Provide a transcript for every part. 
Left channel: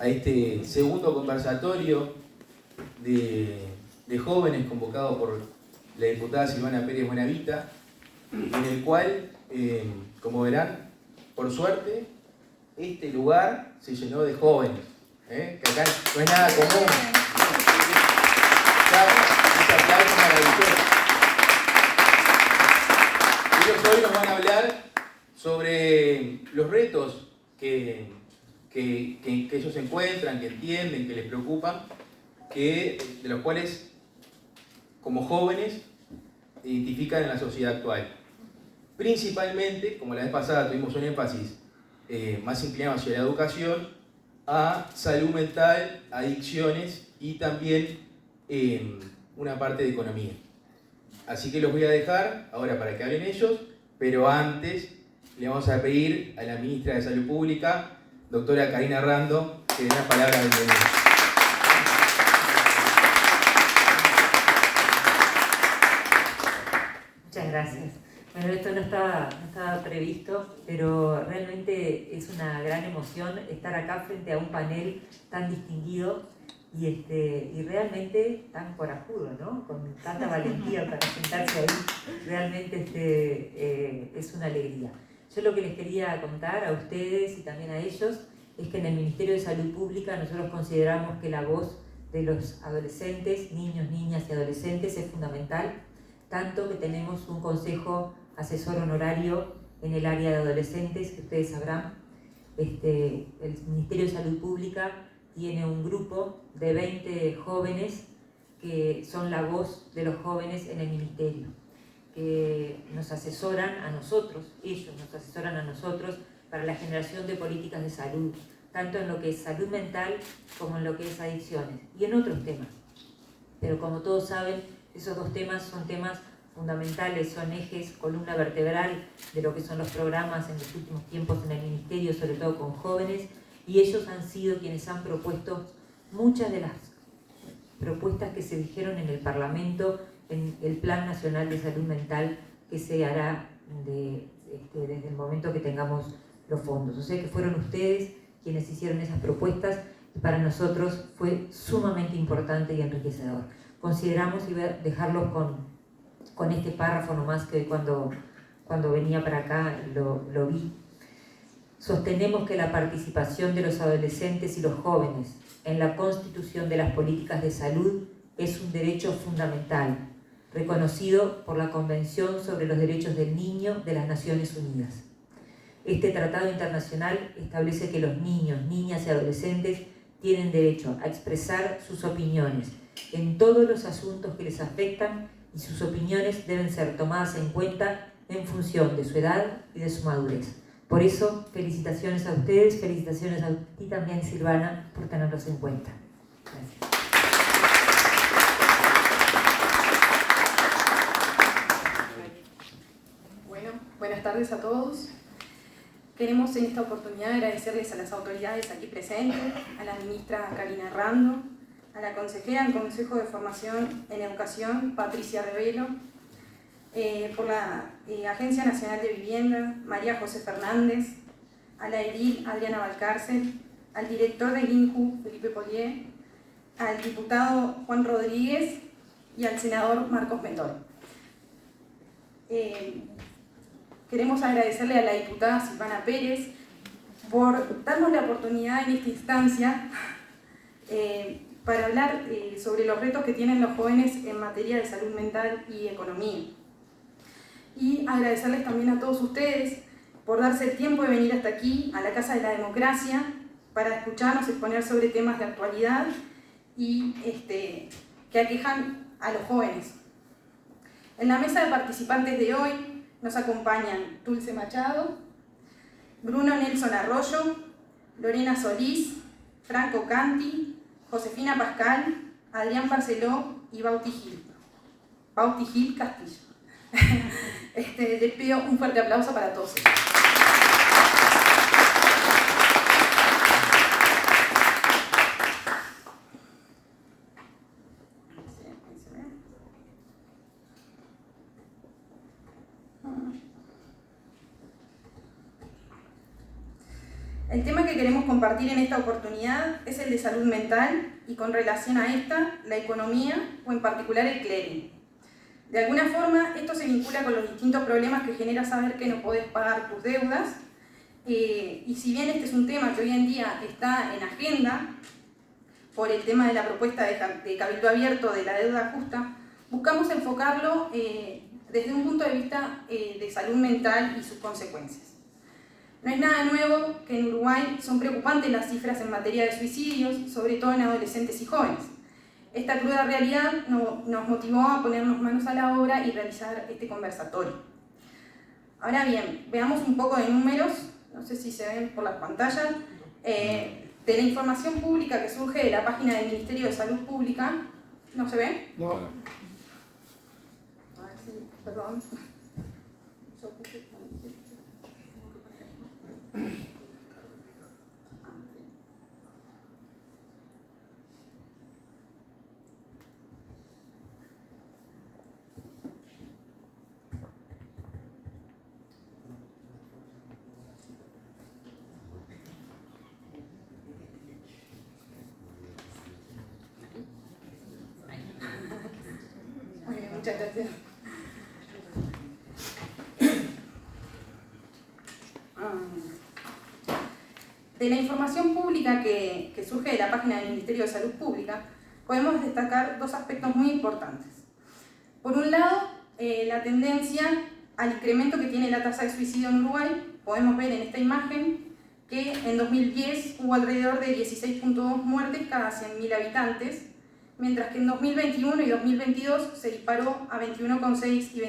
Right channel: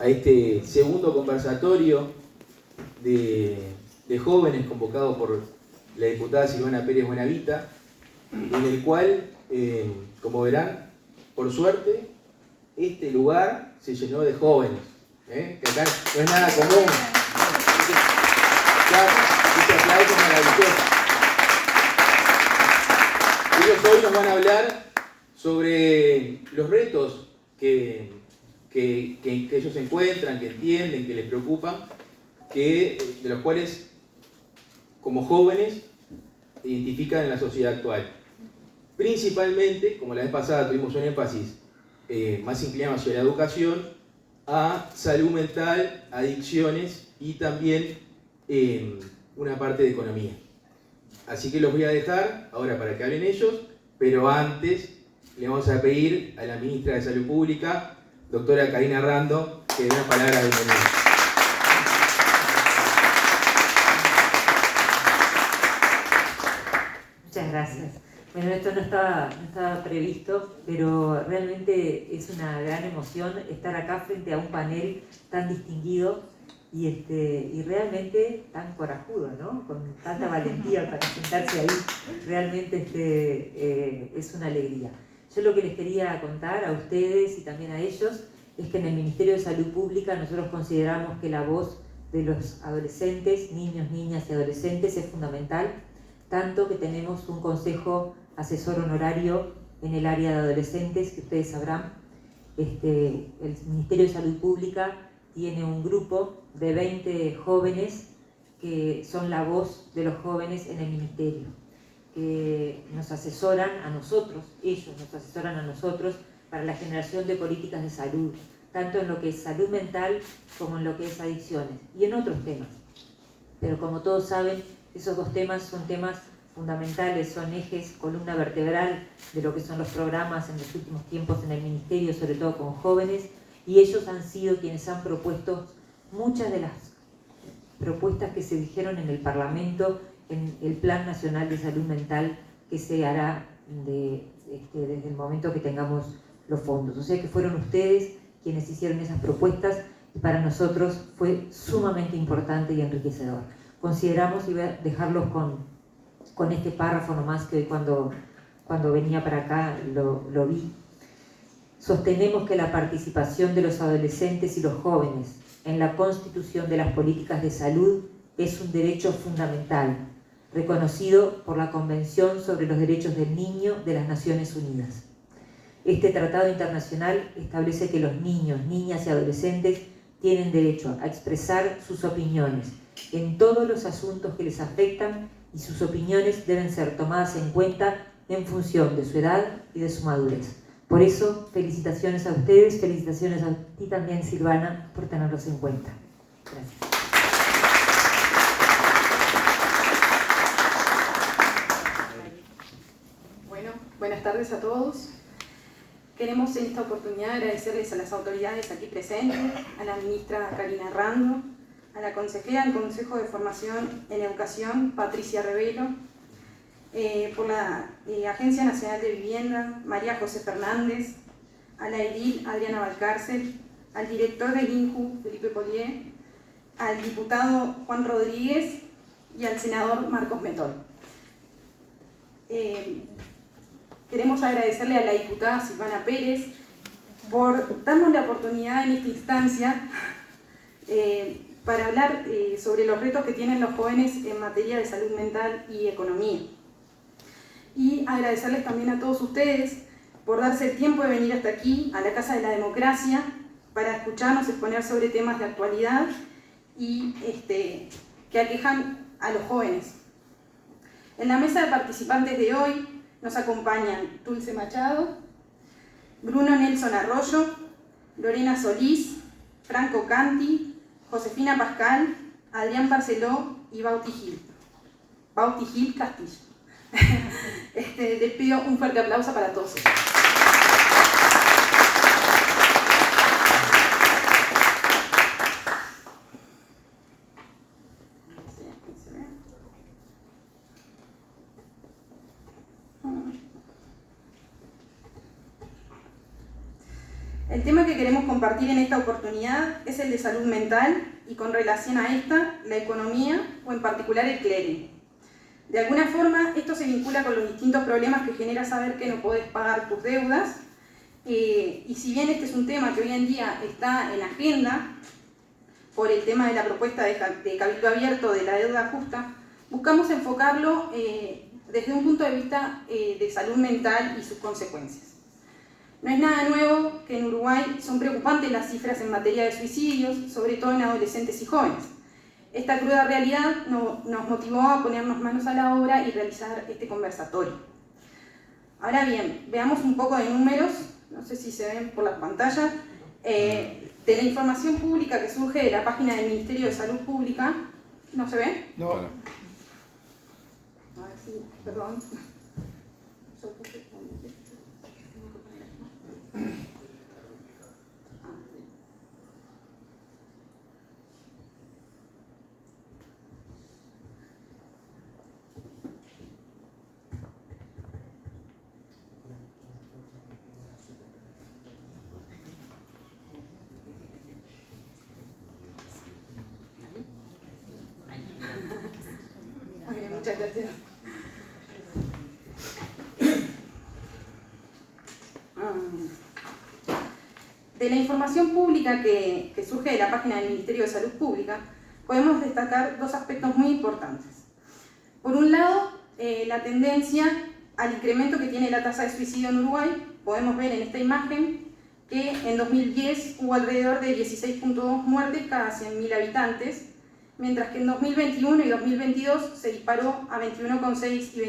a este segundo conversatorio de jóvenes convocado por la diputada Silvana Pérez Buenavita, en el cual, como verán, por suerte, este lugar se llenó de jóvenes, que acá no es nada común. Este aplauso maravilloso. Ellos hoy nos van a hablar sobre los retos que ellos se encuentran, que entienden, que les preocupan, de los cuales, como jóvenes, identifican en la sociedad actual. Principalmente, como la vez pasada tuvimos un énfasis más inclinado hacia la educación, a salud mental, adicciones y también una parte de economía. Así que los voy a dejar ahora para que hablen ellos, pero antes le vamos a pedir a la ministra de Salud Pública, doctora Karina Rando, que dé una palabra de bienvenida. Muchas gracias. Bueno, esto no estaba previsto, pero realmente es una gran emoción estar acá frente a un panel tan distinguido y realmente tan corajudo, ¿no? Con tanta valentía para sentarse ahí. Realmente es una alegría. Yo lo que les quería contar a ustedes y también a ellos es que en el Ministerio de Salud Pública nosotros consideramos que la voz de los adolescentes, niños, niñas y adolescentes es fundamental, tanto que tenemos un consejo asesor honorario en el área de adolescentes, que ustedes sabrán. El Ministerio de Salud Pública tiene un grupo de 20 jóvenes que son la voz de los jóvenes en el Ministerio, que nos asesoran a nosotros, ellos nos asesoran a nosotros para la generación de políticas de salud, tanto en lo que es salud mental como en lo que es adicciones y en otros temas. Pero como todos saben, esos dos temas son temas fundamentales, son ejes, columna vertebral de lo que son los programas en los últimos tiempos en el Ministerio, sobre todo con jóvenes, y ellos han sido quienes han propuesto muchas de las propuestas que se dijeron en el Parlamento en el Plan Nacional de Salud Mental que se hará desde el momento que tengamos los fondos. O sea que fueron ustedes quienes hicieron esas propuestas y para nosotros fue sumamente importante y enriquecedor. Consideramos, y voy a dejarlos con este párrafo nomás que cuando venía para acá lo vi. Sostenemos que la participación de los adolescentes y los jóvenes en la constitución de las políticas de salud es un derecho fundamental, reconocido por la Convención sobre los Derechos del Niño de las Naciones Unidas. Este tratado internacional establece que los niños, niñas y adolescentes tienen derecho a expresar sus opiniones en todos los asuntos que les afectan y sus opiniones deben ser tomadas en cuenta en función de su edad y de su madurez. Por eso, felicitaciones a ustedes, felicitaciones a ti también, Silvana, por tenerlos en cuenta. Gracias. Bueno, buenas tardes a todos. Queremos en esta oportunidad agradecerles a las autoridades aquí presentes, a la ministra Karina Rando, a la consejera del Consejo de Formación en Educación, Patricia Revelo, por la Agencia Nacional de Vivienda, María José Fernández, a la edil Adriana Valcárcel, al director del INCU, Felipe Polié, al diputado Juan Rodríguez y al senador Marcos Mentor. Queremos agradecerle a la diputada Silvana Pérez por darnos la oportunidad en esta instancia para hablar sobre los retos que tienen los jóvenes en materia de salud mental y economía. Y agradecerles también a todos ustedes por darse el tiempo de venir hasta aquí, a la Casa de la Democracia, para escucharnos exponer sobre temas de actualidad y que aquejan a los jóvenes. En la mesa de participantes de hoy nos acompañan Dulce Machado, Bruno Nelson Arroyo, Lorena Solís, Franco Canti, Josefina Pascal, Adrián Barceló y Bauti Gil Castillo. Les pido un fuerte aplauso para todos ellos. El tema que queremos compartir en esta oportunidad es el de salud mental y, con relación a esta, la economía o en particular el clearing. De alguna forma, esto se vincula con los distintos problemas que genera saber que no podés pagar tus deudas, y si bien este es un tema que hoy en día está en agenda por el tema de la propuesta de Cabildo Abierto de la deuda justa, buscamos enfocarlo desde un punto de vista de salud mental y sus consecuencias. No es nada nuevo que en Uruguay son preocupantes las cifras en materia de suicidios, sobre todo en adolescentes y jóvenes. Esta cruda realidad nos motivó a ponernos manos a la obra y realizar este conversatorio. Ahora bien, veamos un poco de números, no sé si se ven por la pantalla, de la información pública que surge de la página del Ministerio de Salud Pública. ¿No se ve? No. A ver si, perdón. Muchas gracias. De la información pública que surge de la página del Ministerio de Salud Pública, podemos destacar dos aspectos muy importantes. Por un lado, la tendencia al incremento que tiene la tasa de suicidio en Uruguay. Podemos ver en esta imagen que en 2010 hubo alrededor de 16.2 muertes cada 100.000 habitantes, mientras que en 2021 y 2022 se disparó a 21,6 y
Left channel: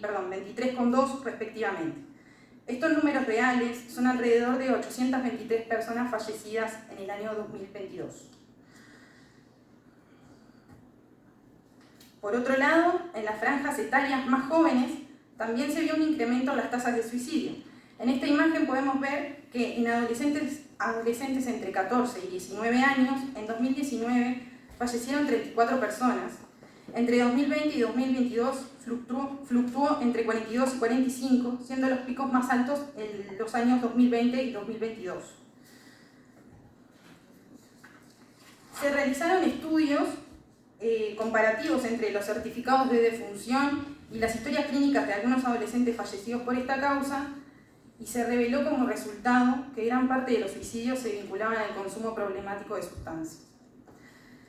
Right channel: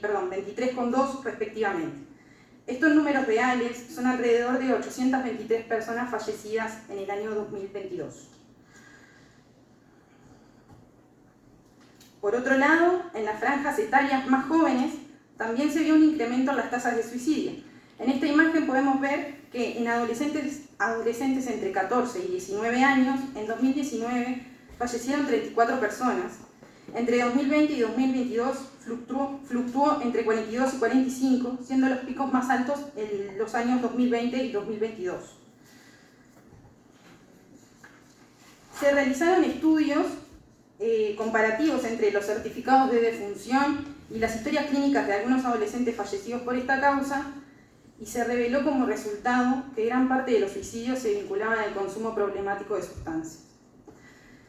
23,2 respectivamente. Estos números reales son alrededor de 823 personas fallecidas en el año 2022. Por otro lado, en las franjas etarias más jóvenes también se vio un incremento en las tasas de suicidio. En esta imagen podemos ver que en adolescentes entre 14 y 19 años, en 2019 fallecieron 34 personas. Entre 2020 y 2022 fluctuó entre 42 y 45, siendo los picos más altos en los años 2020 y 2022. Se realizaron estudios comparativos entre los certificados de defunción y las historias clínicas de algunos adolescentes fallecidos por esta causa, y se reveló como resultado que gran parte de los suicidios se vinculaban al consumo problemático de sustancias.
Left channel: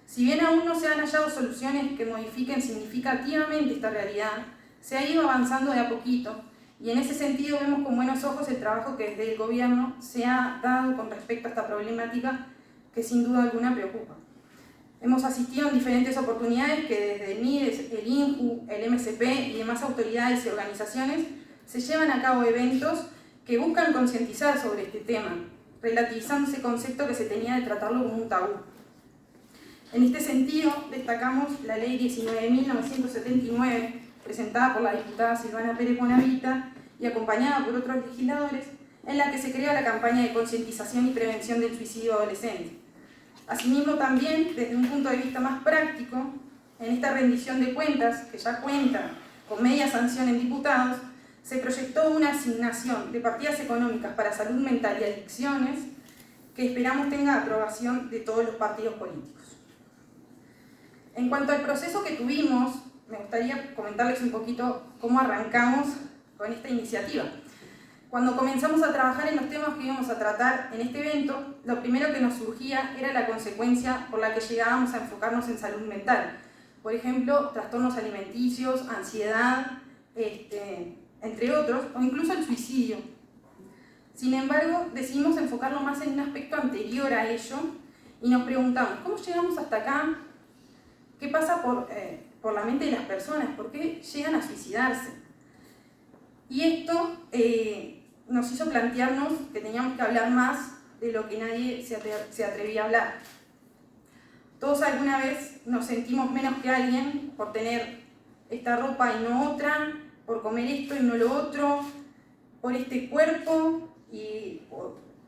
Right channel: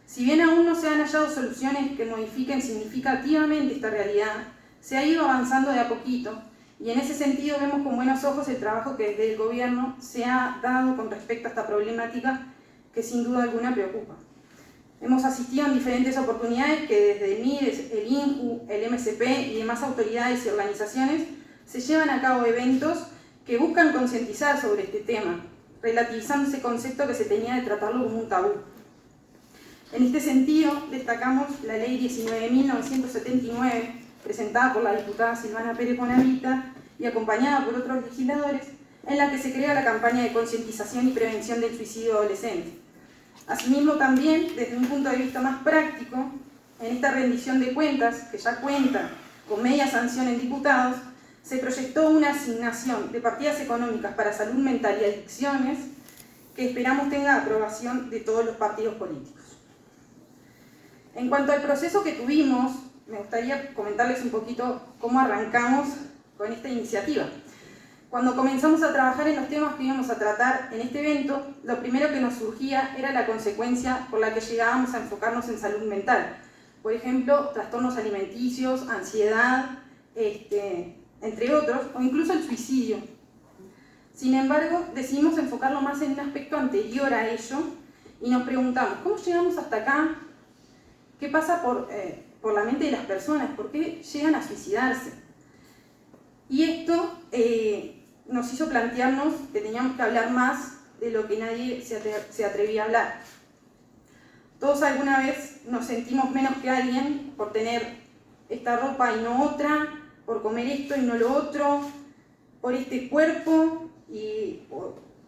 Si bien aún no se han hallado soluciones que modifiquen significativamente esta realidad, se ha ido avanzando de a poquito, y en ese sentido vemos con buenos ojos el trabajo que desde el gobierno se ha dado con respecto a esta problemática que sin duda alguna preocupa. Hemos asistido en diferentes oportunidades que desde el MIDES, el INJU, el MSP y demás autoridades y organizaciones se llevan a cabo eventos que buscan concientizar sobre este tema, relativizando ese concepto que se tenía de tratarlo como un tabú. En este sentido, destacamos la Ley 19.979, presentada por la diputada Silvana Pérez Bonavita y acompañada por otros legisladores, en la que se crea la campaña de concientización y prevención del suicidio adolescente. Asimismo, también, desde un punto de vista más práctico, en esta rendición de cuentas, que ya cuenta con media sanción en diputados, se proyectó una asignación de partidas económicas para salud mental y adicciones que esperamos tenga aprobación de todos los partidos políticos. En cuanto al proceso que tuvimos, me gustaría comentarles un poquito cómo arrancamos con esta iniciativa. Cuando comenzamos a trabajar en los temas que íbamos a tratar en este evento, lo primero que nos surgía era la consecuencia por la que llegábamos a enfocarnos en salud mental. Por ejemplo, trastornos alimenticios, ansiedad, entre otros, o incluso el suicidio. Sin embargo, decidimos enfocarlo más en un aspecto anterior a ello y nos preguntamos, ¿cómo llegamos hasta acá? ¿Qué pasa por la mente de las personas? ¿Por qué llegan a suicidarse? Y esto nos hizo plantearnos que teníamos que hablar más de lo que nadie se atrevía a hablar. Todos alguna vez nos sentimos menos que alguien por tener esta ropa y no otra, por comer esto y no lo otro, por este cuerpo y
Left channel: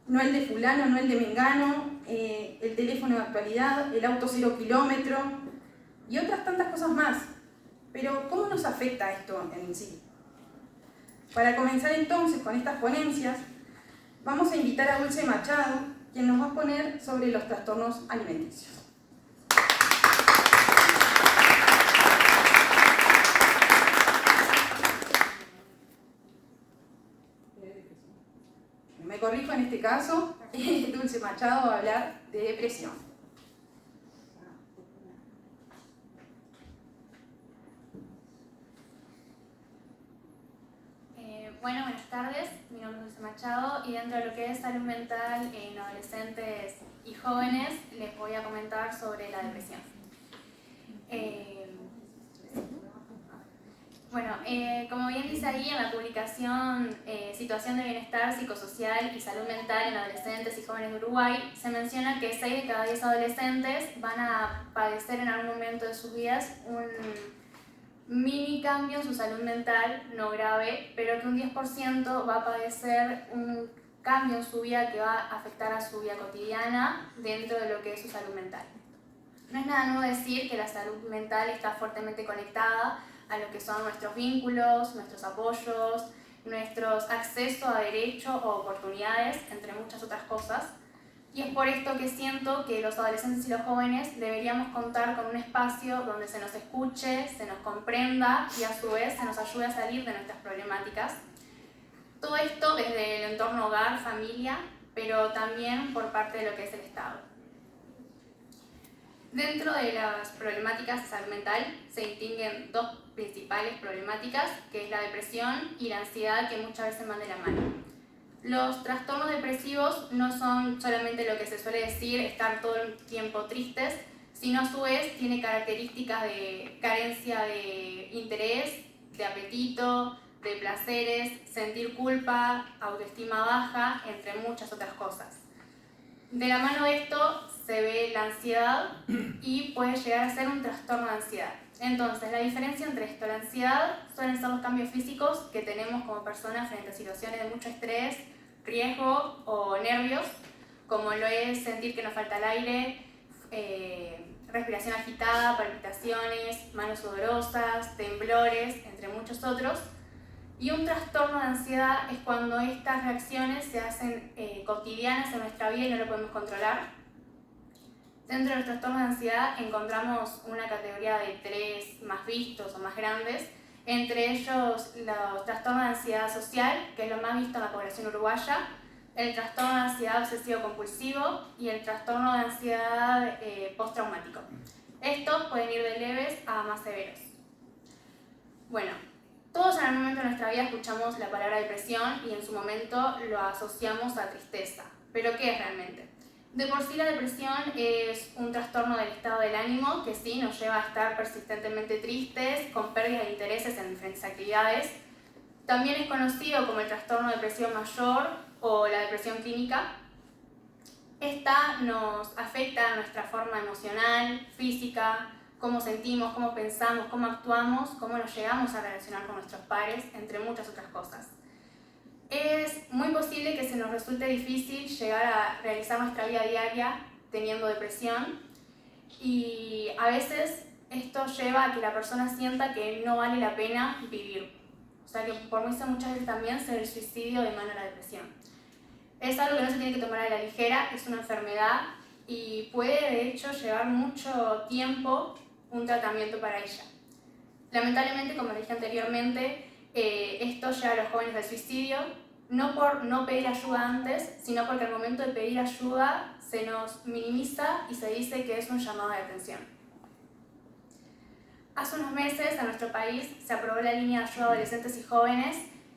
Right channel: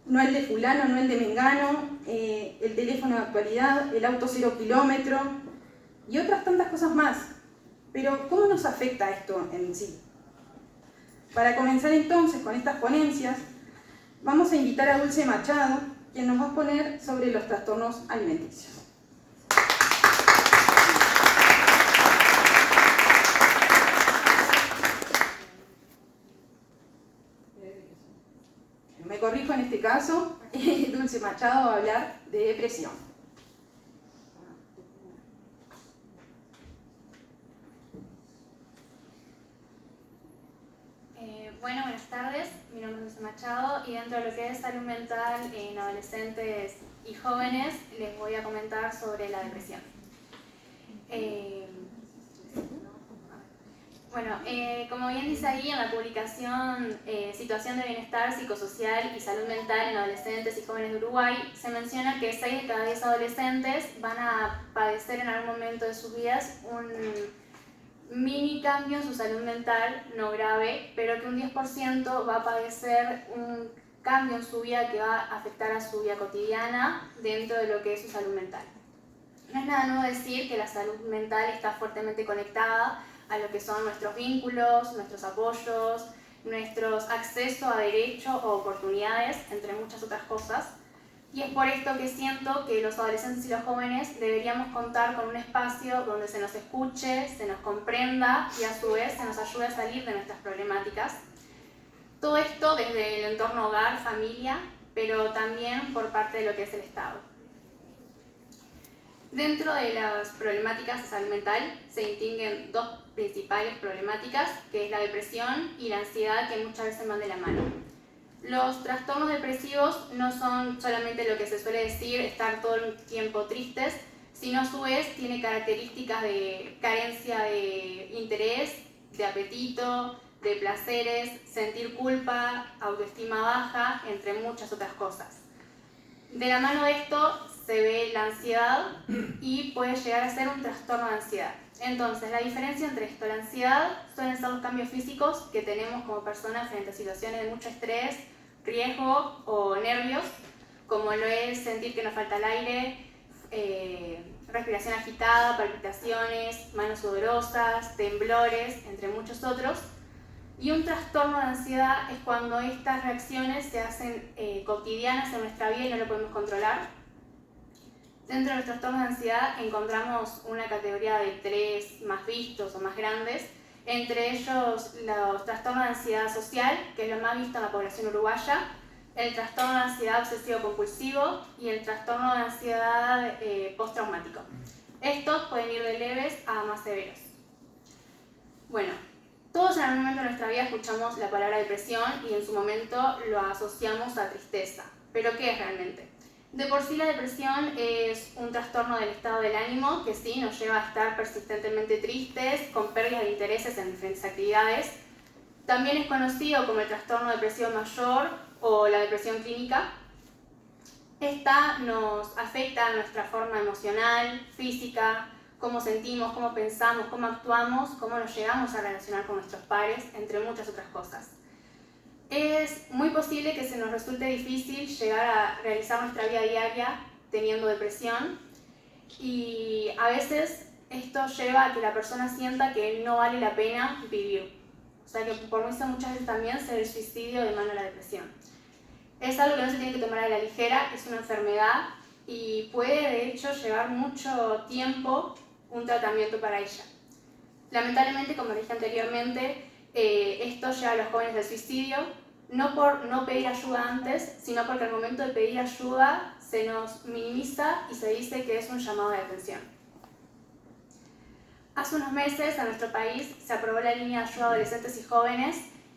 no el de fulano, no el de mengano, el teléfono de actualidad, el auto 0 kilómetro y otras tantas cosas más. Pero ¿cómo nos afecta esto en sí? Para comenzar entonces con estas ponencias, vamos a invitar a Dulce Machado, quien nos va a exponer sobre los trastornos alimenticios. Me corrijo en este caso, Dulce Machado va a hablar de depresión. Bueno, buenas tardes, mi nombre es Dulce Machado y dentro de lo que es salud mental en adolescentes y jóvenes les voy a comentar sobre la depresión. Como bien dice ahí en la publicación Situación de Bienestar Psicosocial y Salud Mental en Adolescentes y Jóvenes de Uruguay, se menciona que 6 de cada 10 adolescentes van a padecer en algún momento de sus vidas un mini cambio en su salud mental, no grave, pero que un 10% va a padecer un cambio en su vida que va a afectar a su vida cotidiana dentro de lo que es su salud mental. No es nada nuevo decir que la salud mental está fuertemente conectada a lo que son nuestros vínculos, nuestros apoyos, nuestros accesos a derechos o oportunidades, entre muchas otras cosas. Y es por esto que siento que los adolescentes y los jóvenes deberíamos contar con un espacio donde se nos escuche, se nos comprenda y a su vez se nos ayude a salir de nuestras problemáticas. Todo esto desde el entorno hogar, familia, pero también por parte de lo que es el Estado. Dentro de las problemáticas de salud mental se distinguen 2 principales problemáticas, que es la depresión y la ansiedad, que muchas veces van de la mano. Los trastornos depresivos no son solamente lo que se suele decir, estar todo el tiempo tristes, sino a su vez tiene características de carencia de interés, de apetito, de placeres, sentir culpa, autoestima baja, entre muchas otras cosas. De la mano de esto se ve la ansiedad y puede llegar a ser un trastorno de ansiedad. Entonces, la diferencia entre esto y la ansiedad son esos cambios físicos que tenemos como personas frente a situaciones de mucho estrés, riesgo o nervios, como lo es sentir que nos falta el aire, respiración agitada, palpitaciones, manos sudorosas, temblores, entre muchos otros. Y un trastorno de ansiedad es cuando estas reacciones se hacen cotidianas en nuestra vida y no lo podemos controlar. Dentro de los trastornos de ansiedad encontramos una categoría de 3 más vistos o más grandes, entre ellos los trastornos de ansiedad social, que es lo más visto en la población uruguaya, el trastorno de ansiedad obsesivo-compulsivo y el trastorno de ansiedad postraumático. Estos pueden ir de leves a más severos. Bueno, todos en algún momento de nuestra vida escuchamos la palabra depresión y en su momento lo asociamos a tristeza. ¿Pero qué es realmente? De por sí la depresión es un trastorno del estado del ánimo que sí nos lleva a estar persistentemente tristes, con pérdida de intereses en diferentes actividades. También es conocido como el trastorno depresivo mayor o la depresión clínica. Esta nos afecta a nuestra forma emocional, física, cómo sentimos, cómo pensamos, cómo actuamos, cómo nos llegamos a relacionar con nuestros pares, entre muchas otras cosas. Es muy posible que se nos resulte difícil llegar a realizar nuestra vida diaria teniendo depresión y a veces esto lleva a que la persona sienta que no vale la pena vivir. O sea que por eso muchas veces también se ve el suicidio de mano a la depresión. Es algo que no se tiene que tomar a la ligera, es una enfermedad y puede de hecho llevar mucho tiempo un tratamiento para ella. Lamentablemente, como dije anteriormente, esto lleva a los jóvenes al suicidio, no por no pedir ayuda antes, sino porque al momento de pedir ayuda se nos minimiza y se dice que es un llamado de atención. Hace unos meses a nuestro país se aprobó la línea de ayuda a adolescentes y jóvenes,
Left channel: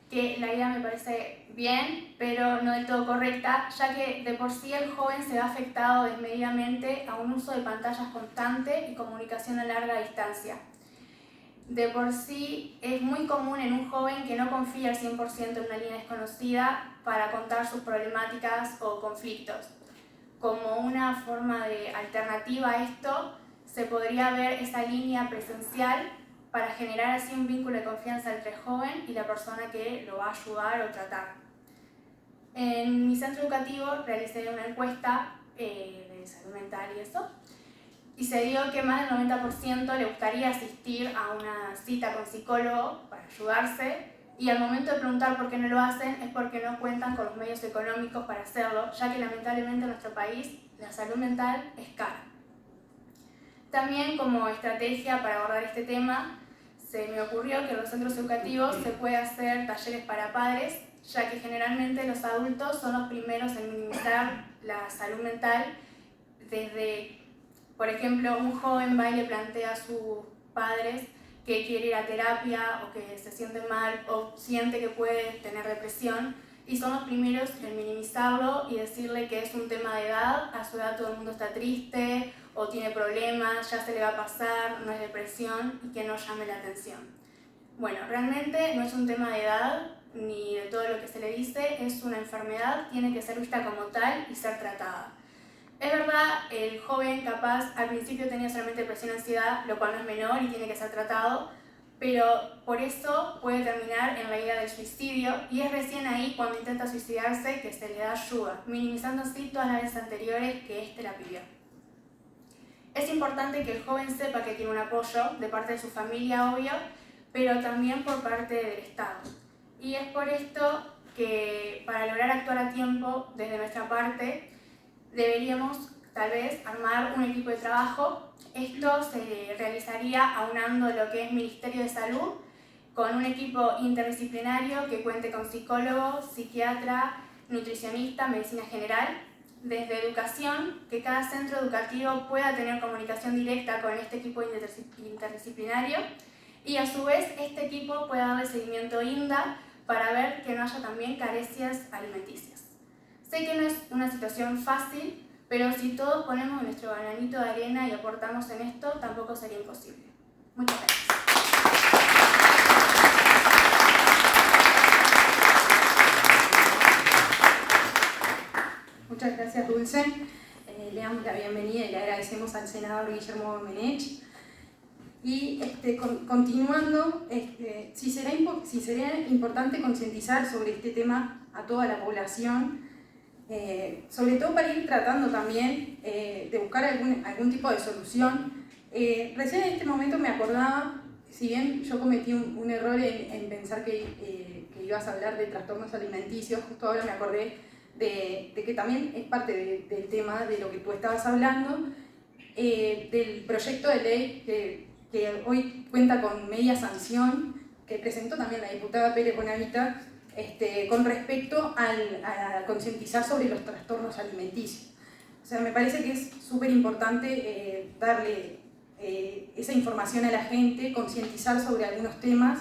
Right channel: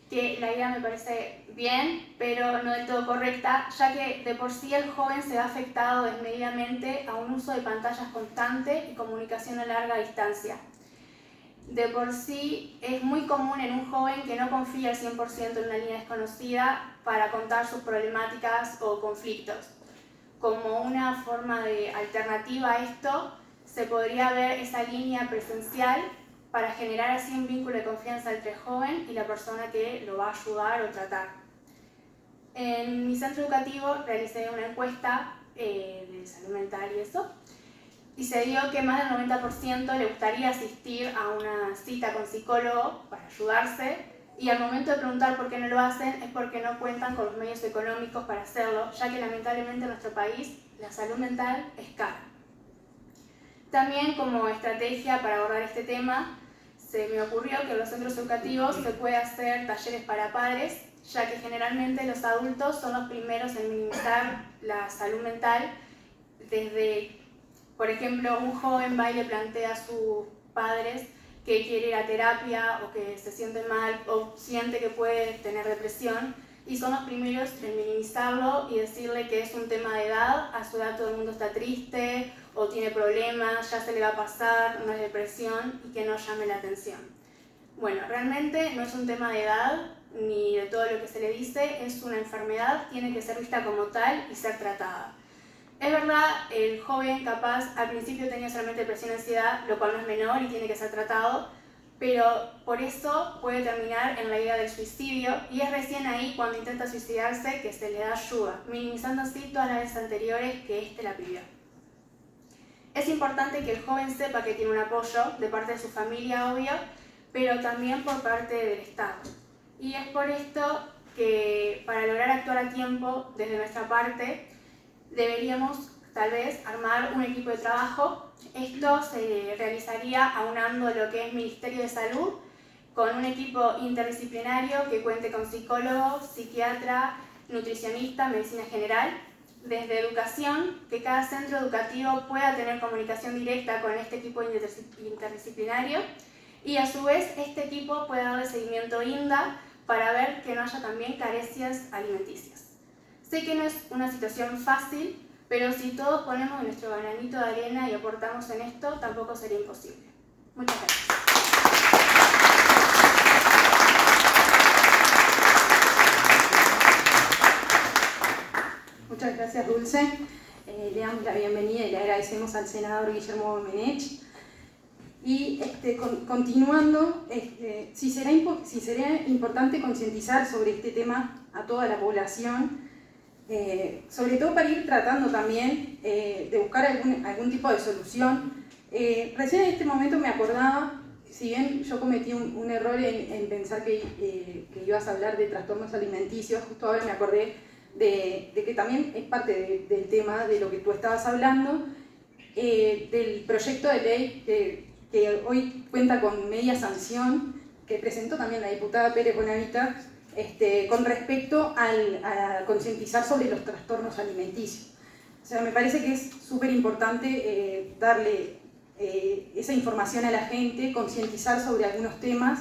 que la idea me parece bien, pero no del todo correcta, ya que de por sí el joven se ve afectado desmedidamente a un uso de pantallas constante y comunicación a larga distancia. De por sí es muy común en un joven que no confía al 100% en una línea desconocida para contar sus problemáticas o conflictos. Como una forma de alternativa a esto, se podría ver esa línea presencial para generar así un vínculo de confianza entre el joven y la persona que lo va a ayudar o tratar. En mi centro educativo realicé una encuesta de salud mental y eso, y se dio que más del 90% le gustaría asistir a una cita con psicólogo para ayudarse y al momento de preguntar por qué no lo hacen es porque no cuentan con los medios económicos para hacerlo, ya que lamentablemente en nuestro país la salud mental es cara. También como estrategia para abordar este tema, se me ocurrió que en los centros educativos se puede hacer talleres para padres, ya que generalmente los adultos son los primeros en minimizar la salud mental. Desde, por ejemplo, un joven va y le plantea a sus padres que quiere ir a terapia o que se siente mal o siente que puede tener depresión, y son los primeros en minimizarlo y decirle que es un tema de edad, a su edad todo el mundo está triste o tiene problemas, ya se le va a pasar, no es depresión, y que no llame la atención. Bueno, realmente no es un tema de edad ni de todo lo que se le dice, es una enfermedad, tiene que ser vista como tal y ser tratada. Es verdad, el joven capaz al principio tenía solamente depresión y ansiedad, lo cual no es menor y tiene que ser tratado, pero por eso puede terminar en la idea del suicidio, y es recién ahí cuando intenta suicidarse que se le da ayuda, minimizando así todas las veces anteriores que éste la pidió. Es importante que el joven sepa que tiene un apoyo de parte de su familia, obvio, pero también por parte del Estado. Y es por esto que para lograr actuar a tiempo desde nuestra parte, deberíamos tal vez armar un equipo de trabajo. Esto se realizaría aunando lo que es Ministerio de Salud con un equipo interdisciplinario que cuente con psicólogo, psiquiatra, nutricionista, medicina general. Desde educación, que cada centro educativo pueda tener comunicación directa con este equipo interdisciplinario, y a su vez este equipo pueda darle seguimiento INDA para ver que no haya también carencias alimenticias. Sé que no es una situación fácil, pero si todos ponemos nuestro granito de arena y aportamos en esto, tampoco sería imposible. Muchas gracias. Muchas gracias, Dulce. Le damos la bienvenida y le agradecemos al senador Guillermo Domenech. Y continuando, si sería importante concientizar sobre este tema a toda la población, sobre todo para ir tratando también de buscar algún tipo de solución. Recién en este momento me acordaba, si bien yo cometí un error en pensar que ibas a hablar de trastornos alimenticios, justo ahora me acordé de que también es parte del tema de lo que tú estabas hablando, del proyecto de ley que hoy cuenta con media sanción, que presentó también la diputada Pérez Bonavita, con respecto a concientizar sobre los trastornos alimenticios. O sea, me parece que es súper importante darle esa información a la gente, concientizar sobre algunos temas,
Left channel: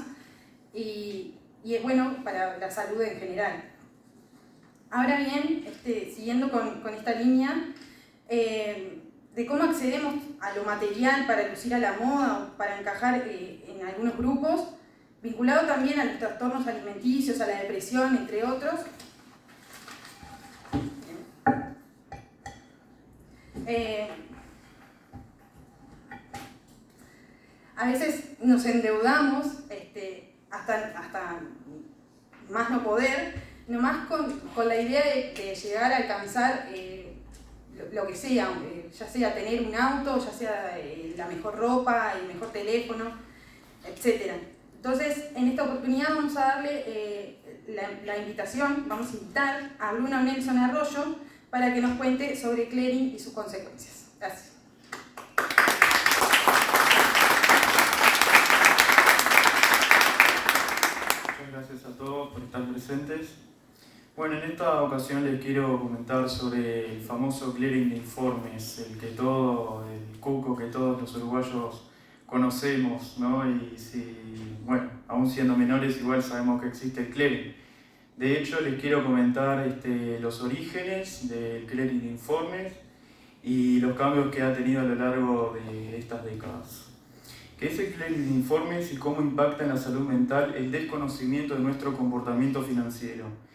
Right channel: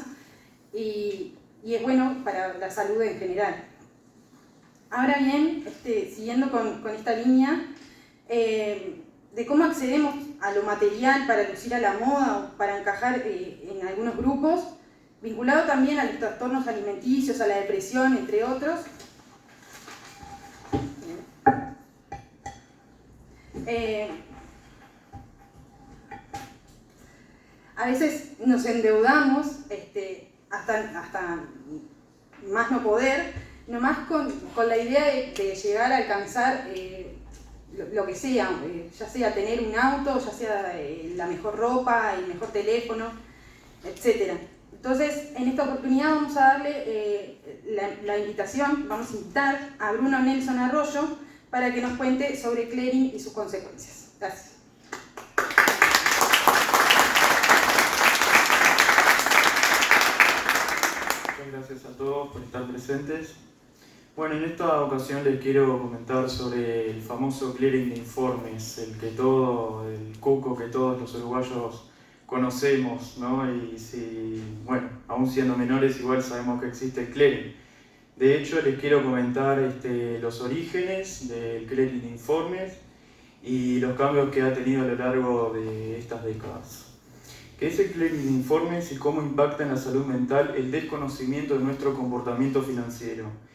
y es bueno para la salud en general. Ahora bien, siguiendo con esta línea, de cómo accedemos a lo material para lucir a la moda o para encajar en algunos grupos, vinculado también a los trastornos alimenticios, a la depresión, entre otros. A veces nos endeudamos hasta más no poder, nomás con la idea de llegar a alcanzar lo que sea, ya sea tener un auto, ya sea la mejor ropa, el mejor teléfono, etc. Entonces, en esta oportunidad vamos a darle la invitación, vamos a invitar a Bruno Nelson Arroyo para que nos cuente sobre clearing y sus consecuencias. Gracias. Gracias a todos por estar presentes. Bueno, en esta ocasión les quiero comentar sobre el famoso clearing de informes, el cuco que todos los uruguayos conocemos, ¿no? Y si, bueno, aún siendo menores igual sabemos que existe el clearing. De hecho, les quiero comentar los orígenes del clearing de informes y los cambios que ha tenido a lo largo de estas décadas. ¿Qué es el clearing de informes y cómo impacta en la salud mental el desconocimiento de nuestro comportamiento financiero?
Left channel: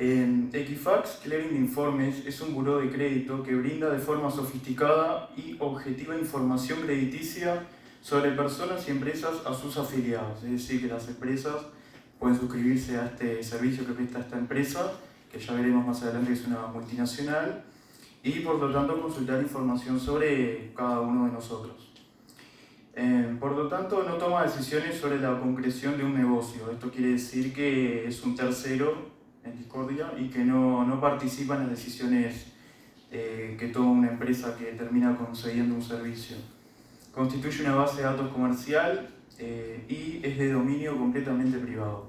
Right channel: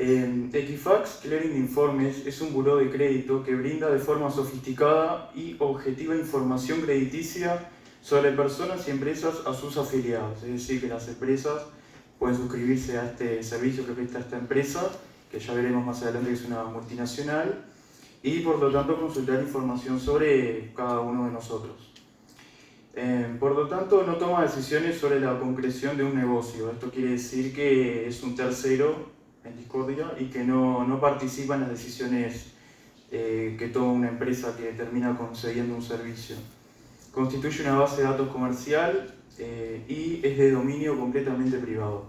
Equifax Clearing de Informes es un buró de crédito que brinda de forma sofisticada y objetiva información crediticia sobre personas y empresas a sus afiliados. Es decir, que las empresas pueden suscribirse a este servicio que presta esta empresa, que ya veremos más adelante que es una multinacional, y por lo tanto consultar información sobre cada uno de nosotros. Por lo tanto, no toma decisiones sobre la concreción de un negocio. Esto quiere decir que es un tercero en discordia y que no participa en las decisiones que toma una empresa que termina concediendo un servicio. Constituye una base de datos comercial y es de dominio completamente privado.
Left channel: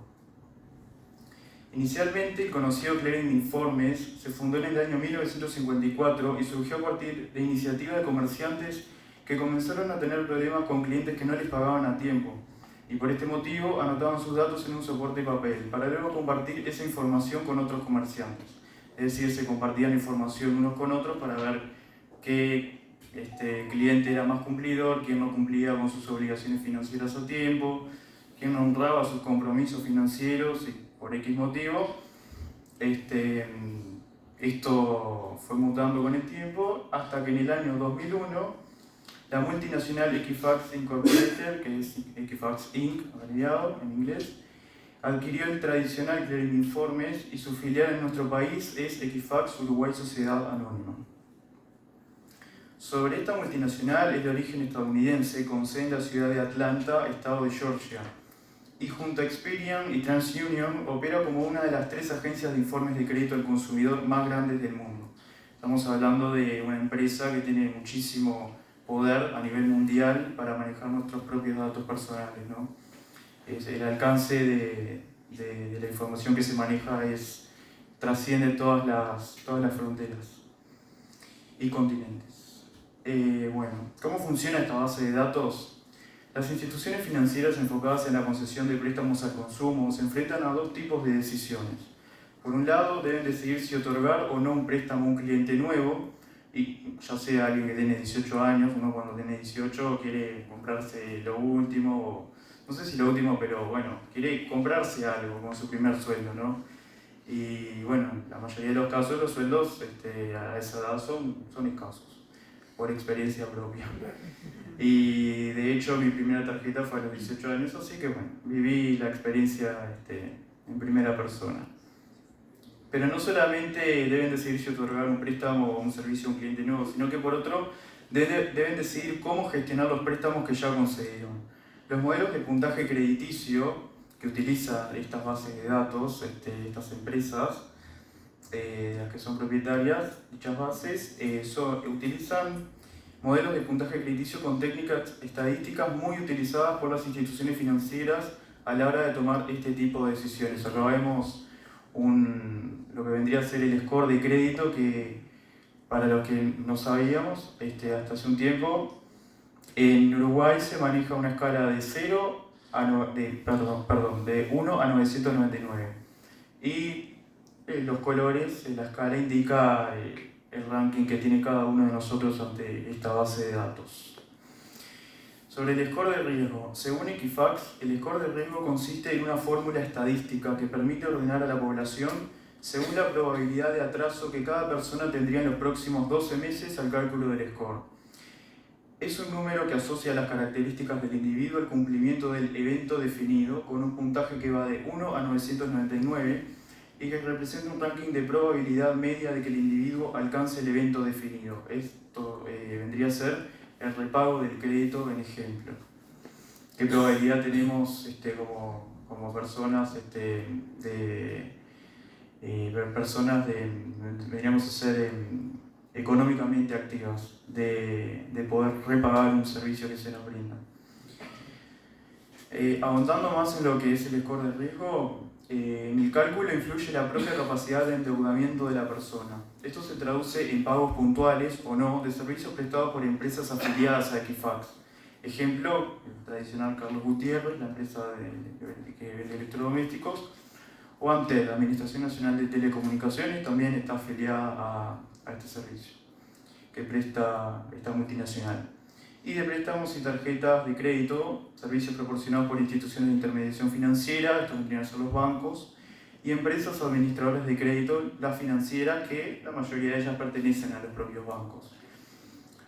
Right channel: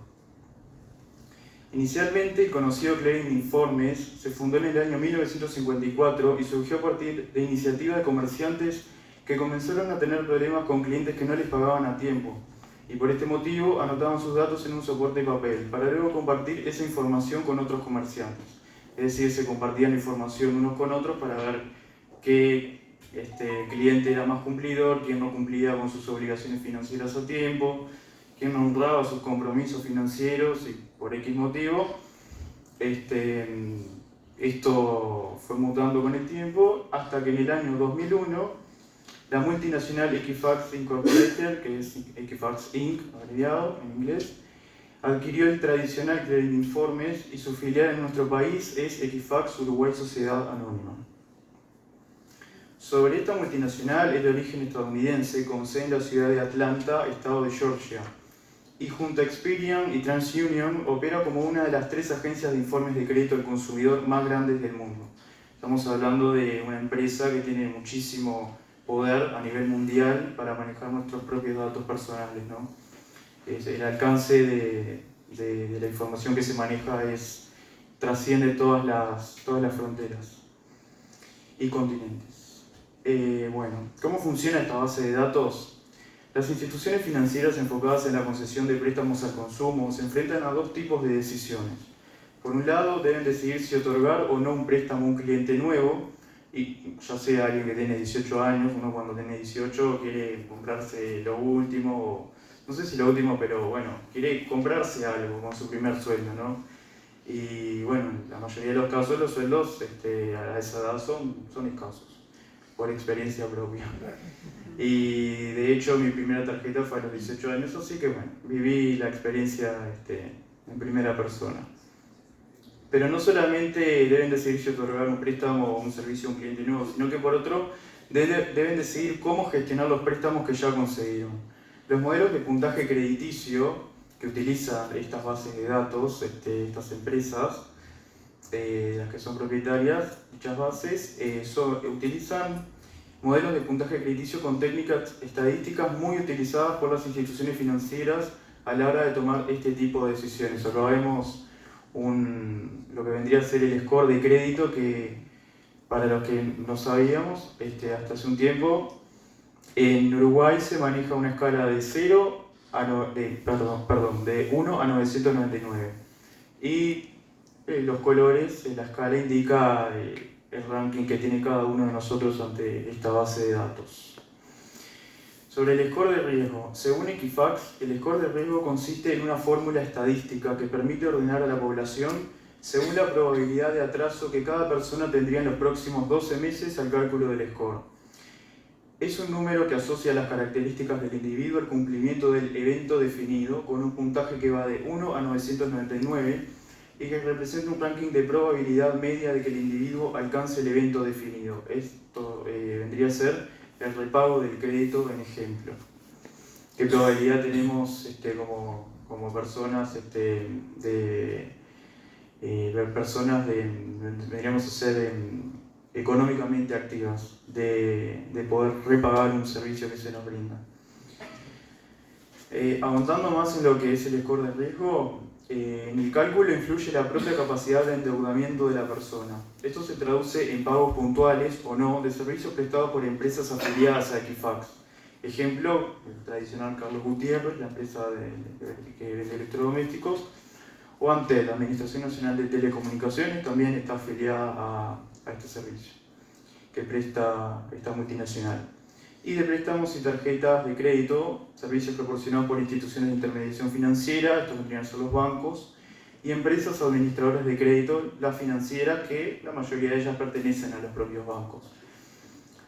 Inicialmente, el conocido Clearing de Informes se fundó en el año 1954 y surgió a partir de iniciativas de comerciantes que comenzaron a tener problemas con clientes que no les pagaban a tiempo y por este motivo anotaban sus datos en un soporte de papel para luego compartir esa información con otros comerciantes. Es decir, se compartían información unos con otros para ver qué cliente era más cumplidor, quién no cumplía con sus obligaciones financieras a tiempo, quién no honraba sus compromisos financieros y por X motivo. Esto fue mutando con el tiempo hasta que en el año 2001 la multinacional Equifax Incorporated, que es Equifax Inc., abreviado en inglés, adquirió el tradicional Clearing de Informes y su filial en nuestro país es Equifax Uruguay Sociedad Anónima. Sobre esta multinacional es de origen estadounidense con sede en la ciudad de Atlanta, estado de Georgia, y junto a Experian y TransUnion opera como una de las 3 agencias de informes de crédito al consumidor más grandes del mundo. Estamos hablando de una empresa que tiene muchísimo poder a nivel mundial para manejar nuestros propios datos personales, ¿no? El alcance de la información que se maneja trasciende todas las fronteras y continentes. Bueno, ¿cómo funciona esta base de datos? Las instituciones financieras enfocadas en la concesión de préstamos al consumo se enfrentan a 2 tipos de decisiones. Por un lado, deben decidir si otorgar o no un préstamo a un cliente nuevo, y ya sea alguien que tiene 18 años, uno cuando tiene 18 quiere comprarse lo último, no sé si lo último, pero bueno, quiere comprarse algo con su primer sueldo, ¿no? Y bueno, la mayoría de los casos los sueldos a esa edad son escasos, por experiencia propia. Y de hecho mi primera tarjeta fue a los 18 años, así que bueno, viví la experiencia en primera persona. Pero no solamente deben decidir si otorgar un préstamo o un servicio a un cliente nuevo, sino que por otro deben decidir cómo gestionar los préstamos que ya concedieron. Los modelos de puntaje crediticio que utilizan estas bases de datos, estas empresas, las que son propietarias, dichas bases, utilizan modelos de puntaje crediticio con técnicas estadísticas muy utilizadas por las instituciones financieras a la hora de tomar este tipo de decisiones. Acá vemos lo que vendría a ser el score de crédito que, para los que no sabíamos, hasta hace un tiempo, en Uruguay se maneja una escala de 1 a 999. Y los colores en la escala indica el ranking que tiene cada uno de nosotros ante esta base de datos. Sobre el score de riesgo. Según Equifax, el score de riesgo consiste en una fórmula estadística que permite ordenar a la población según la probabilidad de atraso que cada persona tendría en los próximos 12 meses al cálculo del score. Es un número que asocia las características del individuo al cumplimiento del evento definido con un puntaje que va de 1 a 999 y que representa un ranking de probabilidad media de que el individuo alcance el evento definido. Esto vendría a ser el repago del crédito en ejemplo. ¿Qué probabilidad tenemos como personas deberíamos ser económicamente activas, de poder repagar un servicio que se nos brinda? Avanzando más en lo que es el score de riesgo, en el cálculo influye la propia capacidad de endeudamiento de la persona. Esto se traduce en pagos puntuales o no de servicios prestados por empresas afiliadas a Equifax. Ejemplo, el tradicional Carlos Gutiérrez, la empresa que vende electrodomésticos, o Antel, la Administración Nacional de Telecomunicaciones, también está afiliada a este servicio que presta esta multinacional. Y de préstamos y tarjetas de crédito, servicios proporcionados por instituciones de intermediación financiera, esto vendrían a ser los bancos, y empresas administradoras de crédito, las financieras, que la mayoría de ellas pertenecen a los propios bancos,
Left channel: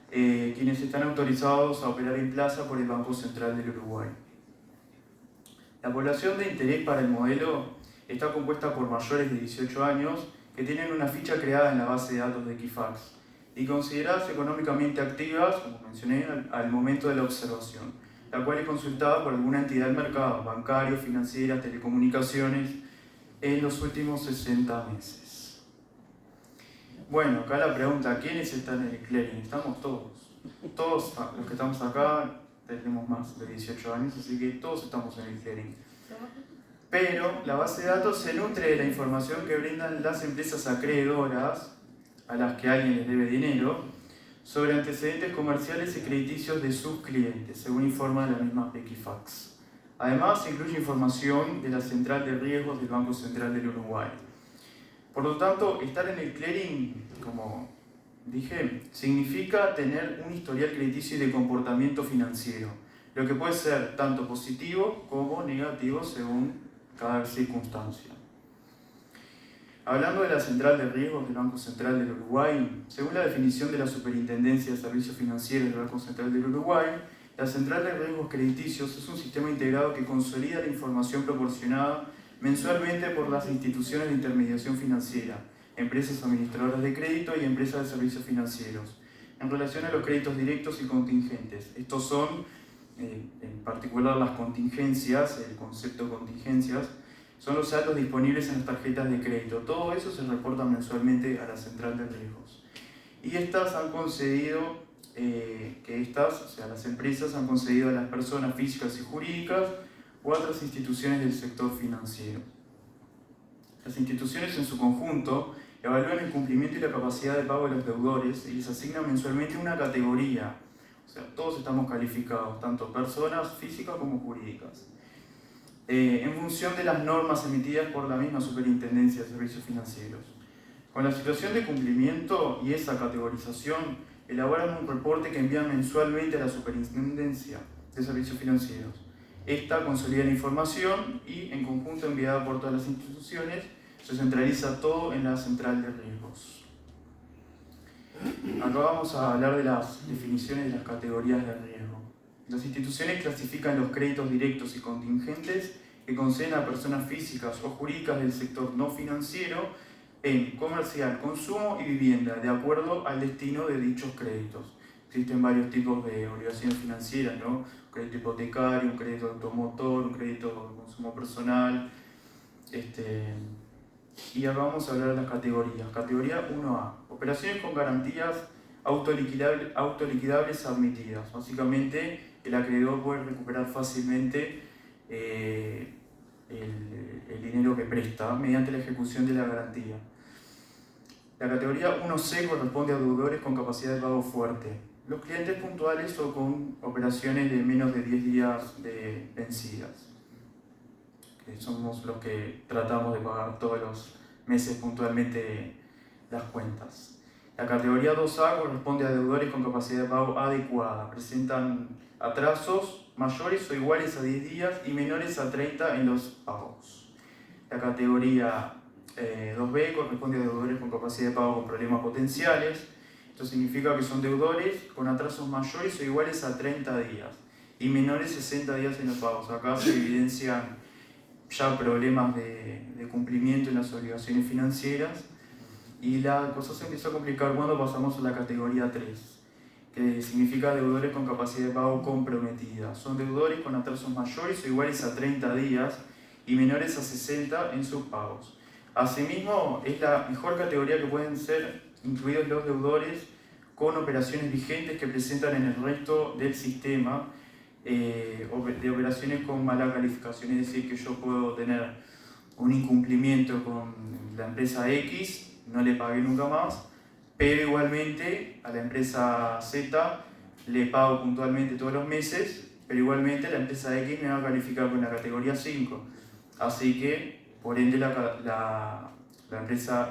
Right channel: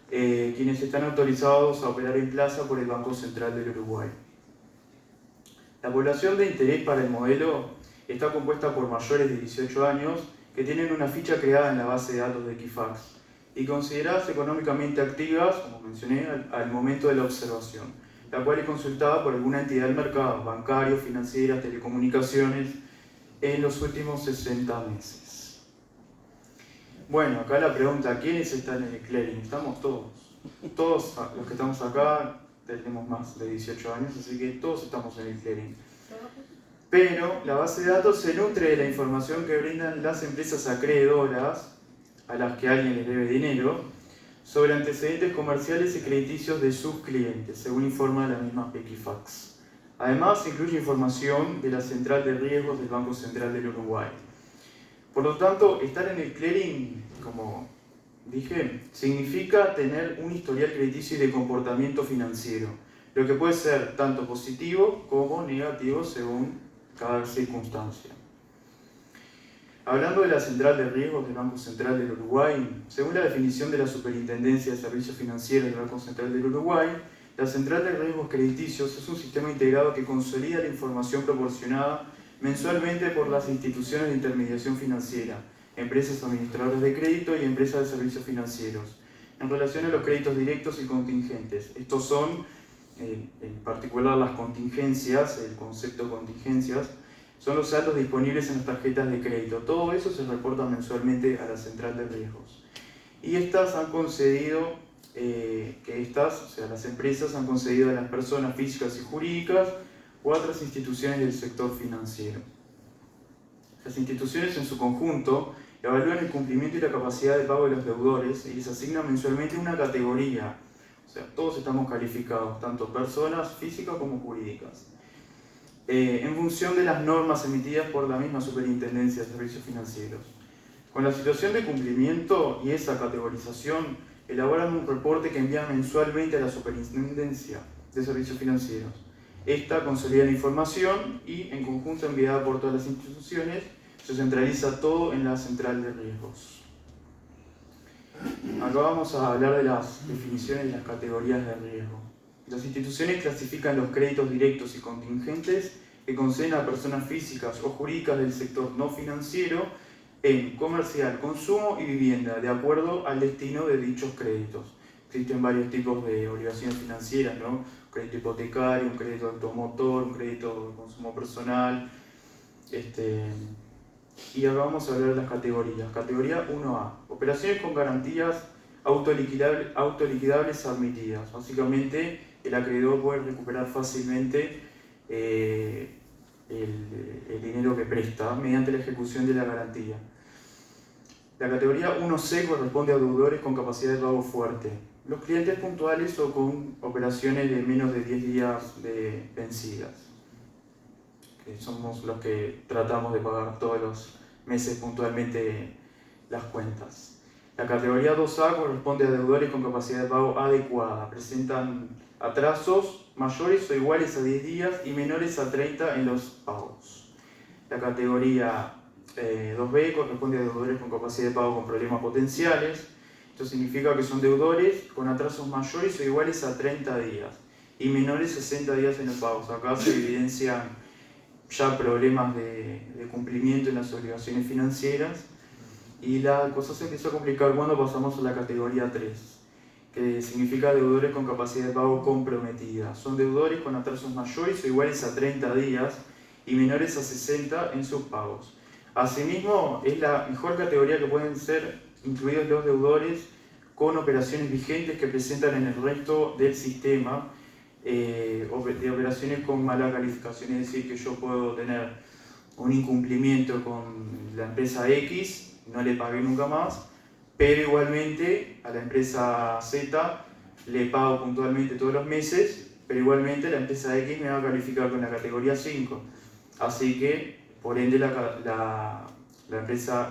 quienes están autorizados a operar en plaza por el Banco Central del Uruguay. La población de interés para el modelo está compuesta por mayores de 18 años que tienen una ficha creada en la base de datos de Equifax y consideradas económicamente activas, como mencioné, al momento de la observación. la cual es consultada por alguna entidad del mercado, bancario, financiera, telecomunicaciones, en los últimos 60 meses. Bueno, acá la pregunta, ¿quiénes están en el clearing? Estamos todos. Todos los que estamos acá tenemos más de 18 años, así que todos estamos en el clearing. Pero la base de datos se nutre de la información que brindan las empresas acreedoras, a las que alguien les debe dinero, sobre antecedentes comerciales y crediticios de sus clientes, según informa la misma Equifax. Además, incluye información de la Central de Riesgos del Banco Central del Uruguay. Por lo tanto, estar en el clearing, como dije, significa tener un historial crediticio y de comportamiento financiero, lo que puede ser tanto positivo como negativo según cada circunstancia. Hablando de la Central de Riesgos del Banco Central del Uruguay, según la definición de la Superintendencia de Servicios Financieros del Banco Central del Uruguay, la Central de Riesgos Crediticios es un sistema integrado que consolida la información proporcionada mensualmente por las instituciones de intermediación financiera, empresas administradoras de crédito y empresas de servicios financieros, en relación a los créditos directos y contingentes. Estos son, en particular, las contingencias, el concepto de contingencias, son los saldos disponibles en las tarjetas de crédito. Todo eso se reporta mensualmente a la Central de Riesgos. Y estas han concedido, las empresas han concedido a las personas físicas y jurídicas o a otras instituciones del sector financiero. Las instituciones en su conjunto evalúan el cumplimiento y la capacidad de pago de los deudores y les asignan mensualmente una categoría. O sea, todos estamos calificados, tanto personas físicas como jurídicas, en función de las normas emitidas por la misma Superintendencia de Servicios Financieros. Con la situación de cumplimiento y esa categorización, elaboran un reporte que envían mensualmente a la Superintendencia de Servicios Financieros. Esta consolida la información y, en conjunto enviada por todas las instituciones, se centraliza todo en la Central de Riesgos. Acá vamos a hablar de las definiciones de las categorías de riesgo. Las instituciones clasifican los créditos directos y contingentes que conceden a personas físicas o jurídicas del sector no financiero en comercial, consumo y vivienda, de acuerdo al destino de dichos créditos. Existen varios tipos de obligaciones financieras, ¿no? Un crédito hipotecario, un crédito automotor, un crédito de consumo personal. Y ahora vamos a hablar de las categorías. Categoría 1A, operaciones con garantías autoliquidables admitidas. Básicamente, el acreedor puede recuperar fácilmente el dinero que presta mediante la ejecución de la garantía. La categoría 1C corresponde a deudores con capacidad de pago fuerte. Los clientes puntuales o con operaciones de menos de 10 días de vencidas, que somos los que tratamos de pagar todos los meses puntualmente las cuentas. La categoría 2A corresponde a deudores con capacidad de pago adecuada. Presentan atrasos mayores o iguales a 10 días y menores a 30 en los pagos. La categoría 2B corresponde a deudores con capacidad de pago con problemas potenciales. Esto significa que son deudores con atrasos mayores o iguales a 30 días y menores a 60 días en los pagos. Acá se evidencian ya problemas de cumplimiento en las obligaciones financieras y la cosa se empieza a complicar cuando pasamos a la categoría 3, que significa deudores con capacidad de pago comprometida. Son deudores con atrasos mayores o iguales a 30 días y menores a 60 en sus pagos. Asimismo, es la mejor categoría que pueden ser incluidos los deudores con operaciones vigentes que presentan en el resto del sistema, de operaciones con mala calificación, es decir, que yo puedo tener un incumplimiento con la empresa X, no le pagué nunca más, pero igualmente a la empresa Z le pago puntualmente todos los meses, pero igualmente la empresa X me va a calificar con la categoría 5, así que por ende la empresa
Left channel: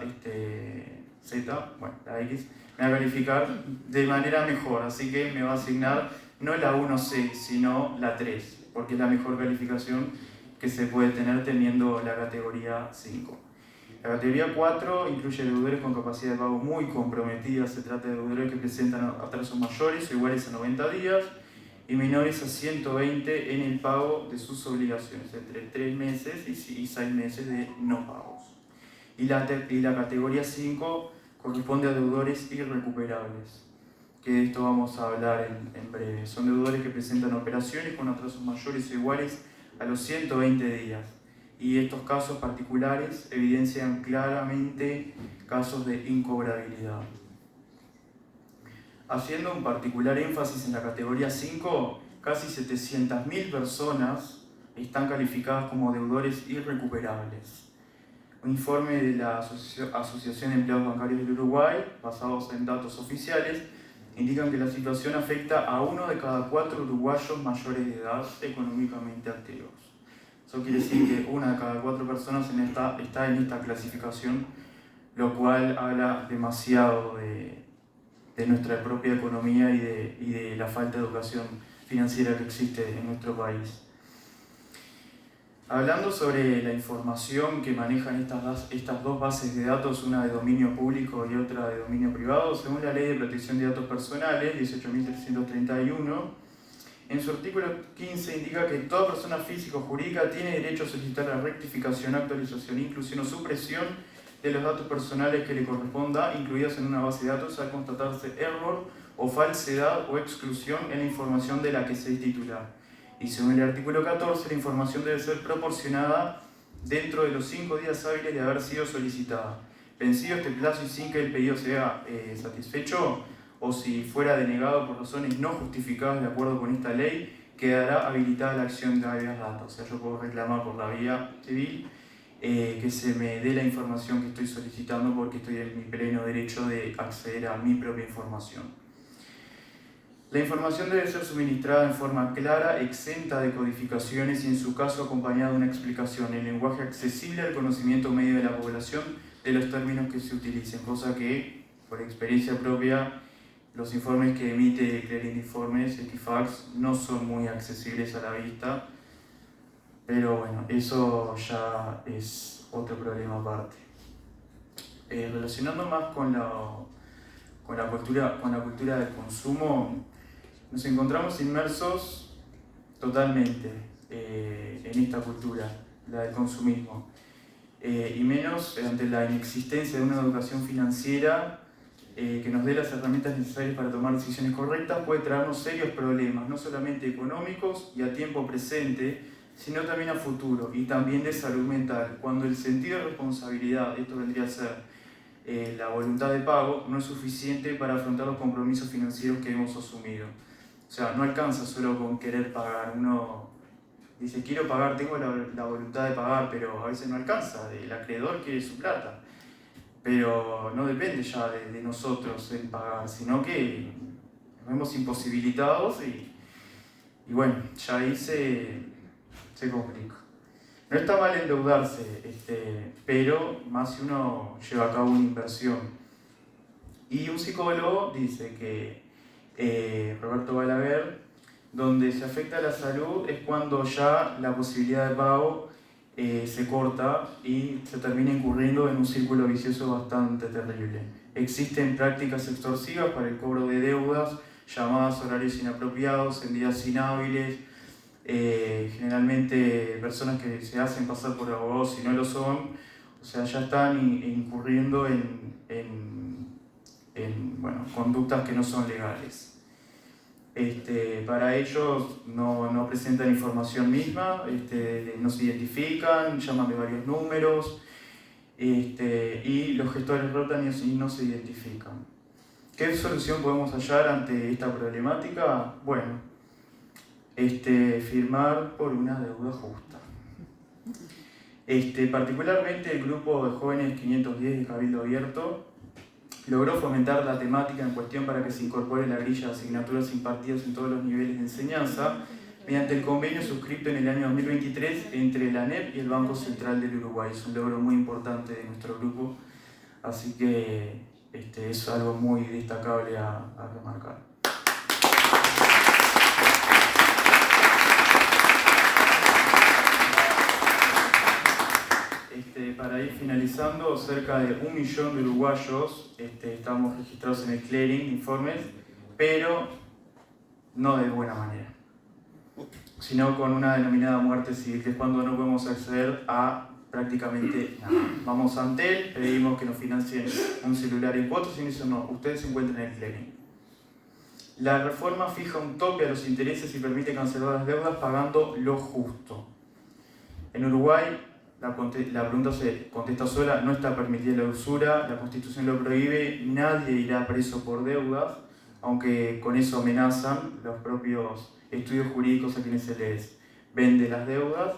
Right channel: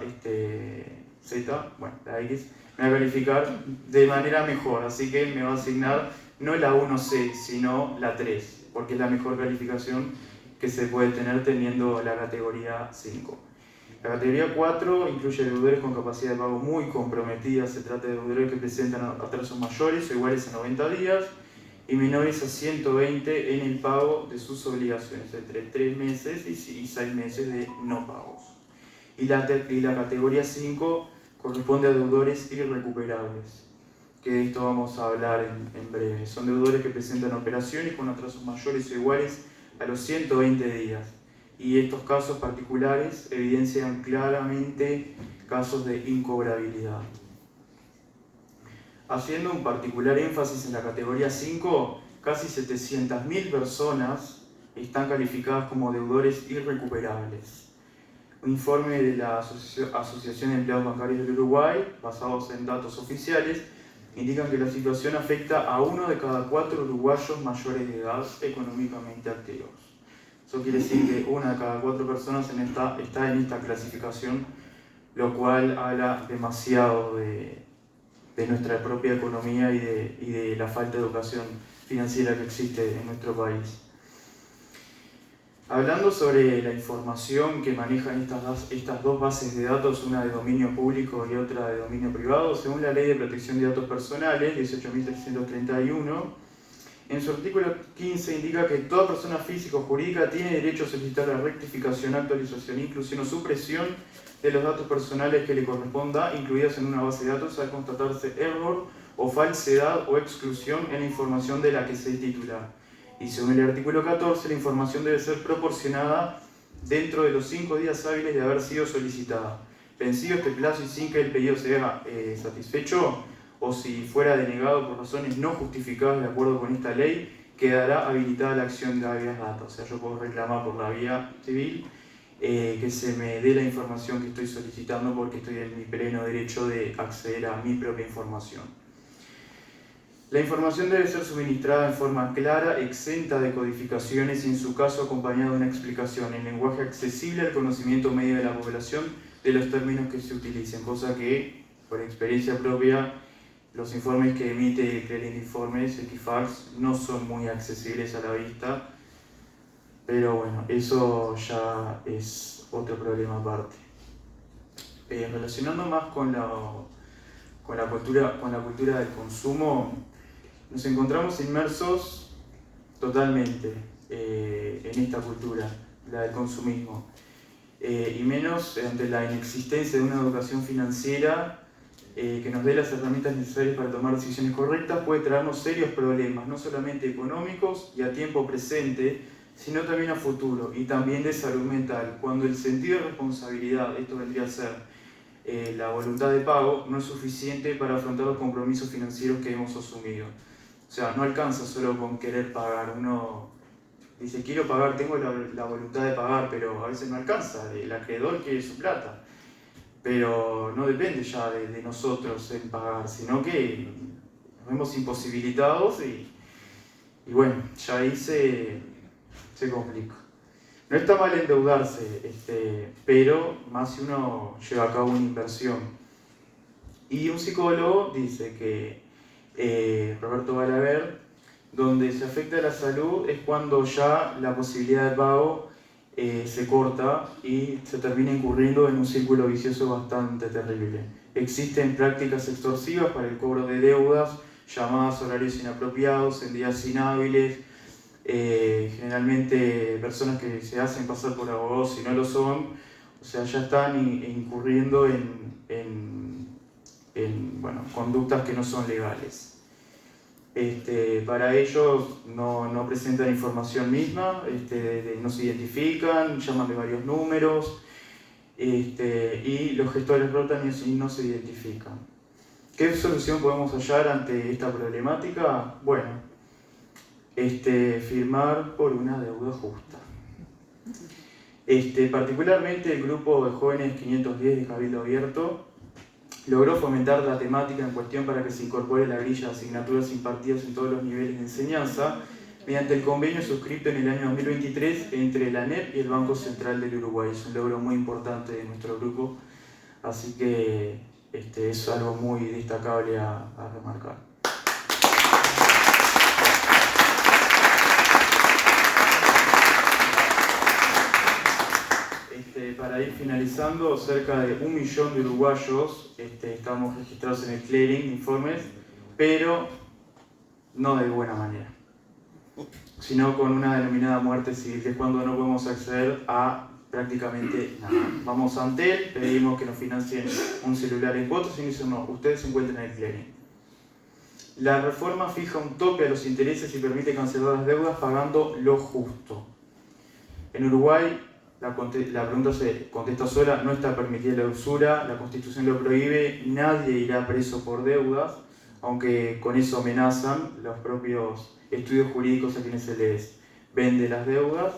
Z, bueno, la X, me va a calificar de manera mejor, así que me va a asignar no la 1C, sino la 3, porque es la mejor calificación que se puede tener teniendo la categoría 5. La categoría 4 incluye deudores con capacidad de pago muy comprometida. Se trata de deudores que presentan atrasos mayores o iguales a 90 días y menores a 120 en el pago de sus obligaciones, entre 3 meses y 6 meses de no pagos. Y la categoría 5 corresponde a deudores irrecuperables. que de esto vamos a hablar en breve. Son deudores que presentan operaciones con atrasos mayores o iguales a los 120 días. Y estos casos particulares evidencian claramente casos de incobrabilidad. Haciendo un particular énfasis en la categoría 5, casi 700.000 personas están calificadas como deudores irrecuperables. Un informe de la Asociación de Empleados Bancarios del Uruguay, basados en datos oficiales, indican que la situación afecta a 1 de cada 4 uruguayos mayores de edad económicamente activos. Eso quiere decir que 1 de cada 4 personas está en esta clasificación, lo cual habla demasiado de nuestra propia economía y de la falta de educación financiera que existe en nuestro país. Hablando sobre la información que manejan estas dos bases de datos, una de dominio público y otra de dominio privado, según la Ley de Protección de Datos Personales, 18.331, en su artículo 15 indica que toda persona física o jurídica tiene derecho a solicitar la rectificación, actualización, inclusión o supresión de los datos personales que le corresponda, incluidas en una base de datos, al constatarse error o falsedad o exclusión en la información de la que se es titular. Y según el artículo 14, la información debe ser proporcionada dentro de los 5 días hábiles de haber sido solicitada. Vencido este plazo y sin que el pedido sea satisfecho, o si fuera denegado por razones no justificadas de acuerdo con esta ley, quedará habilitada la acción de habeas data. O sea, yo puedo reclamar por la vía civil que se me dé la información que estoy solicitando porque estoy en mi pleno derecho de acceder a mi propia información. La información debe ser suministrada en forma clara, exenta de codificaciones y en su caso acompañada de una explicación en lenguaje accesible al conocimiento medio de la población de los términos que se utilicen, cosa que, por experiencia propia, los informes que emite Clearing de Informes, Equifax, no son muy accesibles a la vista, pero bueno, eso ya es otro problema aparte. Relacionando más con la cultura del consumo, nos encontramos inmersos totalmente en esta cultura, la del consumismo, y menos ante la inexistencia de una educación financiera que nos dé las herramientas necesarias para tomar decisiones correctas, puede traernos serios problemas, no solamente económicos y a tiempo presente, sino también a futuro, y también de salud mental, cuando el sentido de responsabilidad, esto vendría a ser la voluntad de pago, no es suficiente para afrontar los compromisos financieros que hemos asumido. O sea, no alcanza solo con querer pagar. Uno dice, quiero pagar, tengo la voluntad de pagar, pero a veces no alcanza. El acreedor quiere su plata. Pero no depende ya de nosotros en pagar, sino que nos vemos imposibilitados y bueno, ya ahí se complica. No está mal endeudarse, pero más si uno lleva a cabo una inversión. Y un psicólogo dice que Roberto Balaguer, donde se afecta la salud es cuando ya la posibilidad de pago se corta y se termina incurriendo en un círculo vicioso bastante terrible. Existen prácticas extorsivas para el cobro de deudas, llamadas horarios inapropiados, en días inhábiles, generalmente personas que se hacen pasar por abogados y no lo son, o sea, ya están incurriendo en conductas que no son legales. Para ellos no presentan información misma, no se identifican, llaman de varios números y los gestores rotan y no se identifican. ¿Qué solución podemos hallar ante esta problemática? Bueno, firmar por una deuda justa. Particularmente el grupo de jóvenes 510 de Cabildo Abierto logró fomentar la temática en cuestión para que se incorpore la grilla de asignaturas impartidas en todos los niveles de enseñanza mediante el convenio suscrito en el año 2023 entre la ANEP y el Banco Central del Uruguay. Es un logro muy importante de nuestro grupo, así que es algo muy destacable a remarcar. Para ir finalizando, cerca de 1 millón de uruguayos estamos registrados en el Clearing de Informes, pero no de buena manera, sino con una denominada muerte civil, que es cuando no podemos acceder a prácticamente nada. Vamos ante él, pedimos que nos financien un celular en cuotas y dicen no, ustedes se encuentran en el Clearing. La reforma fija un tope a los intereses y permite cancelar las deudas pagando lo justo. En Uruguay, la pregunta se contesta sola, no está permitida la usura, la Constitución lo prohíbe, nadie irá preso por deudas, aunque con eso amenazan los propios estudios jurídicos a quienes se les vende las deudas.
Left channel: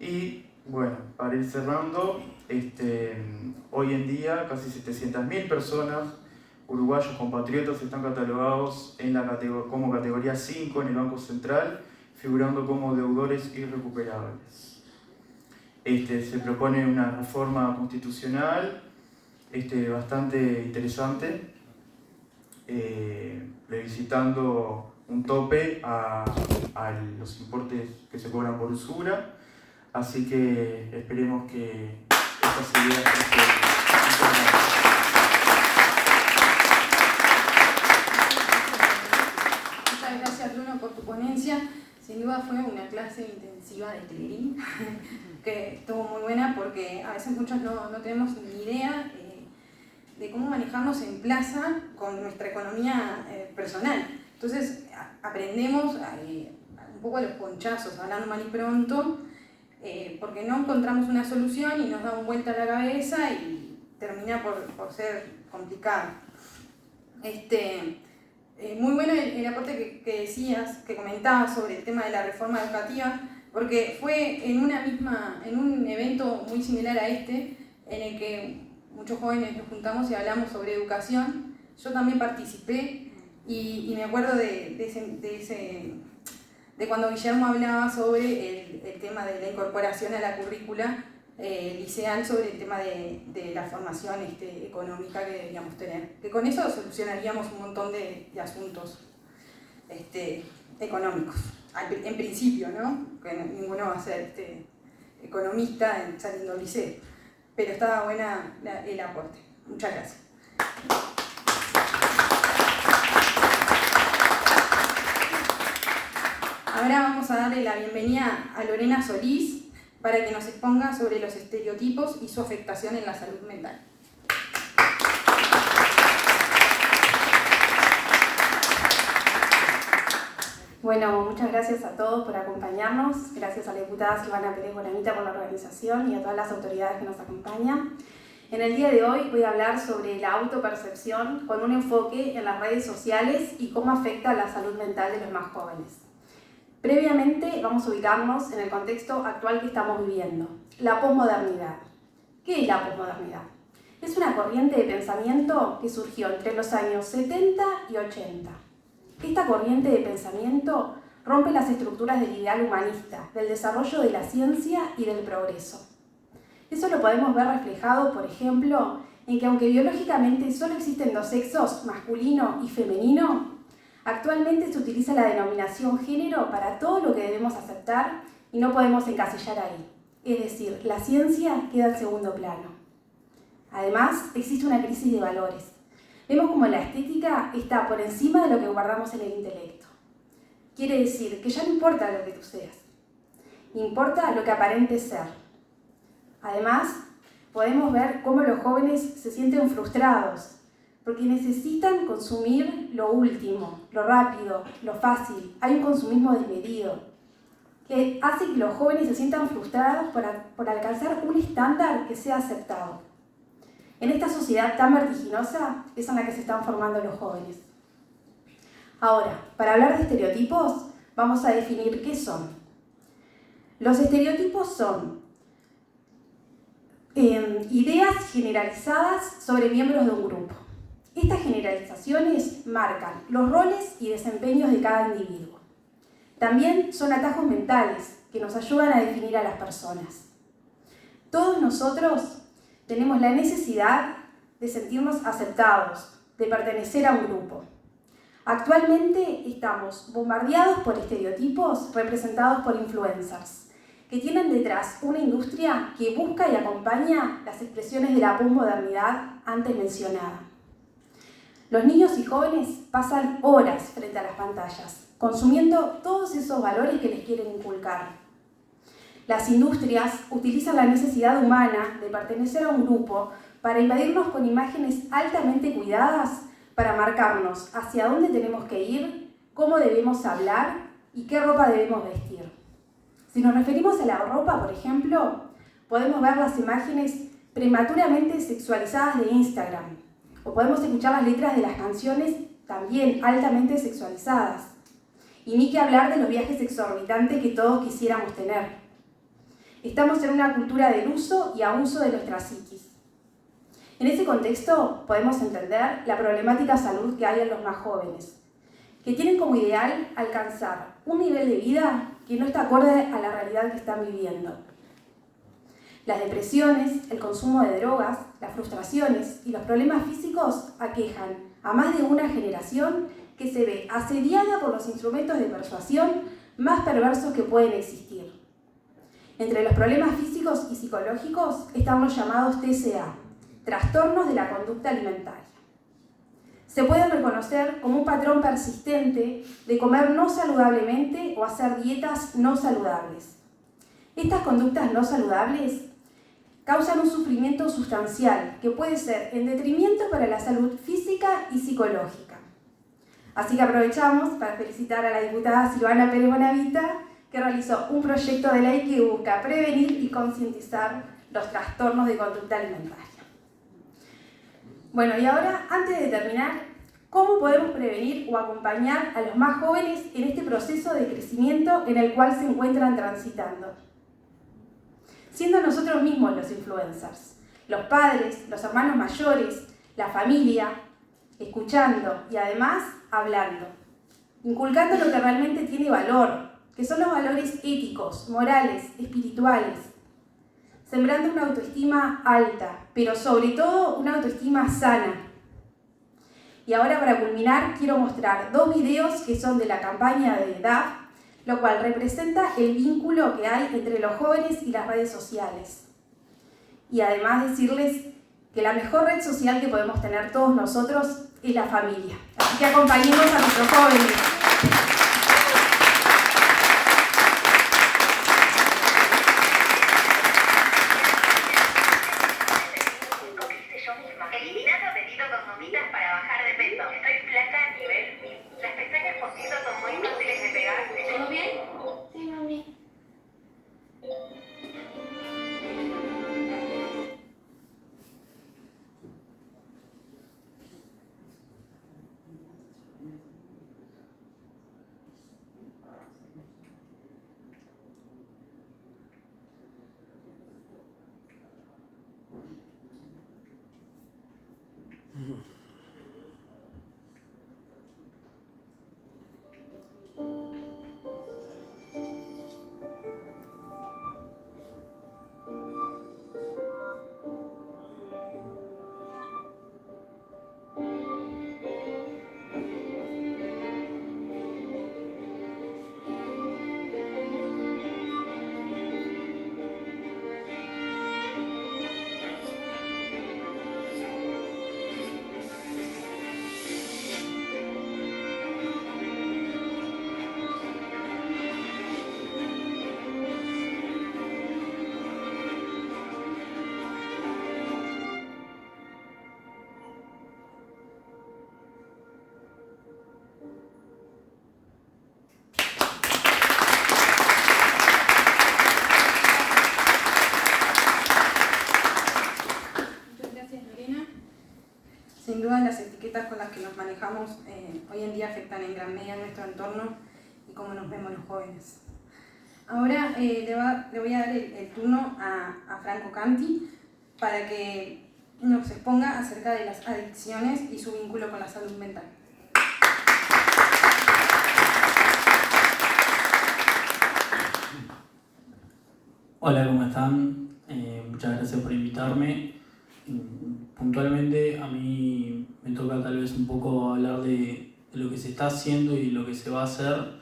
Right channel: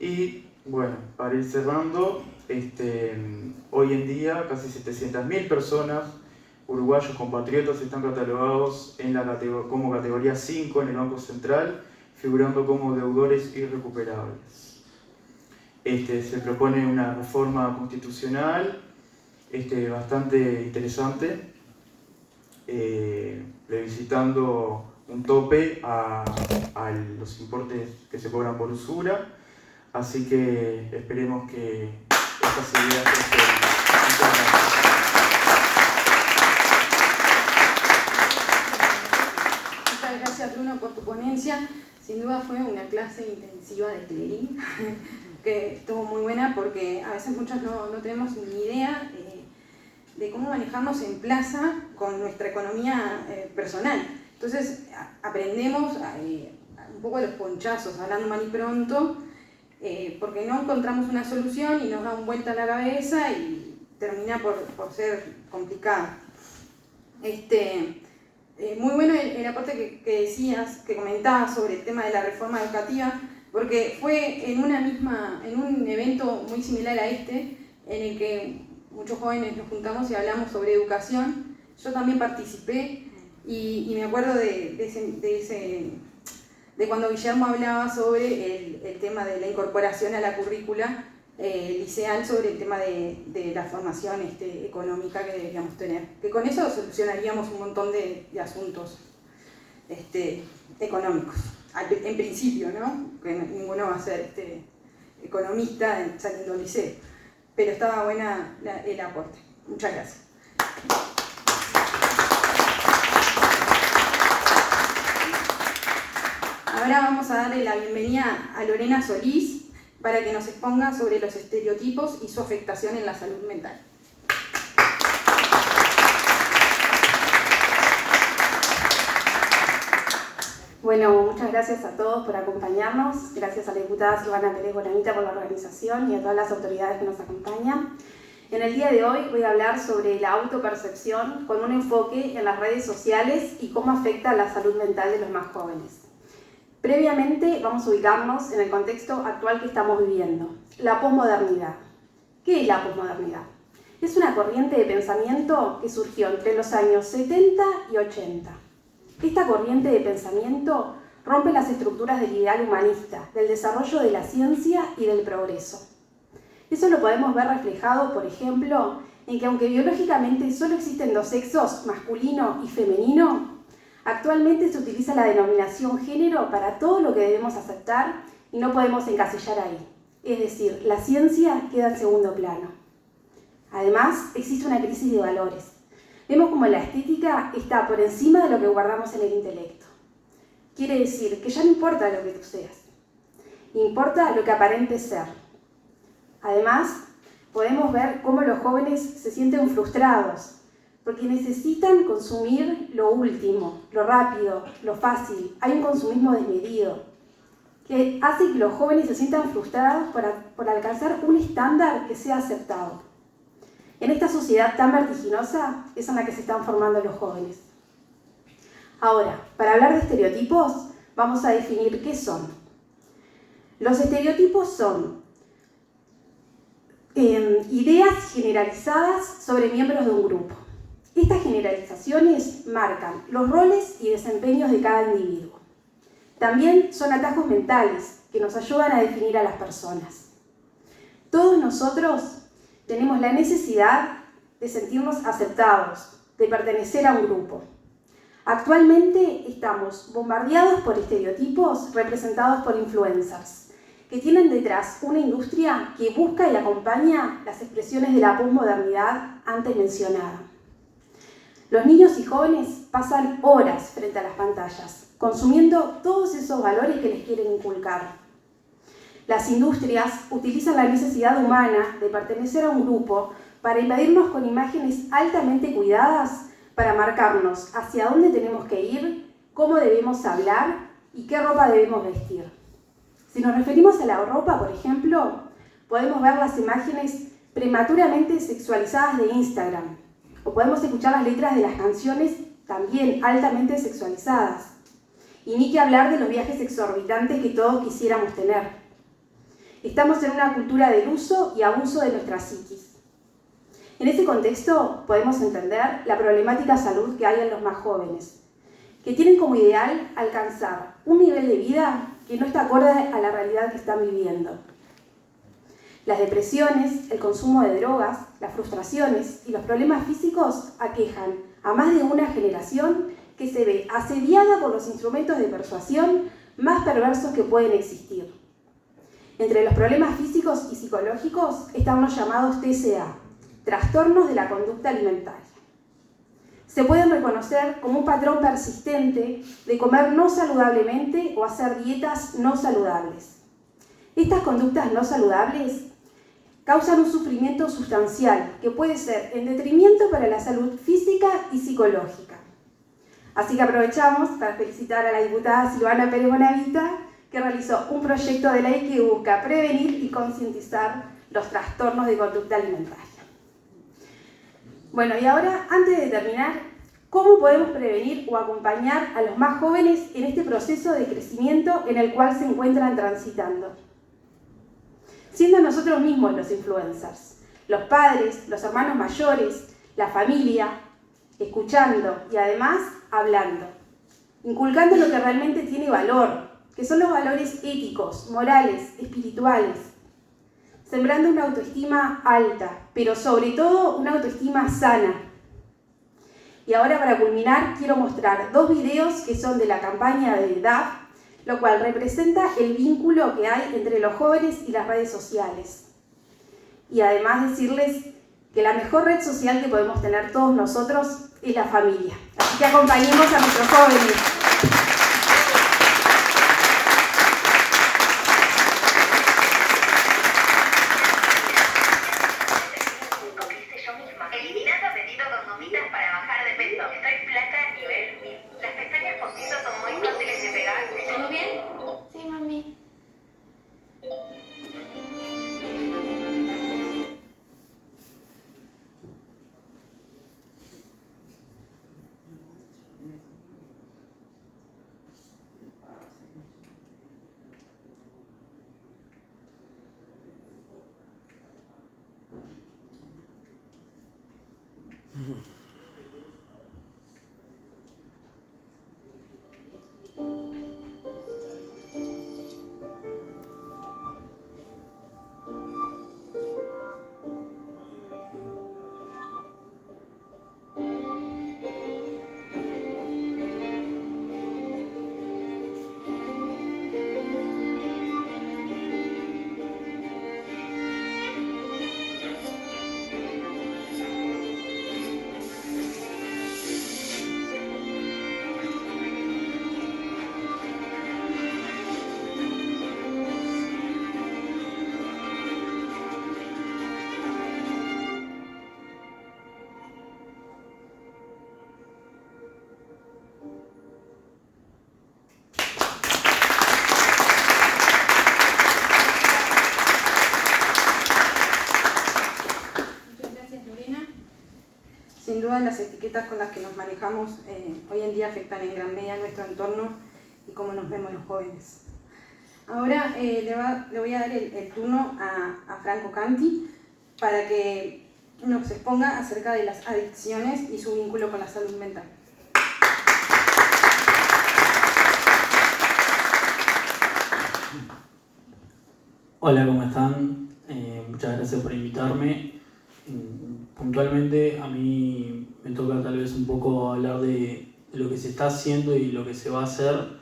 Y bueno, para ir cerrando, hoy en día casi 700.000 personas, uruguayos compatriotas, están catalogados como categoría 5 en el Banco Central, figurando como deudores irrecuperables. Se propone una reforma constitucional bastante interesante, plebiscitando un tope a los importes que se cobran por usura, así que esperemos que estas ideas Muchas gracias, Bruno, por tu ponencia. Sin duda fue una clase intensiva de clearing que estuvo muy buena porque a veces muchos no tenemos ni idea de cómo manejarnos en plaza con nuestra economía personal. Entonces aprendemos un poco de los ponchazos, hablando mal y pronto, porque no encontramos una solución y nos dan vuelta a la cabeza y termina por ser complicado. Muy bueno el aporte que decías, que comentabas sobre el tema de la reforma educativa, porque fue en un evento muy similar a en el que muchos jóvenes nos juntamos y hablamos sobre educación. Yo también participé y me acuerdo de cuando Guillermo hablaba sobre el tema de la incorporación a la currícula liceal, sobre el tema de la formación económica que deberíamos tener. Que con eso solucionaríamos un montón de asuntos económicos. En principio, ¿no? Que ninguno va a ser economista saliendo del liceo. Pero estaba buena el aporte. Muchas gracias. Ahora vamos a darle la bienvenida a Lorena Solís para que nos exponga sobre los estereotipos y su afectación en la salud mental. Bueno, muchas gracias a todos por acompañarnos. Gracias a la diputada Silvana Pérez Bonamita por la organización y a todas las autoridades que nos acompañan. En el día de hoy voy a hablar sobre la autopercepción con un enfoque en las redes sociales y cómo afecta a la salud mental de los más jóvenes. Previamente vamos a ubicarnos en el contexto actual que estamos viviendo, la posmodernidad. ¿Qué es la posmodernidad? Es una corriente de pensamiento que surgió entre los años 70 y 80. Esta corriente de pensamiento rompe las estructuras del ideal humanista, del desarrollo de la ciencia y del progreso. Eso lo podemos ver reflejado, por ejemplo, en que aunque biológicamente solo existen dos sexos, masculino y femenino, actualmente se utiliza la denominación género para todo lo que debemos aceptar y no podemos encasillar ahí. Es decir, la ciencia queda en segundo plano. Además, existe una crisis de valores. Vemos como la estética está por encima de lo que guardamos en el intelecto. Quiere decir que ya no importa lo que tú seas, importa lo que aparentes ser. Además, podemos ver cómo los jóvenes se sienten frustrados, porque necesitan consumir lo último, lo rápido, lo fácil. Hay un consumismo desmedido, que hace que los jóvenes se sientan frustrados por alcanzar un estándar que sea aceptado. En esta sociedad tan vertiginosa es en la que se están formando los jóvenes. Ahora, para hablar de estereotipos, vamos a definir qué son. Los estereotipos son ideas generalizadas sobre miembros de un grupo. Estas generalizaciones marcan los roles y desempeños de cada individuo. También son atajos mentales que nos ayudan a definir a las personas. Todos nosotros tenemos la necesidad de sentirnos aceptados, de pertenecer a un grupo. Actualmente estamos bombardeados por estereotipos representados por influencers, que tienen detrás una industria que busca y acompaña las expresiones de la posmodernidad antes mencionada. Los niños y jóvenes pasan horas frente a las pantallas, consumiendo todos esos valores que les quieren inculcar. Las industrias utilizan la necesidad humana de pertenecer a un grupo para invadirnos con imágenes altamente cuidadas para marcarnos hacia dónde tenemos que ir, cómo debemos hablar y qué ropa debemos vestir. Si nos referimos a la ropa, por ejemplo, podemos ver las imágenes prematuramente sexualizadas de Instagram, o podemos escuchar las letras de las canciones también altamente sexualizadas. Y ni que hablar de los viajes exorbitantes que todos quisiéramos tener. Estamos en una cultura del uso y abuso de nuestra psiquis. En ese contexto podemos entender la problemática salud que hay en los más jóvenes, que tienen como ideal alcanzar un nivel de vida que no está acorde a la realidad que están viviendo. Las depresiones, el consumo de drogas, las frustraciones y los problemas físicos aquejan a más de una generación que se ve asediada por los instrumentos de persuasión más perversos que pueden existir. Entre los problemas físicos y psicológicos están los llamados TCA, trastornos de la conducta alimentaria. Se pueden reconocer como un patrón persistente de comer no saludablemente o hacer dietas no saludables. Estas conductas no saludables causan un sufrimiento sustancial que puede ser en detrimento para la salud física y psicológica. Así que aprovechamos para felicitar a la diputada Silvana Pérez Bonavita, que realizó un proyecto de ley que busca prevenir y concientizar los trastornos de conducta alimentaria. Bueno, y ahora, antes de terminar, ¿cómo podemos prevenir o acompañar a los más jóvenes en este proceso de crecimiento en el cual se encuentran transitando? Siendo nosotros mismos los influencers, los padres, los hermanos mayores, la familia, escuchando y además hablando, inculcando lo que realmente tiene valor, que son los valores éticos, morales, espirituales, sembrando una autoestima alta, pero sobre todo una autoestima sana. Y ahora, para culminar, quiero mostrar 2 videos que son de la campaña de DAF, lo cual representa el vínculo que hay entre los jóvenes y las redes sociales. Y además decirles que la mejor red social que podemos tener todos nosotros es la familia. Así que acompañemos a nuestros jóvenes. Eliminando apetito con gomitas para bajar de peso. Estoy flaca a nivel 1000. Las pestañas postizas son muy fáciles de pegar. ¿Todo bien? Sí, mami. Sin duda las etiquetas con las que nos manejamos hoy en día afectan en gran medida nuestro entorno y cómo nos vemos los jóvenes. Ahora le voy a dar el turno a Franco Canti para que nos exponga acerca de las adicciones y su vínculo con la salud mental. Hola, ¿cómo están? Muchas gracias por invitarme. Puntualmente a mí me toca tal vez un poco hablar de lo que se está haciendo y lo que se va a hacer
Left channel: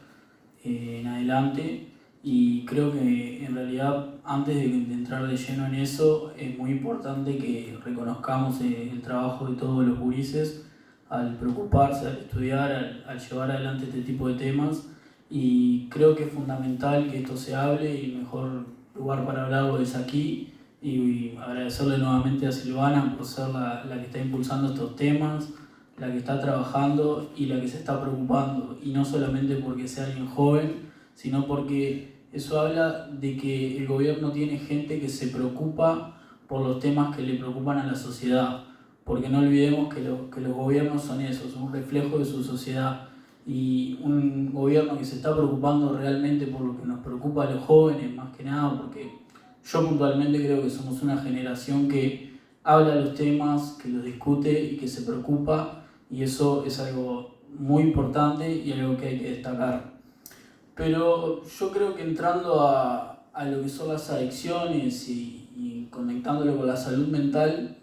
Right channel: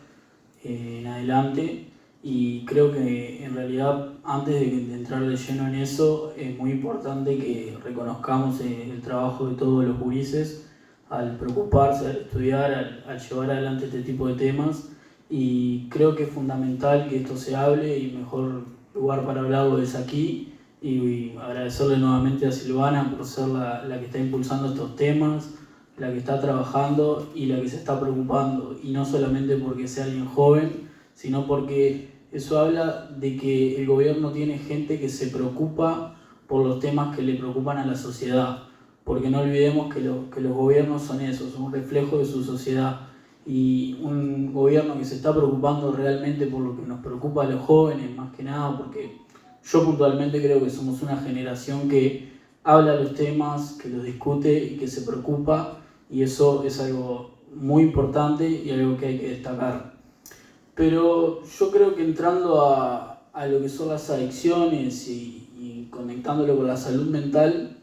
en adelante, y creo que en realidad antes de entrar de lleno en eso es muy importante que reconozcamos el trabajo de todos los gurises al preocuparse, al estudiar, al llevar adelante este tipo de temas, y creo que es fundamental que esto se hable y mejor lugar para hablarlo es aquí. Y agradecerle nuevamente a Silvana por ser la que está impulsando estos temas, la que está trabajando y la que se está preocupando, y no solamente porque sea alguien joven, sino porque eso habla de que el gobierno tiene gente que se preocupa por los temas que le preocupan a la sociedad, porque no olvidemos que los gobiernos son eso, son un reflejo de su sociedad, y un gobierno que se está preocupando realmente por lo que nos preocupa a los jóvenes, más que nada, porque yo puntualmente creo que somos una generación que habla de los temas, que los discute y que se preocupa, y eso es algo muy importante y algo que hay que destacar. Pero yo creo que entrando a lo que son las adicciones y conectándolo con la salud mental,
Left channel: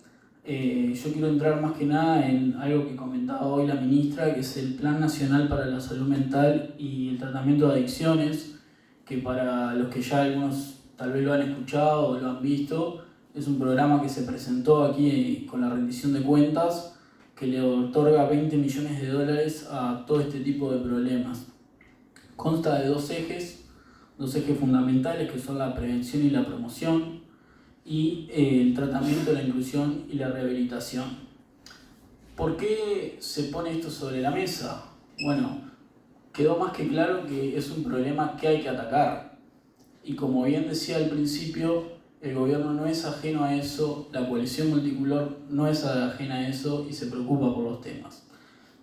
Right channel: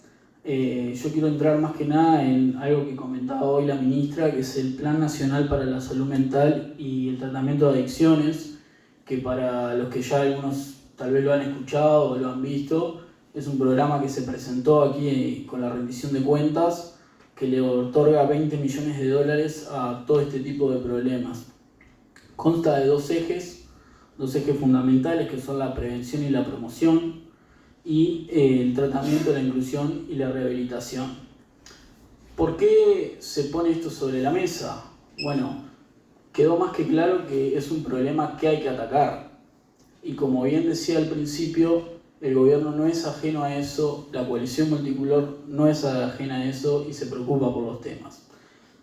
yo quiero entrar más que nada en algo que comentaba hoy la ministra, que es el Plan Nacional para la Salud Mental y el Tratamiento de Adicciones, que para los que ya algunos tal vez lo han escuchado o lo han visto, es un programa que se presentó aquí con la rendición de cuentas, que le otorga 20 millones de dólares a todo este tipo de problemas. Consta de dos ejes fundamentales, que son la prevención y la promoción, y el tratamiento, la inclusión y la rehabilitación. ¿Por qué se pone esto sobre la mesa? Bueno, quedó más que claro que es un problema que hay que atacar. Y como bien decía al principio, el gobierno no es ajeno a eso, la coalición multicolor no es ajena a eso y se preocupa por los temas.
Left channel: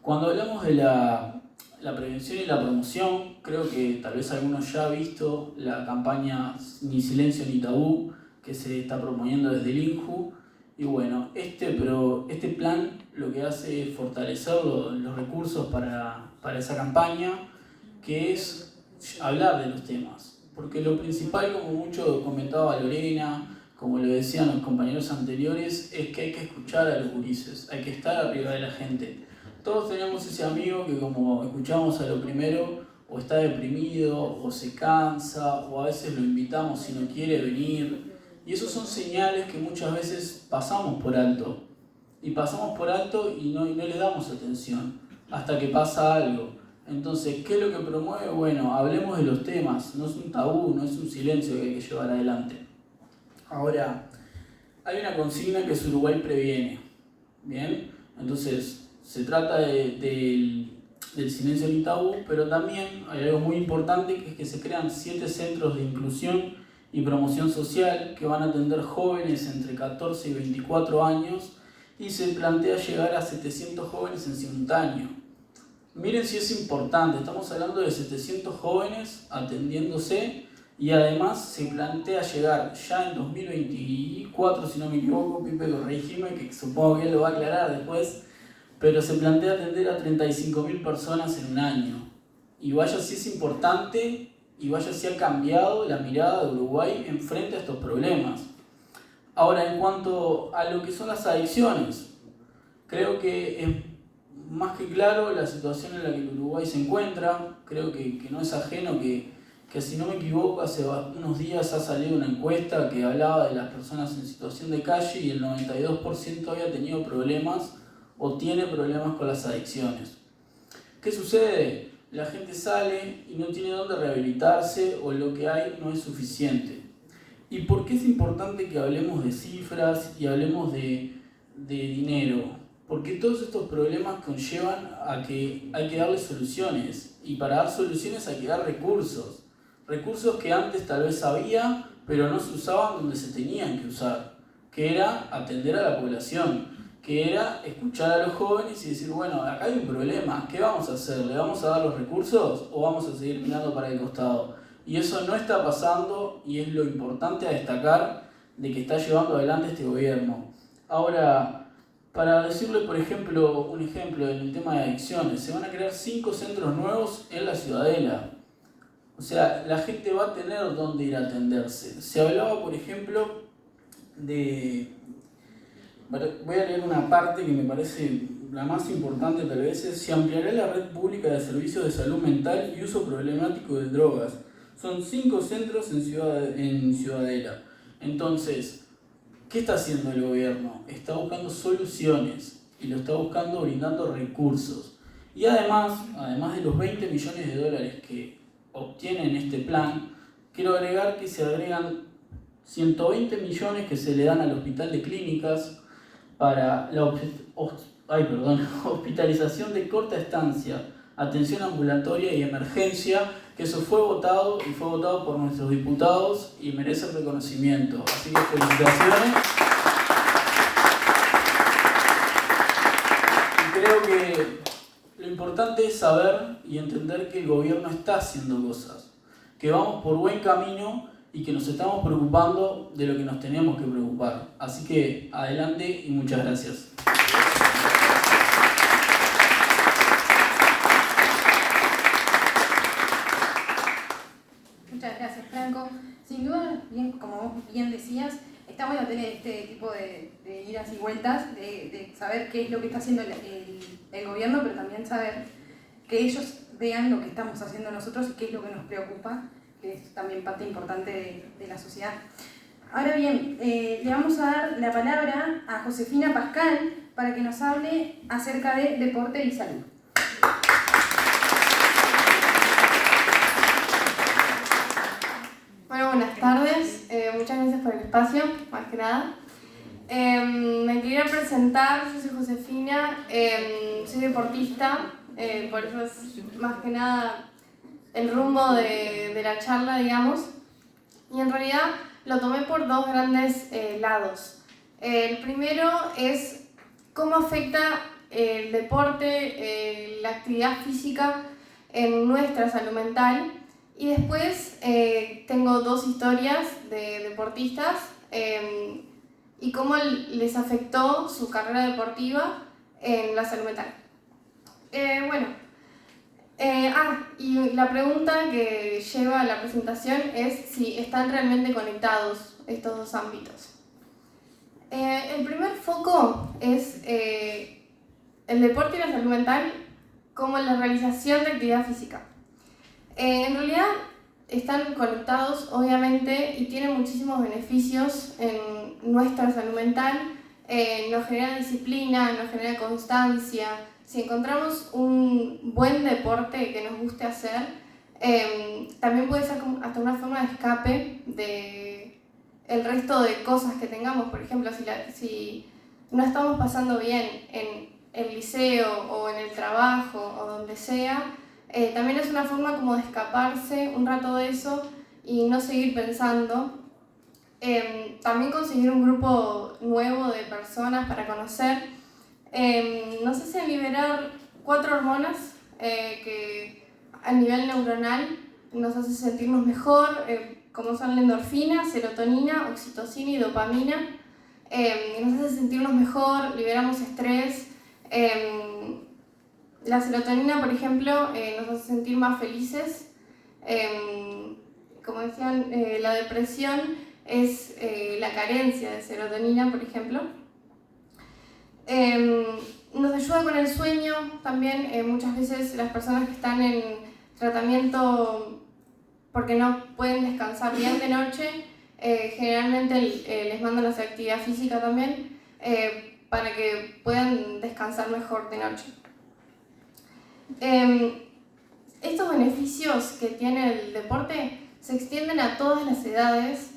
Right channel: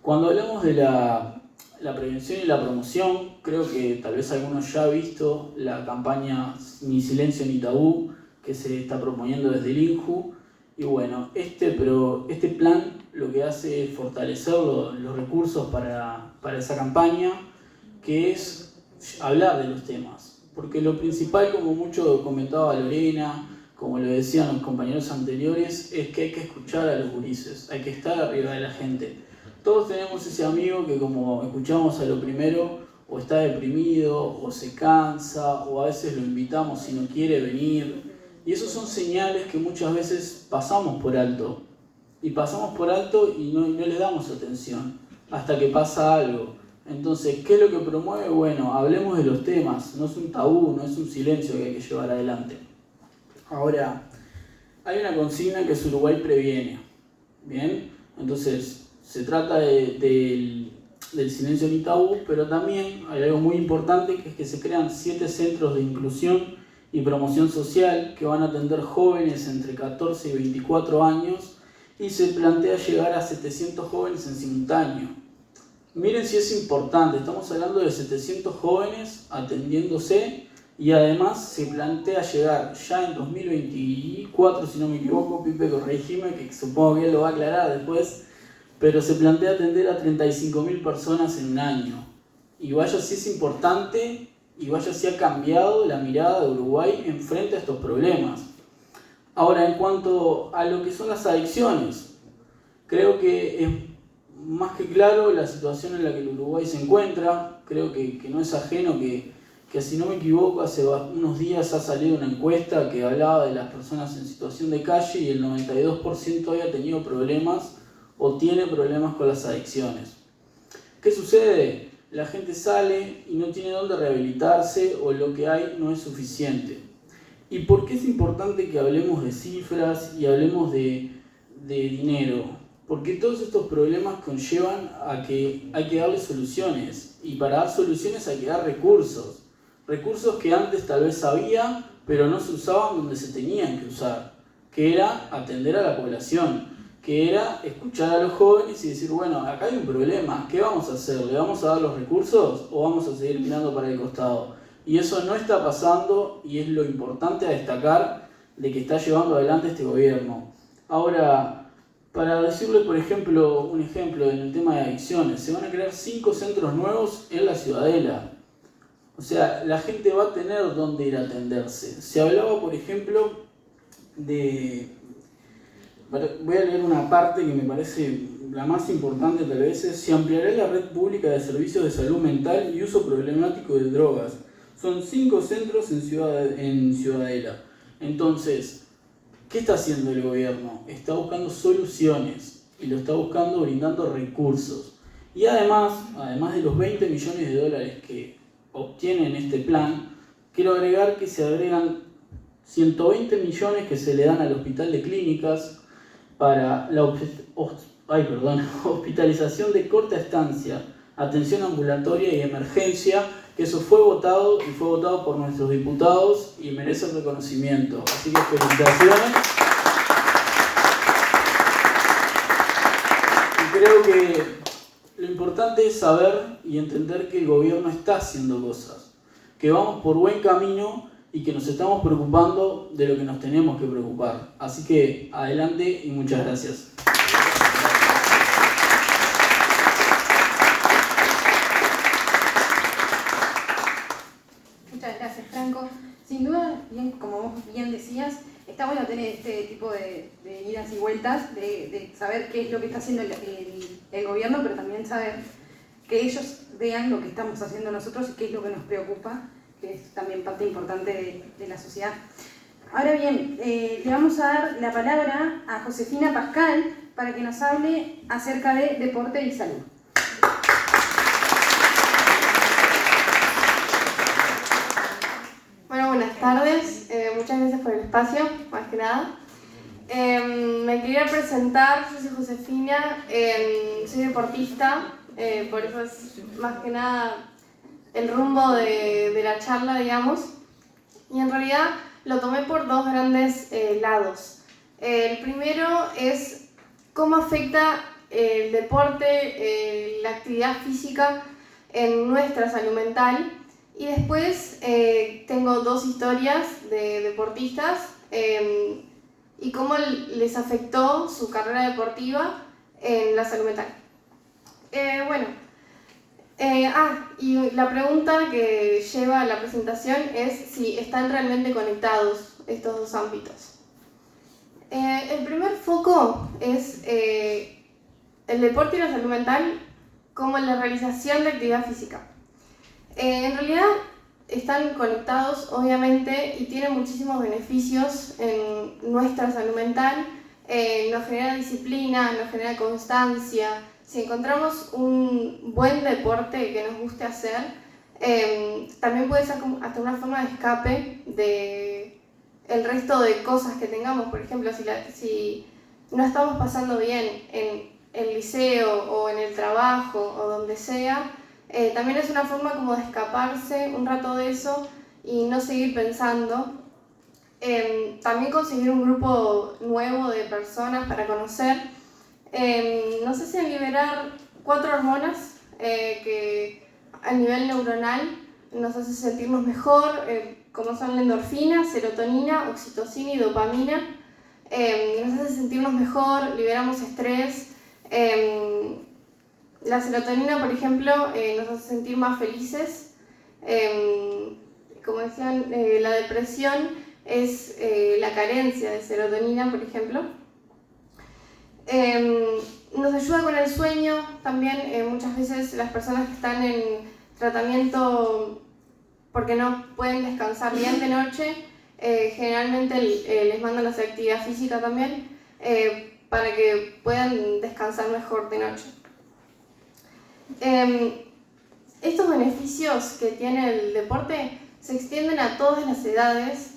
Cuando hablamos de la prevención y la promoción, creo que tal vez algunos ya han visto la campaña Ni Silencio ni Tabú, que se está promoviendo desde el INJU. Y bueno, este plan lo que hace es fortalecer los recursos para esa campaña, que es hablar de los temas. Porque lo principal, como mucho comentaba Lorena, como lo decían los compañeros anteriores, es que hay que escuchar a los gurises, hay que estar arriba de la gente. Todos tenemos ese amigo que, como escuchamos a lo primero, o está deprimido, o se cansa, o a veces lo invitamos y no quiere venir. Y esos son señales que muchas veces pasamos por alto. Y pasamos por alto y no le damos atención hasta que pasa algo. Entonces, ¿qué es lo que promueve? Bueno, hablemos de los temas. No es un tabú, no es un silencio que hay que llevar adelante. Ahora, hay una consigna que es Uruguay previene. ¿Bien? Entonces, se trata del silencio ni tabú, pero también hay algo muy importante, que es que se crean 7 centros de inclusión y promoción social que van a atender jóvenes entre 14 y 24 años, y se plantea llegar a 700 jóvenes en simultáneo. Miren si es importante, estamos hablando de 700 jóvenes atendiéndose, y además se plantea llegar ya en 2024, si no me equivoco, Pipe, corregime, que supongo que él lo va a aclarar después, pero se plantea atender a 35.000 personas en un año. Y vaya si es importante, y vaya si ha cambiado la mirada de Uruguay en frente a estos problemas. Ahora, en cuanto a lo que son las adicciones, creo que es más que claro la situación en la que el Uruguay se encuentra. Creo que no es ajeno que si no me equivoco, hace unos días ha salido una encuesta que hablaba de las personas en situación de calle, y el 92% había tenido problemas o tiene problemas con las adicciones. ¿Qué sucede? La gente sale y no tiene dónde rehabilitarse, o lo que hay no es suficiente. ¿Y por qué es importante que hablemos de cifras y hablemos de dinero? Porque todos estos problemas conllevan a que hay que darle soluciones, y para dar soluciones hay que dar recursos. Recursos que antes tal vez había, pero no se usaban donde se tenían que usar, que era atender a la población, que era escuchar a los jóvenes y decir, bueno, acá hay un problema, ¿qué vamos a hacer? ¿Le vamos a dar los recursos o vamos a seguir mirando para el costado? Y eso no está pasando, y es lo importante a destacar de que está llevando adelante este gobierno. Ahora, para decirle, por ejemplo, un ejemplo en el tema de adicciones, se van a crear 5 centros nuevos en la Ciudadela. O sea, la gente va a tener dónde ir a atenderse. Se hablaba, por ejemplo, de... Voy a leer una parte que me parece la más importante tal vez, es: se ampliará la red pública de servicios de salud mental y uso problemático de drogas. Son 5 centros en Ciudadela. Entonces, ¿qué está haciendo el gobierno? Está buscando soluciones, y lo está buscando brindando recursos. Y además de los 20 millones de dólares que obtienen este plan, quiero agregar que se agregan 120 millones que se le dan al Hospital de Clínicas para la hospitalización de corta estancia, atención ambulatoria y emergencia, que eso fue votado y fue votado por nuestros diputados y merece reconocimiento. Así que felicitaciones. Y creo que lo importante es saber y entender que el gobierno está haciendo cosas, que vamos por buen camino y que nos estamos preocupando de lo que nos tenemos que preocupar. Así que adelante y muchas gracias. Muchas gracias, Franco. Sin duda, bien, como vos bien decías, está bueno tener este tipo de idas y vueltas, de saber qué es lo que está haciendo el gobierno, pero también saber que ellos vean lo que estamos haciendo nosotros y qué es lo que nos preocupa, que es también parte importante de la sociedad. Ahora bien, le vamos a dar la palabra a Josefina Pascal para que nos hable acerca de deporte y salud. Bueno, buenas tardes, muchas gracias por el espacio, más que nada. Me quería presentar, yo soy Josefina, soy deportista, por eso es más que nada el rumbo de la charla, digamos. Y en realidad lo tomé por dos grandes lados. El primero es cómo afecta el deporte, la actividad física en nuestra salud mental. Y después tengo dos historias de deportistas y cómo les afectó su carrera deportiva en la salud mental. Y la pregunta que lleva a la presentación es si están realmente conectados estos dos ámbitos. El primer foco es el deporte y la salud mental como la realización de actividad física. En realidad están conectados, obviamente, y tienen muchísimos beneficios en nuestra salud mental. Nos genera disciplina, nos genera constancia. Si encontramos un buen deporte que nos guste hacer, también puede ser hasta una forma de escape de el resto de cosas que tengamos. Por ejemplo, si no estamos pasando bien en el liceo o en el trabajo o donde sea, también es una forma como de escaparse un rato de eso y no seguir pensando. También conseguir un grupo nuevo de personas para conocer. Nos hace liberar 4 hormonas que a nivel neuronal nos hace sentirnos mejor, como son la endorfina, serotonina, oxitocina y dopamina. Nos hace sentirnos mejor, liberamos estrés. La serotonina, por ejemplo, nos hace sentir más felices. Como decían, la depresión es la carencia de serotonina, por ejemplo. Nos ayuda con el sueño también. Muchas veces las personas que están en tratamiento porque no pueden descansar bien de noche, generalmente les mandan a hacer actividad física también para que puedan descansar mejor de noche. Estos beneficios que tiene el deporte se extienden a todas las edades,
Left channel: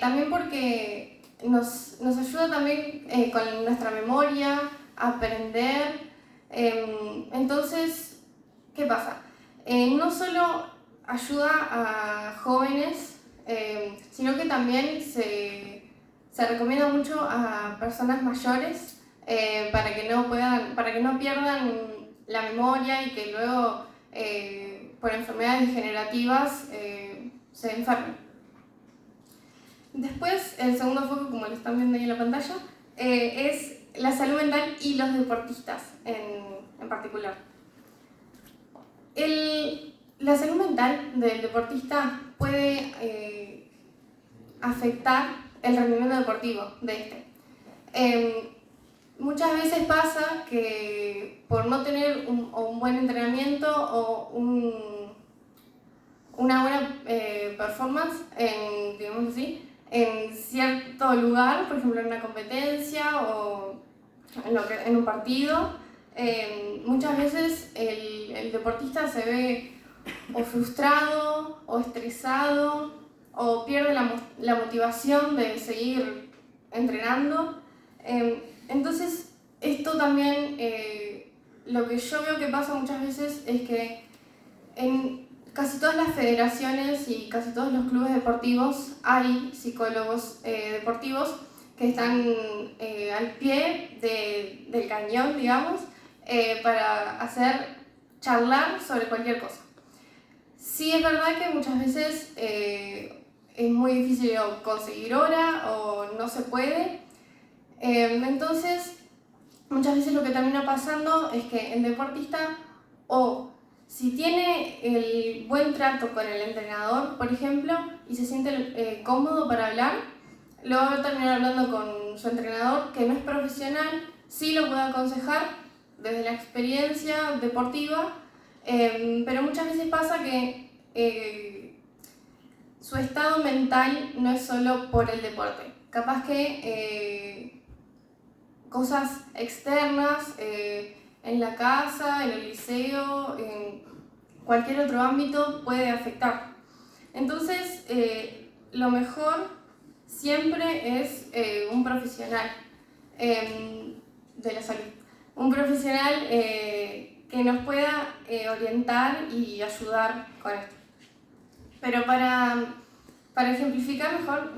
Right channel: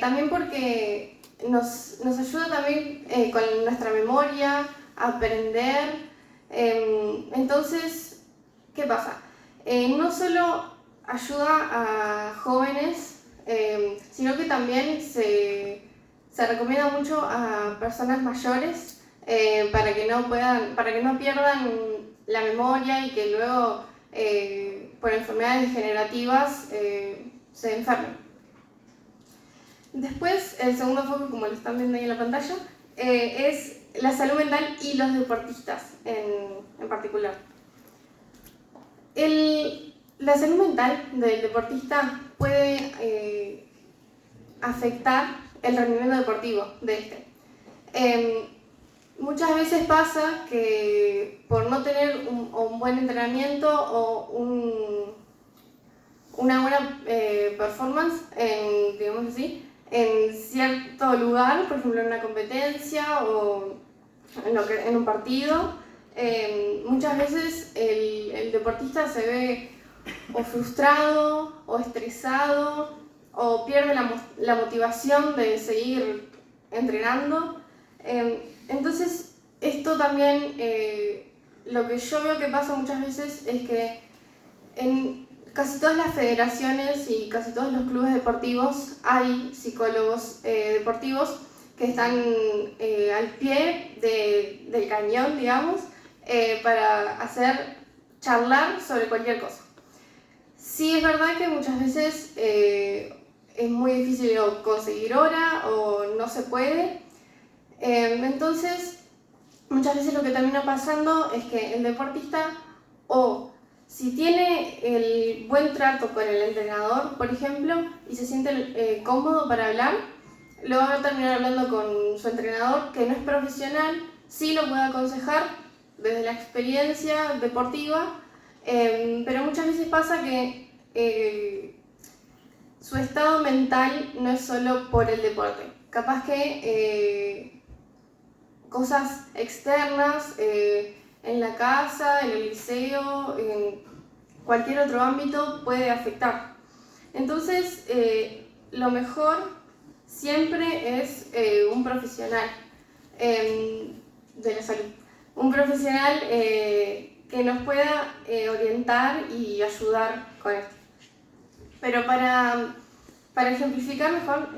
también porque nos ayuda también con nuestra memoria, a aprender. Entonces, ¿qué pasa? No solo ayuda a jóvenes, sino que también se recomienda mucho a personas mayores para que no pierdan la memoria y que luego por enfermedades degenerativas se enfermen. Después, el segundo foco, como lo están viendo ahí en la pantalla, es la salud mental y los deportistas en particular. La salud mental del deportista puede afectar el rendimiento deportivo de este. Muchas veces pasa que por no tener un buen entrenamiento o una buena performance, digamos así, en cierto lugar, por ejemplo en una competencia o en un partido, muchas veces el deportista se ve o frustrado o estresado o pierde la motivación de seguir entrenando. Entonces esto también, lo que yo veo que pasa muchas veces es que en casi todas las federaciones y casi todos los clubes deportivos hay psicólogos deportivos que están al pie del cañón, digamos, para charlar sobre cualquier cosa. Sí es verdad que muchas veces es muy difícil o conseguir hora o no se puede. Entonces, muchas veces lo que termina pasando es que el deportista, o si tiene el buen trato con el entrenador, por ejemplo, y se siente cómodo para hablar, lo va a terminar hablando con su entrenador, que no es profesional, sí lo puede aconsejar desde la experiencia deportiva, pero muchas veces pasa que su estado mental no es solo por el deporte. Capaz que cosas externas, en la casa, en el liceo, en cualquier otro ámbito puede afectar. Entonces, lo mejor siempre es un profesional de la salud. Un profesional que nos pueda orientar y ayudar con esto. Pero para ejemplificar mejor,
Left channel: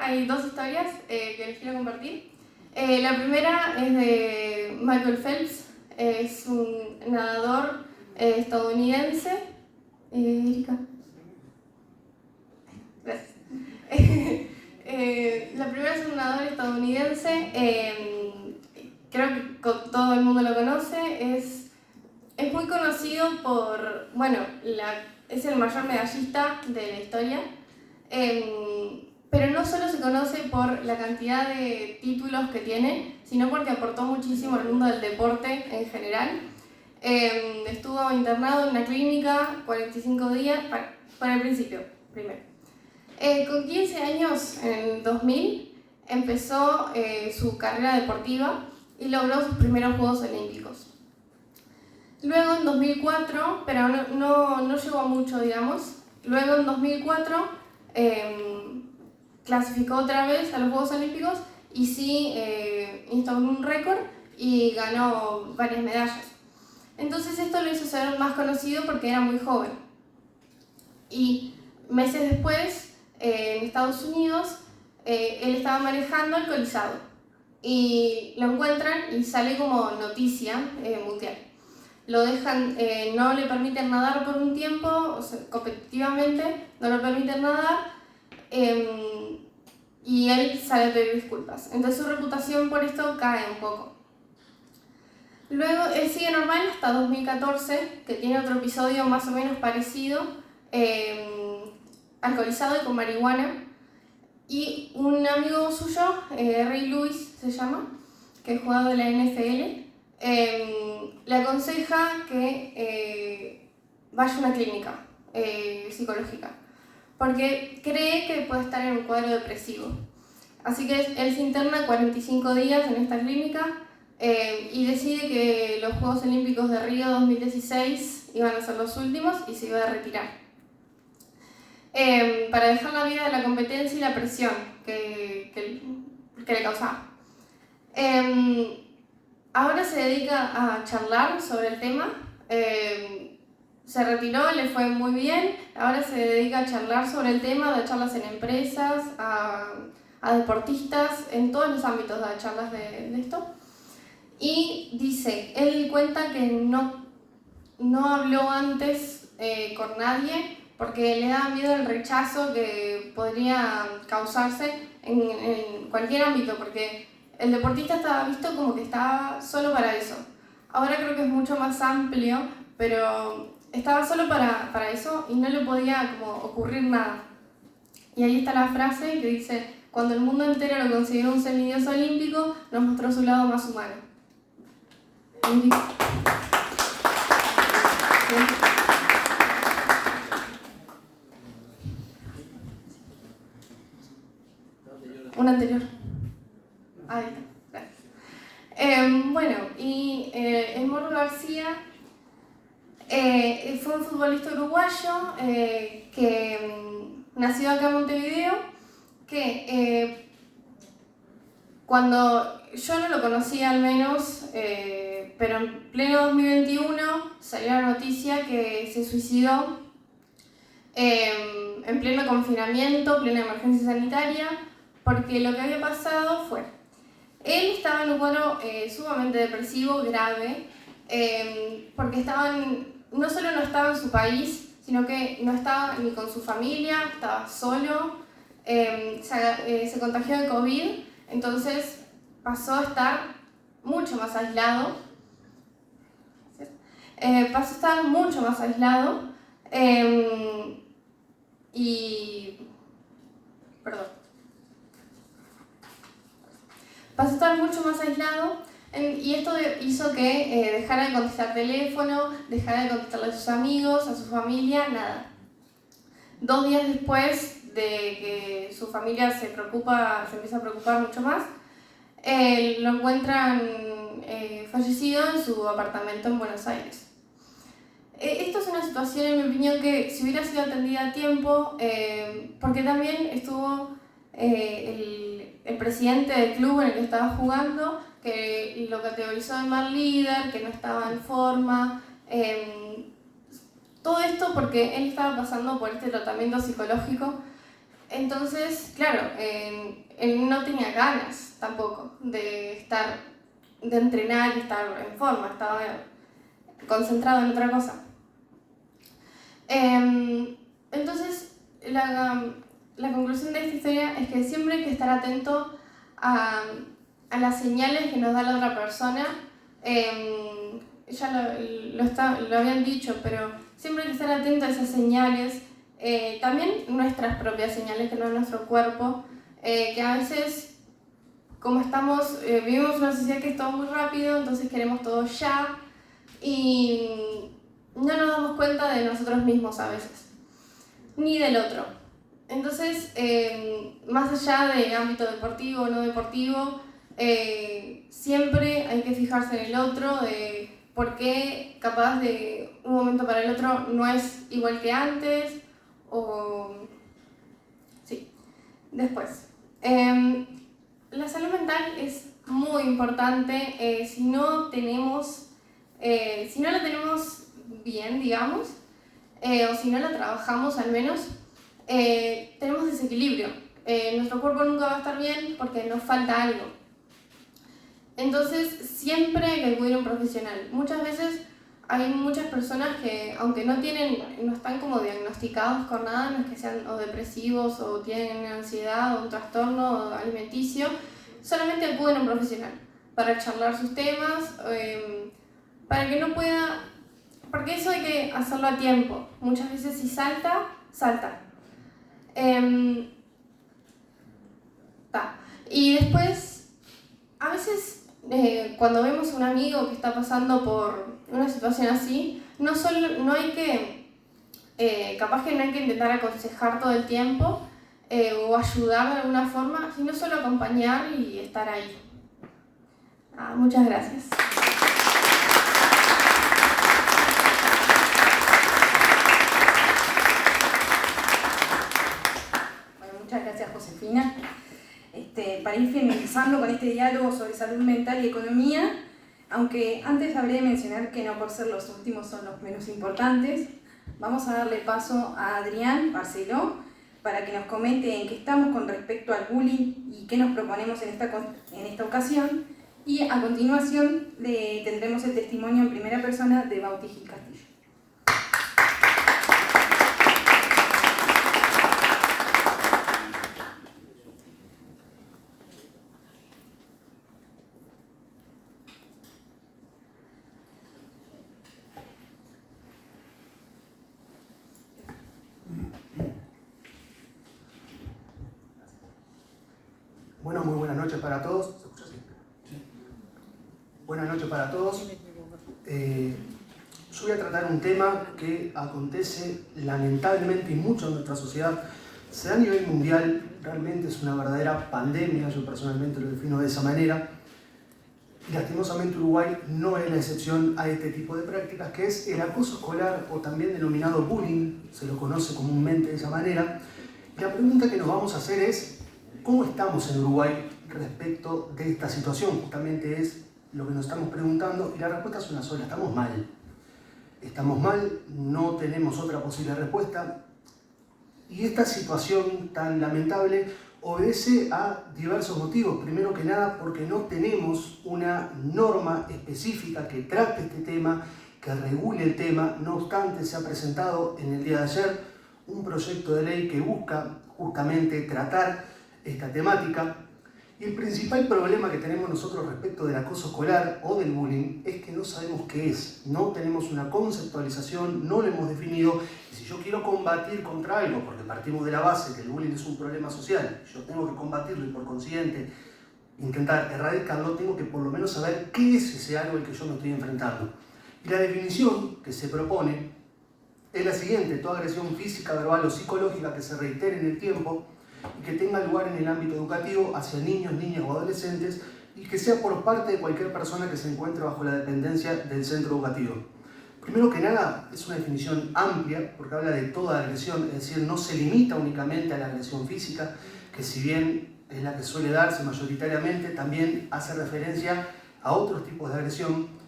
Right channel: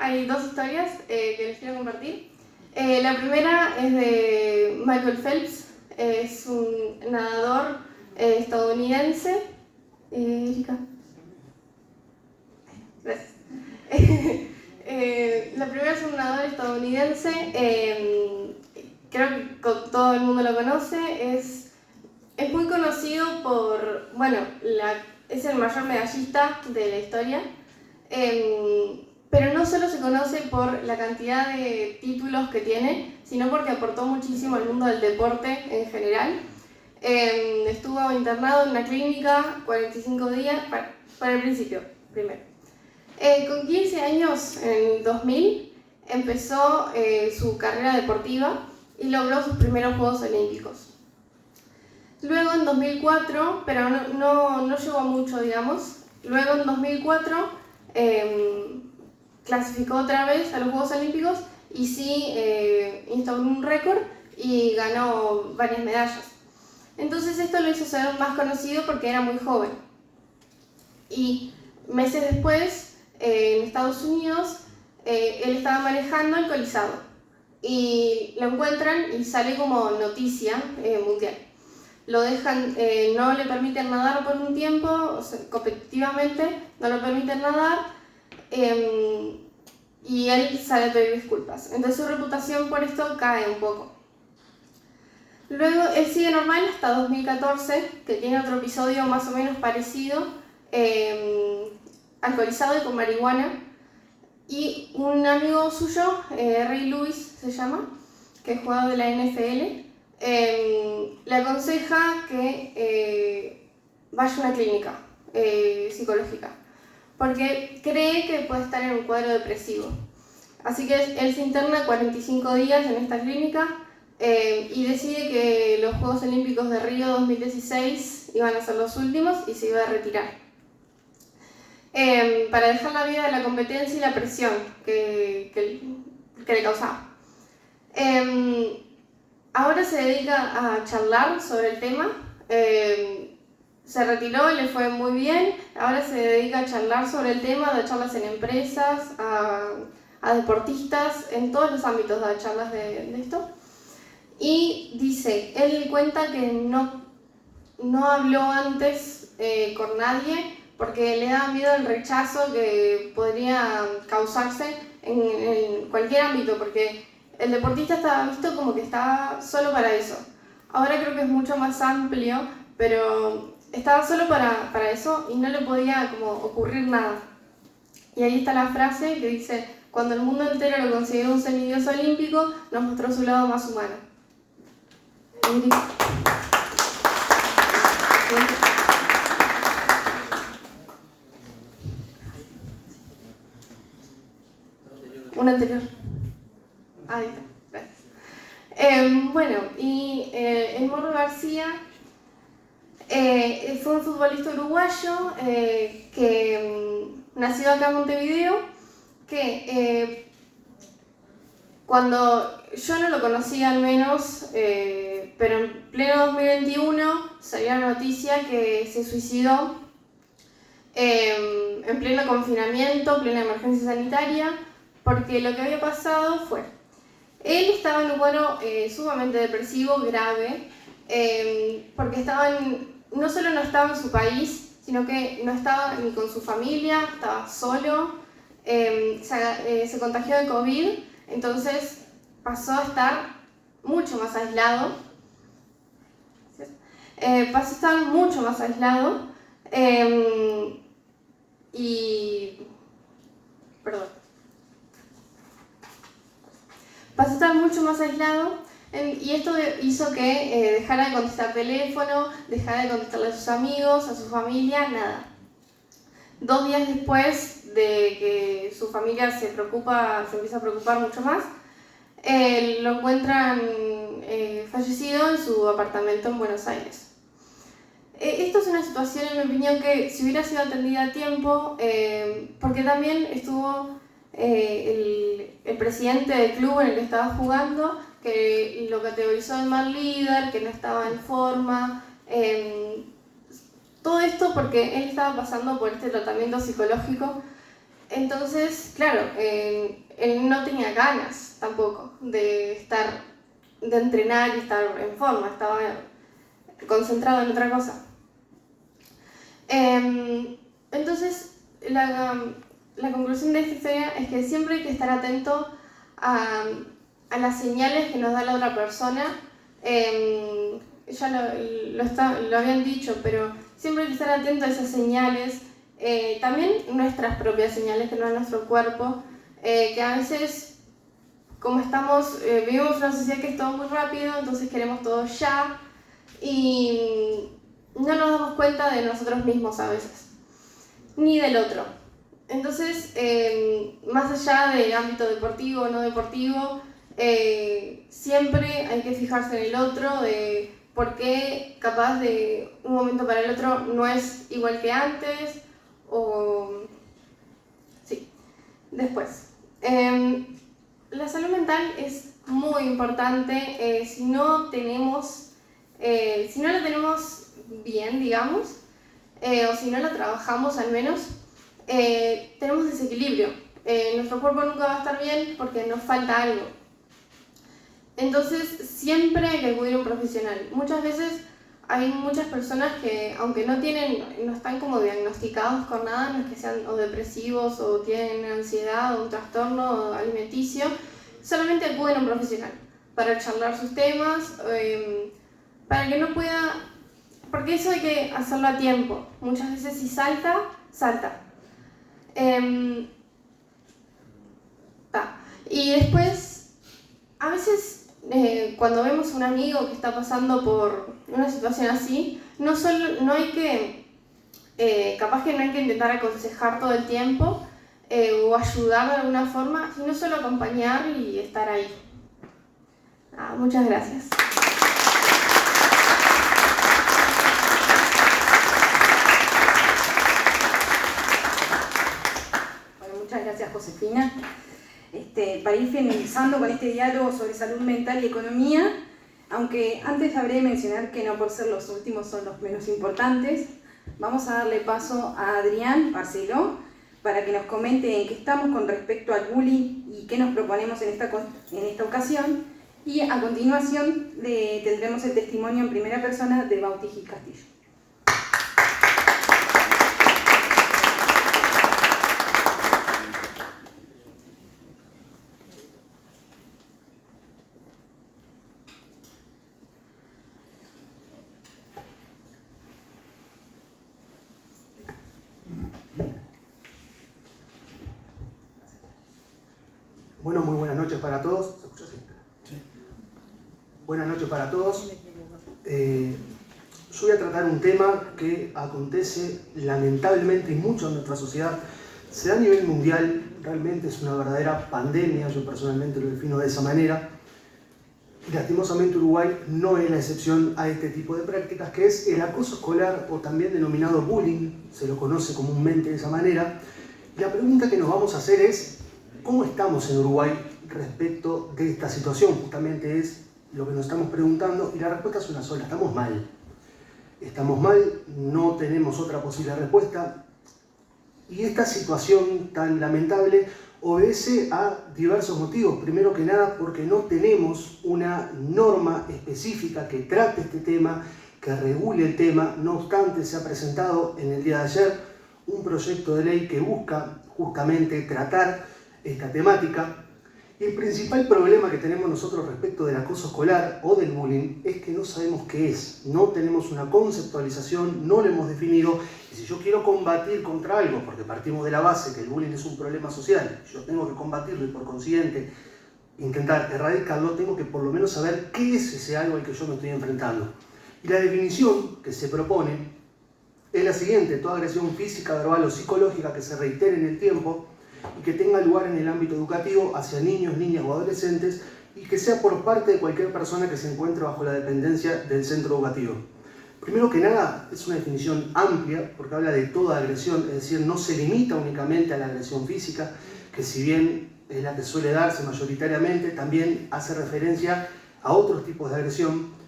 hay dos historias que les quiero compartir. La primera es de Michael Phelps, es un nadador estadounidense. Erika. Gracias. La primera es un nadador estadounidense, creo que todo el mundo lo conoce, es muy conocido por, bueno, es el mayor medallista de la historia, pero no solo se conoce por la cantidad de títulos que tiene, sino porque aportó muchísimo al mundo del deporte en general. Estuvo internado en una clínica 45 días, para el principio, primero. Con 15 años, en 2000, empezó su carrera deportiva y logró sus primeros Juegos Olímpicos. Luego en 2004, pero no llegó mucho, digamos, luego en 2004 clasificó otra vez a los Juegos Olímpicos y sí instauró un récord y ganó varias medallas. Entonces esto lo hizo ser más conocido porque era muy joven. Y meses después, en Estados Unidos, él estaba manejando alcoholizado y lo encuentran y sale como noticia mundial. Lo dejan, no le permiten nadar por un tiempo, o sea, competitivamente no lo permiten nadar, y él sale a pedir disculpas. Entonces su reputación por esto cae un poco. Luego él sigue normal hasta 2014, que tiene otro episodio más o menos parecido, alcoholizado y con marihuana, y un amigo suyo, Ray Lewis se llama, que es jugador de la NFL, le aconseja que vaya a una clínica psicológica, porque cree que puede estar en un cuadro depresivo. Así que él se interna 45 días en esta clínica y decide que los Juegos Olímpicos de Río 2016 iban a ser los últimos y se iba a retirar. Para dejar la vida de la competencia y la presión que le causaba. Ahora se dedica a charlar sobre el tema, se retiró, le fue muy bien, ahora se dedica a charlar sobre el tema, da charlas en empresas, a deportistas, en todos los ámbitos da charlas de esto. Y dice, él cuenta que no habló antes con nadie porque le da miedo el rechazo que podría causarse en cualquier ámbito, porque el deportista estaba visto como que estaba solo para eso. Ahora creo que es mucho más amplio, pero estaba solo para eso y no le podía como ocurrir nada. Y ahí está la frase que dice, cuando el mundo entero lo consideró un semidios olímpico, nos mostró su lado más humano. Un anterior. Ahí está, gracias. Bueno, y el Mono García fue un futbolista uruguayo que nació acá en Montevideo, que Cuando yo no lo conocía al menos, pero en pleno 2021 salió la noticia que se suicidó en pleno confinamiento, plena emergencia sanitaria, porque lo que había pasado fue, él estaba en un cuadro sumamente depresivo, grave, porque no solo no estaba en su país, sino que no estaba ni con su familia, estaba solo, se contagió de COVID, entonces pasó a estar mucho más aislado. Y esto hizo que dejara de contestar teléfono, dejara de contestarle a sus amigos, a su familia, nada. 2 días después de que su familia se empieza a preocupar mucho más, lo encuentran fallecido en su apartamento en Buenos Aires. Esto es una situación, en mi opinión, que si hubiera sido atendida a tiempo, porque también estuvo el presidente del club en el que estaba jugando, que lo categorizó de mal líder, que no estaba en forma, todo esto porque él estaba pasando por este tratamiento psicológico. Entonces, claro, él no tenía ganas tampoco de entrenar y estar en forma, estaba concentrado en otra cosa. Entonces, la conclusión de esta historia es que siempre hay que estar atento a las señales que nos da la otra persona. Ya lo habían dicho, pero siempre hay que estar atento a esas señales, también nuestras propias señales que nos da nuestro cuerpo, que a veces, como vivimos en una sociedad que es todo muy rápido, entonces queremos todo ya y no nos damos cuenta de nosotros mismos a veces, ni del otro. Entonces, más allá de ámbito deportivo o no deportivo, siempre hay que fijarse en el otro, de por qué capaz de un momento para el otro no es igual que antes, sí. Después, la salud mental es muy importante. Si no la tenemos bien, digamos, o si no la trabajamos al menos, tenemos desequilibrio. Nuestro cuerpo nunca va a estar bien porque nos falta algo. Entonces, siempre hay que acudir a un profesional. Muchas veces hay muchas personas que, aunque no están como diagnosticados con nada, no es que sean o depresivos o tienen ansiedad o un trastorno alimenticio, solamente acuden a un profesional para charlar sus temas, para que no pueda, porque eso hay que hacerlo a tiempo. Muchas veces si salta. Y después, a veces cuando vemos un amigo que está pasando por una situación así, capaz que no hay que intentar aconsejar todo el tiempo o ayudar de alguna forma, sino solo acompañar y estar ahí. Muchas gracias. Muchas gracias, Josefina. Para ir finalizando con este diálogo sobre salud mental y economía, aunque antes habré de mencionar que no por ser los últimos son los menos importantes, vamos a darle paso a Adrián Barceló para que nos comente en qué estamos con respecto al bullying y qué nos proponemos en esta ocasión, y a continuación tendremos el testimonio en primera persona de Bauti Gil Castillo. Bueno, muy buenas noches para todos. ¿Se escucha así? Sí. Buenas noches para todos. Yo voy a tratar un tema que acontece lamentablemente mucho en nuestra sociedad. Se da a nivel mundial, realmente es una verdadera pandemia, yo personalmente lo defino de esa manera. Y lastimosamente Uruguay no es la excepción a este tipo de prácticas, que es el acoso escolar o también denominado bullying, se lo conoce comúnmente de esa manera. Y la pregunta que nos vamos a hacer es: ¿cómo estamos en Uruguay respecto de esta situación? Justamente es lo que nos estamos preguntando y la respuesta es una sola: estamos mal. Estamos mal, no tenemos otra posible respuesta, y esta situación tan lamentable obedece a diversos motivos. Primero que nada, porque no tenemos una norma específica que trate este tema, que regule el tema. No obstante, se ha presentado en el día de ayer un proyecto de ley que busca justamente tratar esta temática. Y el principal problema que tenemos nosotros respecto del acoso escolar o del bullying es que no sabemos qué es, no tenemos una conceptualización, no lo hemos definido. Y si yo quiero combatir contra algo, porque partimos de la base que el bullying es un problema social, yo tengo que combatirlo y por consiguiente intentar erradicarlo, tengo que por lo menos saber qué es ese algo al que yo me estoy enfrentando. Y la definición que se propone es la siguiente: toda agresión física, verbal o psicológica que se reitere en el tiempo y que tenga lugar en el ámbito educativo hacia niños, niñas o adolescentes, y que sea por parte de cualquier persona que se encuentre bajo la dependencia del centro educativo. Primero que nada, es una definición amplia porque habla de toda agresión, es decir, no se limita únicamente a la agresión física, que si bien es la que suele darse mayoritariamente, también hace referencia a otros tipos de agresión.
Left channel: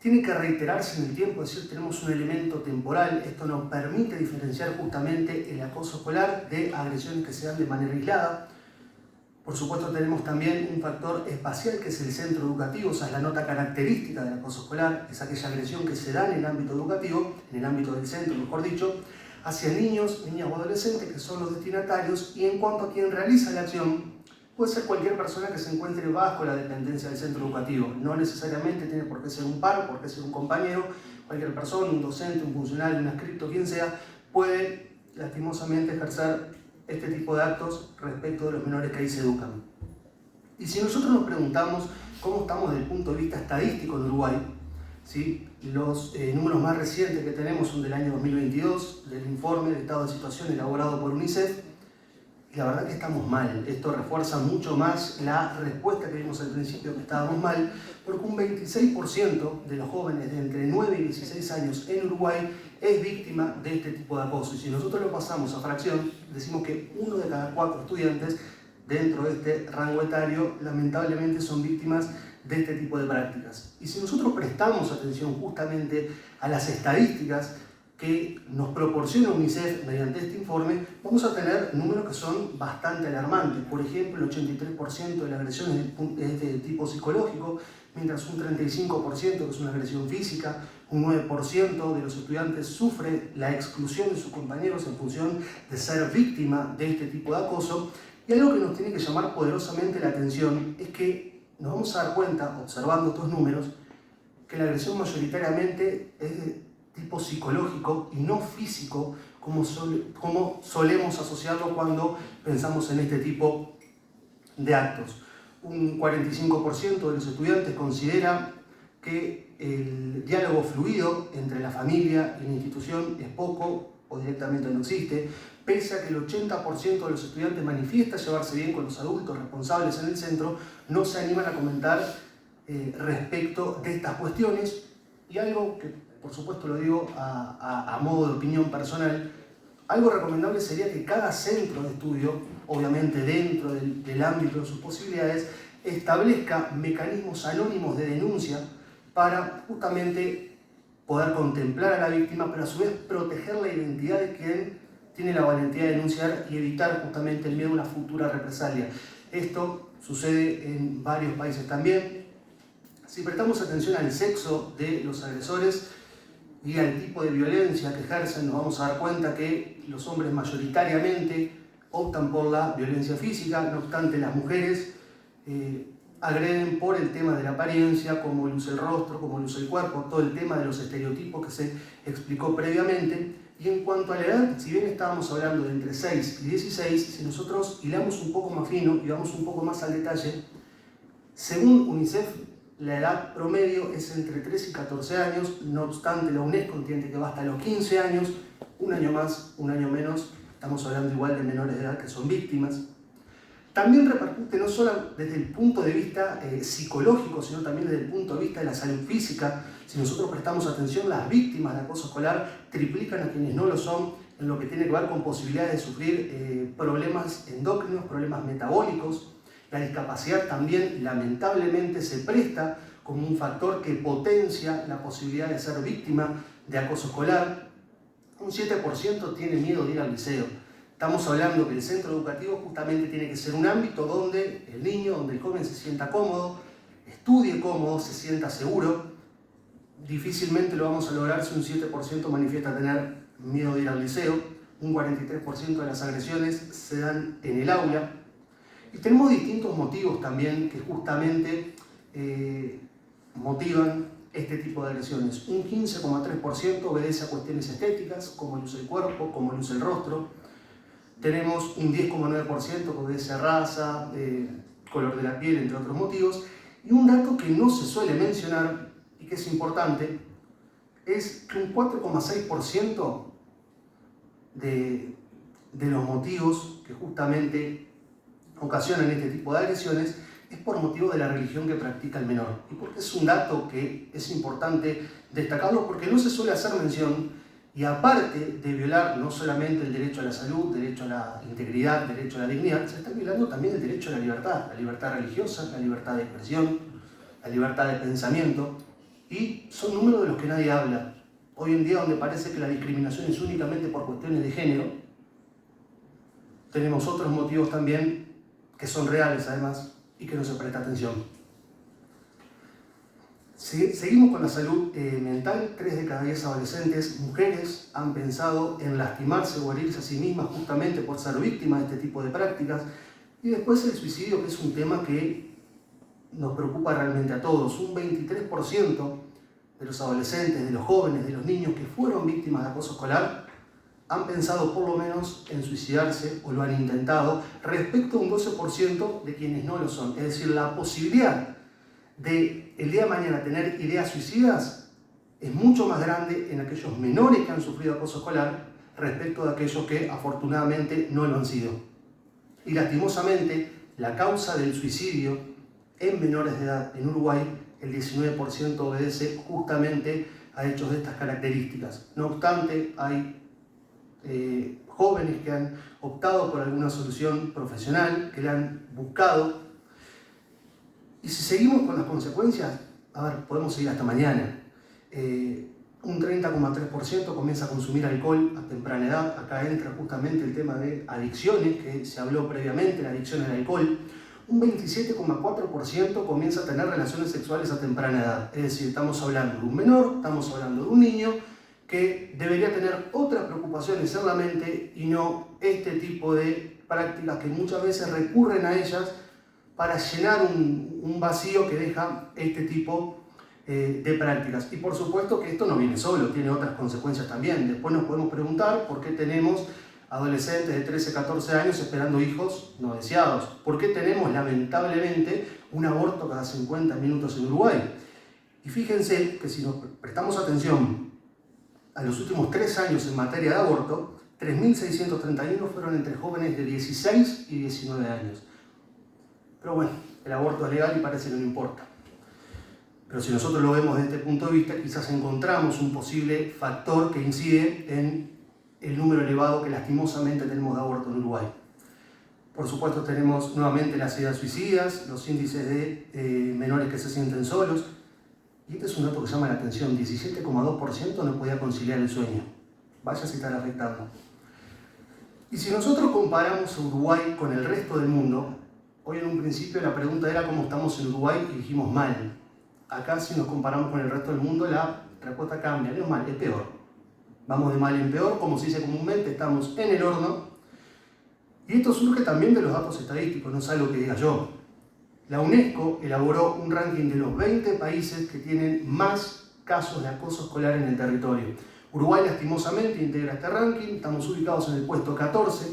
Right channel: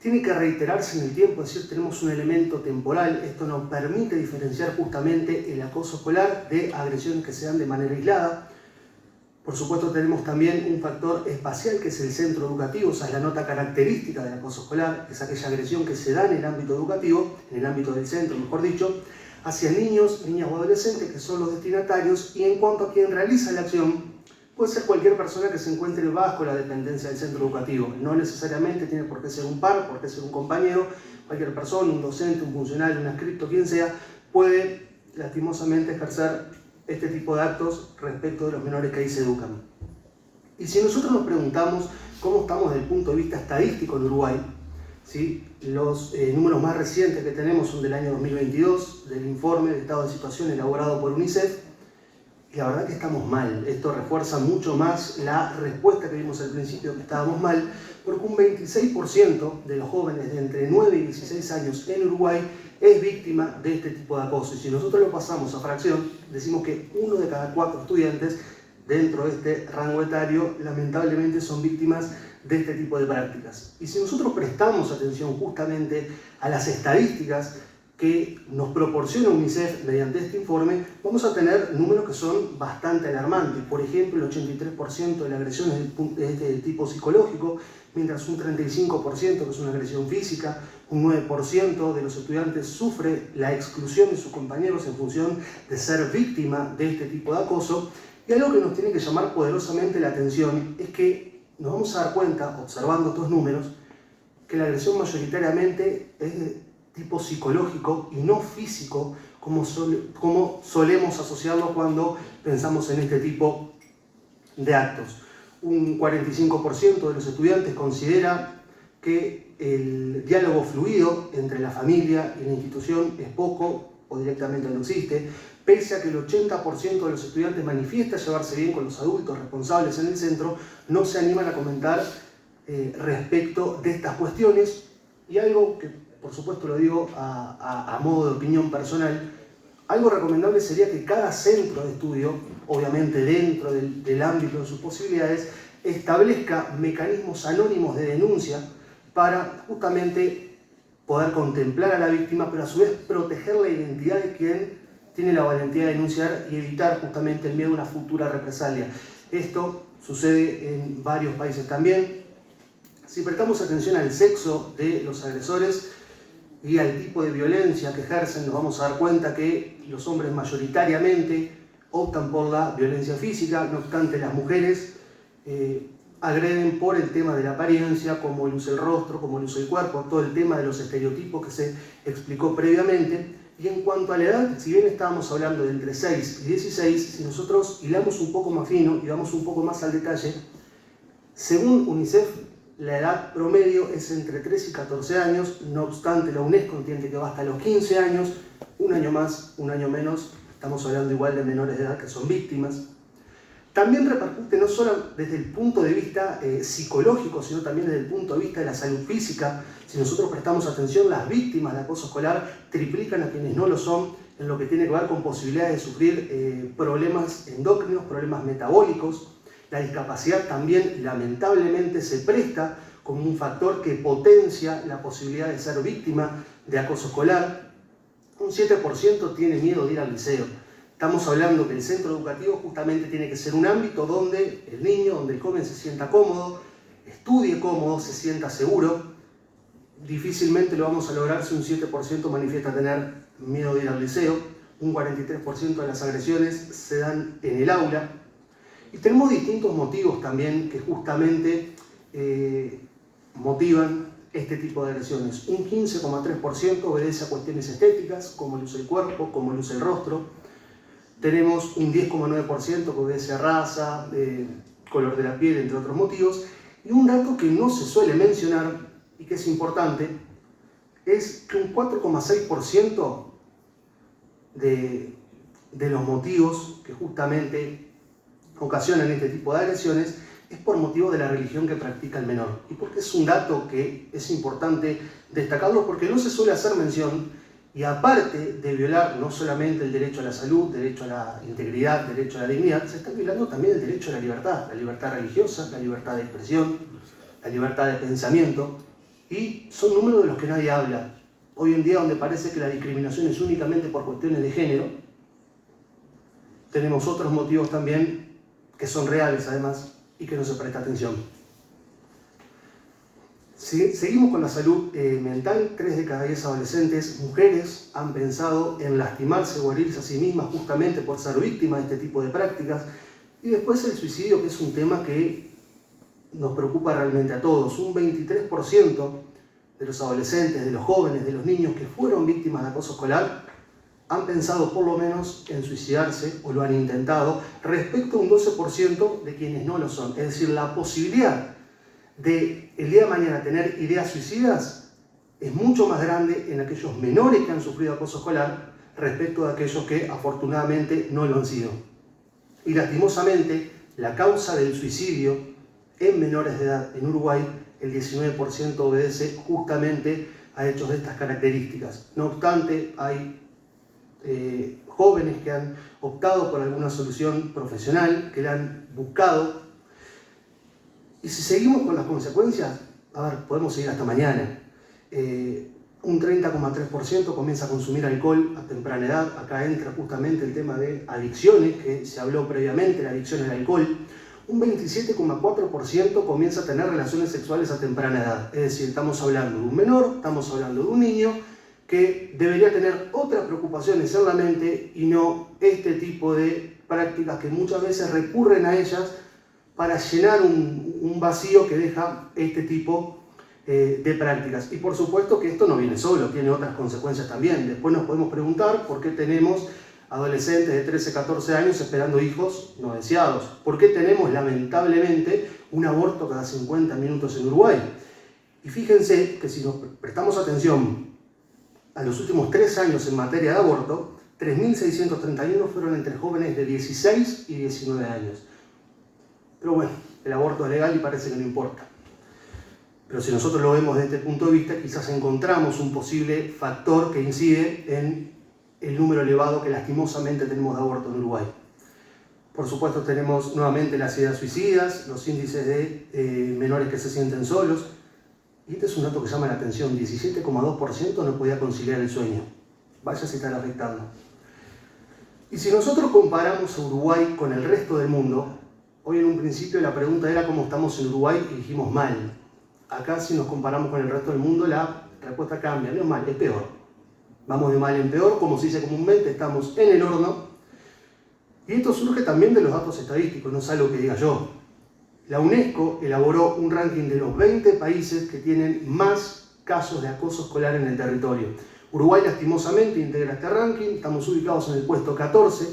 Tiene que reiterarse en el tiempo, es decir, tenemos un elemento temporal. Esto nos permite diferenciar justamente el acoso escolar de agresiones que se dan de manera aislada. Por supuesto, tenemos también un factor espacial que es el centro educativo, o sea, es la nota característica del acoso escolar, es aquella agresión que se da en el ámbito educativo, en el ámbito del centro, mejor dicho, hacia niños, niñas o adolescentes que son los destinatarios. Y en cuanto a quien realiza la acción, puede ser cualquier persona que se encuentre bajo la dependencia del centro educativo. No necesariamente tiene por qué ser un par, por qué ser un compañero. Cualquier persona, un docente, un funcionario, un adscripto, quien sea, puede lastimosamente ejercer este tipo de actos respecto de los menores que ahí se educan. Y si nosotros nos preguntamos cómo estamos desde el punto de vista estadístico en Uruguay, ¿sí? Los números más recientes que tenemos son del año 2022, del informe de estado de situación elaborado por UNICEF. Y la verdad que estamos mal. Esto refuerza mucho más la respuesta que vimos al principio, que estábamos mal, porque un 26% de los jóvenes de entre 9 y 16 años en Uruguay es víctima de este tipo de acoso. Y si nosotros lo pasamos a fracción, decimos que 1 de cada 4 estudiantes dentro de este rango etario lamentablemente son víctimas de este tipo de prácticas. Y si nosotros prestamos atención justamente a las estadísticas que nos proporciona UNICEF mediante este informe, vamos a tener números que son bastante alarmantes. Por ejemplo, el 83% de las agresiones es de tipo psicológico, mientras un 35% que es una agresión física, un 9% de los estudiantes sufre la exclusión de sus compañeros en función de ser víctima de este tipo de acoso. Y algo que nos tiene que llamar poderosamente la atención es que nos vamos a dar cuenta, observando estos números, que la agresión mayoritariamente es de tipo psicológico y no físico, como solemos asociarlo cuando pensamos en este tipo de actos. Un 45% de los estudiantes considera que el diálogo fluido entre la familia y la institución es poco o directamente no existe, pese a que el 80% de los estudiantes manifiesta llevarse bien con los adultos responsables en el centro. No se animan a comentar respecto de estas cuestiones. Y algo que, por supuesto, lo digo a modo de opinión personal, algo recomendable sería que cada centro de estudio, obviamente dentro del ámbito de sus posibilidades, establezca mecanismos anónimos de denuncia para justamente poder contemplar a la víctima, pero a su vez proteger la identidad de quien tiene la valentía de denunciar y evitar justamente el miedo a una futura represalia. Esto sucede en varios países también. Si prestamos atención al sexo de los agresores y al tipo de violencia que ejercen, nos vamos a dar cuenta que los hombres mayoritariamente optan por la violencia física. No obstante, las mujeres agreden por el tema de la apariencia, como el uso del rostro, como el uso del cuerpo, todo el tema de los estereotipos que se explicó previamente. Y en cuanto a la edad, si bien estábamos hablando de entre 6 y 16, si nosotros hilamos un poco más fino y vamos un poco más al detalle, según UNICEF, la edad promedio es entre 3 y 14 años, no obstante la UNESCO entiende que va hasta los 15 años, un año más, un año menos, estamos hablando igual de menores de edad que son víctimas. También repercute no solo desde el punto de vista psicológico, sino también desde el punto de vista de la salud física. Si nosotros prestamos atención, las víctimas de acoso escolar triplican a quienes no lo son en lo que tiene que ver con posibilidades de sufrir problemas endocrinos, problemas metabólicos. La discapacidad también lamentablemente se presta como un factor que potencia la posibilidad de ser víctima de acoso escolar. Un 7% tiene miedo de ir al liceo. Estamos hablando que el centro educativo justamente tiene que ser un ámbito donde el niño, donde el joven se sienta cómodo, estudie cómodo, se sienta seguro. Difícilmente lo vamos a lograr si un 7% manifiesta tener miedo de ir al liceo. Un 43% de las agresiones se dan en el aula. Y tenemos distintos motivos también que justamente motivan este tipo de agresiones. Un 15,3% obedece a cuestiones estéticas, como luce el cuerpo, como luce el rostro. Tenemos un 10,9% que obedece a raza, color de la piel, entre otros motivos. Y un dato que no se suele mencionar y que es importante es que un 4,6% de los motivos que justamente ocasionan este tipo de agresiones es por motivo de la religión que practica el menor. Y porque es un dato que es importante destacarlo porque no se suele hacer mención y aparte de violar no solamente el derecho a la salud, derecho a la integridad, derecho a la dignidad, se está violando también el derecho a la libertad religiosa, la libertad de expresión, la libertad de pensamiento y son números de los que nadie habla. Hoy en día donde parece que la discriminación es únicamente por cuestiones de género, tenemos otros motivos también que son reales además y que no se presta atención. Seguimos con la salud mental. 3 de cada 10 adolescentes mujeres han pensado en lastimarse o herirse a sí mismas justamente por ser víctimas de este tipo de prácticas. Y después el suicidio, que es un tema que nos preocupa realmente a todos. Un 23% de los adolescentes, de los jóvenes, de los niños que fueron víctimas de acoso escolar han pensado por lo menos en suicidarse o lo han intentado, respecto a un 12% de quienes no lo son. Es decir, la posibilidad de el día de mañana tener ideas suicidas es mucho más grande en aquellos menores que han sufrido acoso escolar respecto a aquellos que afortunadamente no lo han sido. Y lastimosamente, la causa del suicidio en menores de edad en Uruguay, el 19% obedece justamente a hechos de estas características. No obstante, hay jóvenes que han optado por alguna solución profesional, que la han buscado. Y si seguimos con las consecuencias, podemos seguir hasta mañana. Un 30,3% comienza a consumir alcohol a temprana edad. Acá entra justamente el tema de adicciones, que se habló previamente, la adicción al alcohol. Un 27,4% comienza a tener relaciones sexuales a temprana edad. Es decir, estamos hablando de un menor, estamos hablando de un niño que debería tener otras preocupaciones en la mente y no este tipo de prácticas que muchas veces recurren a ellas para llenar un vacío que deja este tipo de prácticas. Y por supuesto que esto no viene solo, tiene otras consecuencias también. Después nos podemos preguntar por qué tenemos adolescentes de 13, 14 años esperando hijos no deseados. ¿Por qué tenemos lamentablemente un aborto cada 50 minutos en Uruguay? Y fíjense que si nos prestamos atención a los últimos 3 años en materia de aborto, 3.631 fueron entre jóvenes de 16 y 19 años. Pero bueno, el aborto es legal y parece que no importa. Pero si nosotros lo vemos desde este punto de vista, quizás encontramos un posible factor que incide en el número elevado que lastimosamente tenemos de aborto en Uruguay. Por supuesto tenemos nuevamente las ideas suicidas, los índices de menores que se sienten solos. Y este es un dato que llama la atención, 17,2% no podía conciliar el sueño. Vaya si están afectando. Y si nosotros comparamos a Uruguay con el resto del mundo, hoy en un principio la pregunta era cómo estamos en Uruguay y dijimos mal. Acá si nos comparamos con el resto del mundo la respuesta cambia, no es mal, es peor. Vamos de mal en peor, como se dice comúnmente, estamos en el horno. Y esto surge también de los datos estadísticos, no es algo que diga yo. La UNESCO elaboró un ranking de los 20 países que tienen más casos de acoso escolar en el territorio. Uruguay lastimosamente integra este ranking, estamos ubicados en el puesto 14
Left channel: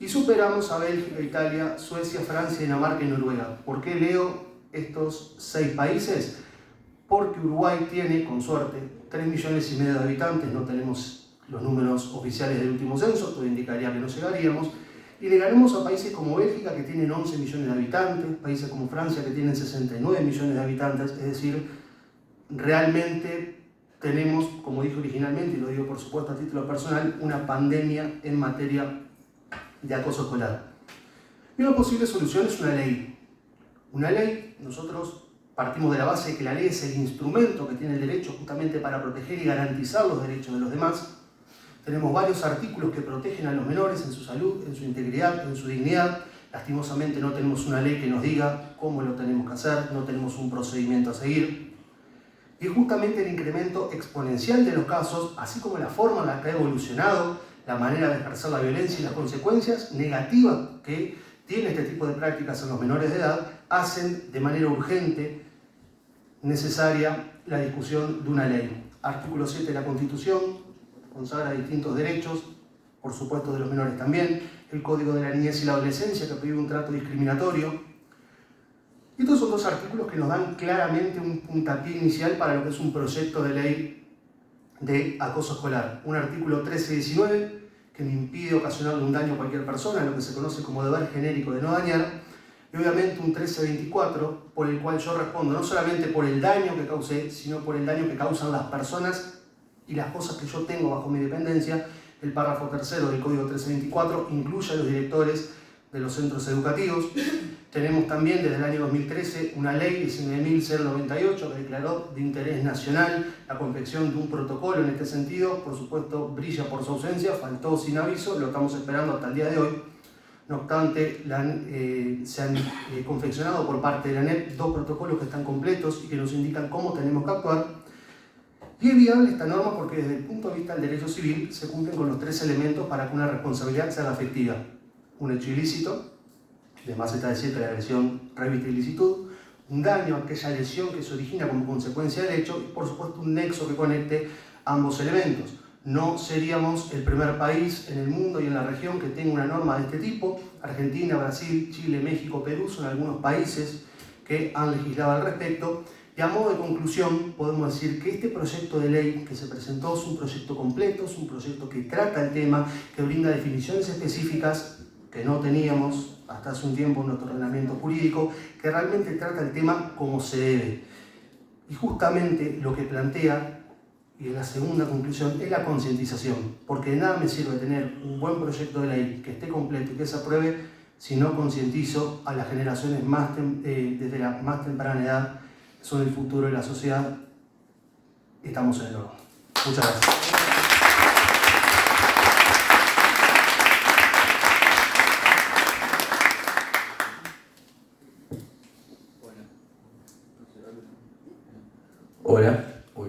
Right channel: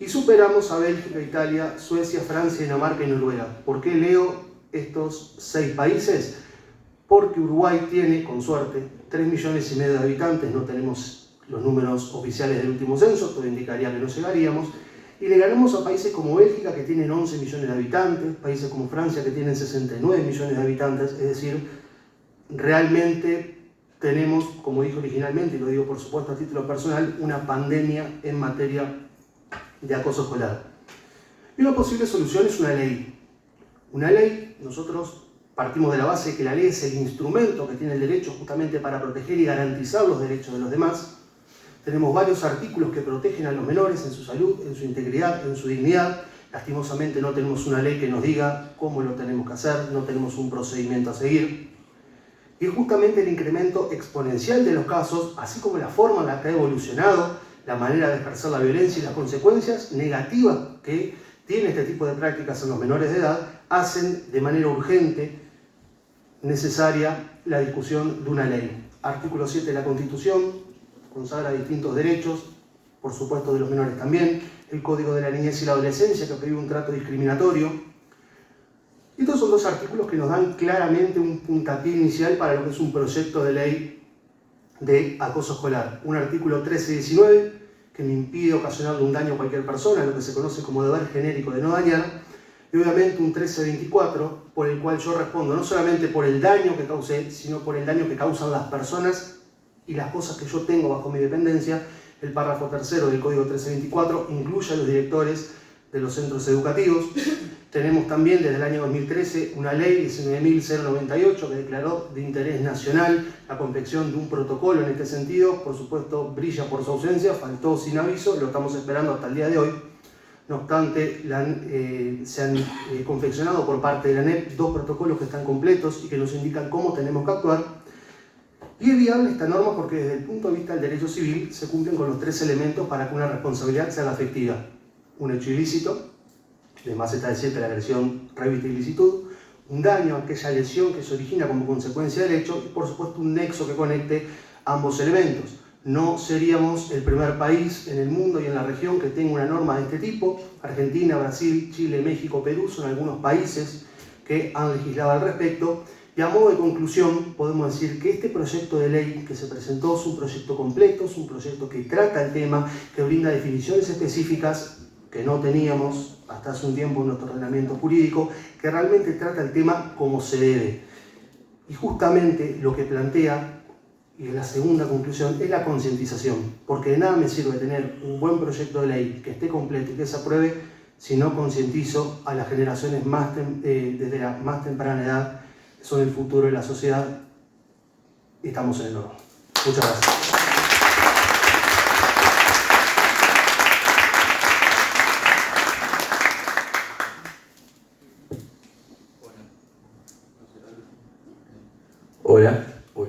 y superamos a Bélgica, Italia, Suecia, Francia, Dinamarca y Noruega. ¿Por qué leo estos 6 países? Porque Uruguay tiene, con suerte, 3,5 millones de habitantes, no tenemos los números oficiales del último censo, todo indicaría que no llegaríamos. Y le ganamos a países como Bélgica, que tienen 11 millones de habitantes, países como Francia, que tienen 69 millones de habitantes. Es decir, realmente tenemos, como dije originalmente, y lo digo por supuesto a título personal, una pandemia en materia de acoso escolar. Y una posible solución es una ley. Una ley, nosotros partimos de la base de que la ley es el instrumento que tiene el derecho justamente para proteger y garantizar los derechos de los demás. Tenemos varios artículos que protegen a los menores en su salud, en su integridad, en su dignidad. Lastimosamente no tenemos una ley que nos diga cómo lo tenemos que hacer, no tenemos un procedimiento a seguir. Y justamente el incremento exponencial de los casos, así como la forma en la que ha evolucionado la manera de ejercer la violencia y las consecuencias negativas que tiene este tipo de prácticas en los menores de edad, hacen de manera urgente necesaria la discusión de una ley. Artículo 7 de la Constitución consagra distintos derechos, por supuesto de los menores también, el Código de la Niñez y la Adolescencia que prohíbe un trato discriminatorio. Estos son dos artículos que nos dan claramente un puntapié inicial para lo que es un proyecto de ley de acoso escolar. Un artículo 13 y 19 que me impide ocasionarle un daño a cualquier persona, lo que se conoce como deber genérico de no dañar, y obviamente un 1324 por el cual yo respondo no solamente por el daño que causé, sino por el daño que causan las personas y las cosas que yo tengo bajo mi dependencia. El párrafo tercero del Código 1324 incluye a los directores de los centros educativos. Tenemos también desde el año 2013 una ley 19.098 que declaró de interés nacional la confección de un protocolo en este sentido. Por supuesto, brilla por su ausencia, faltó sin aviso, lo estamos esperando hasta el día de hoy. No obstante, se han confeccionado por parte de la ANEP dos protocolos que están completos y que nos indican cómo tenemos que actuar. Y es viable esta norma porque desde el punto de vista del derecho civil se cumplen con los tres elementos para que una responsabilidad sea efectiva. Un hecho ilícito, además está decir que la agresión reviste ilicitud, un daño a aquella lesión que se origina como consecuencia del hecho y por supuesto un nexo que conecte ambos elementos. No seríamos el primer país en el mundo y en la región que tenga una norma de este tipo. Argentina, Brasil, Chile, México, Perú son algunos países que han legislado al respecto. Y a modo de conclusión, podemos decir que este proyecto de ley que se presentó es un proyecto completo, es un proyecto que trata el tema, que brinda definiciones específicas que no teníamos hasta hace un tiempo en nuestro ordenamiento jurídico, que realmente trata el tema como se debe. Y justamente lo que plantea, y la segunda conclusión, es la concientización, porque de nada me sirve tener un buen proyecto de ley que esté completo y que se apruebe si no concientizo a las generaciones desde la más temprana edad. Son el futuro de la sociedad. Estamos en el nuevo. Muchas gracias. Hola. Uy.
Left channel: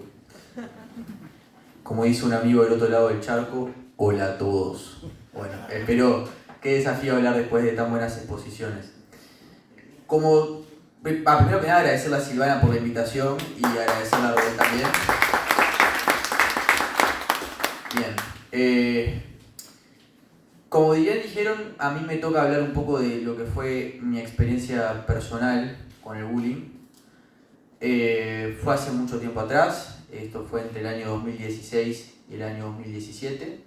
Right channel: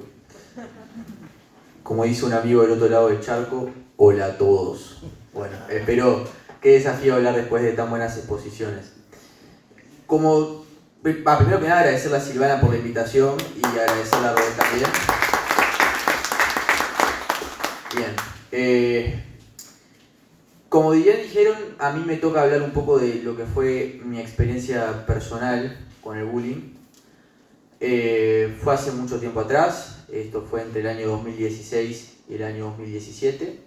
Como dice un amigo del otro lado del charco, hola a todos. Bueno, espero qué desafío hablar después de tan buenas exposiciones. Primero que nada agradecerle a Silvana por la invitación y agradecerle a Rubén también. Bien. Como bien dijeron, a mí me toca hablar un poco de lo que fue mi experiencia personal con el bullying. Fue hace mucho tiempo atrás, esto fue entre el año 2016 y el año 2017.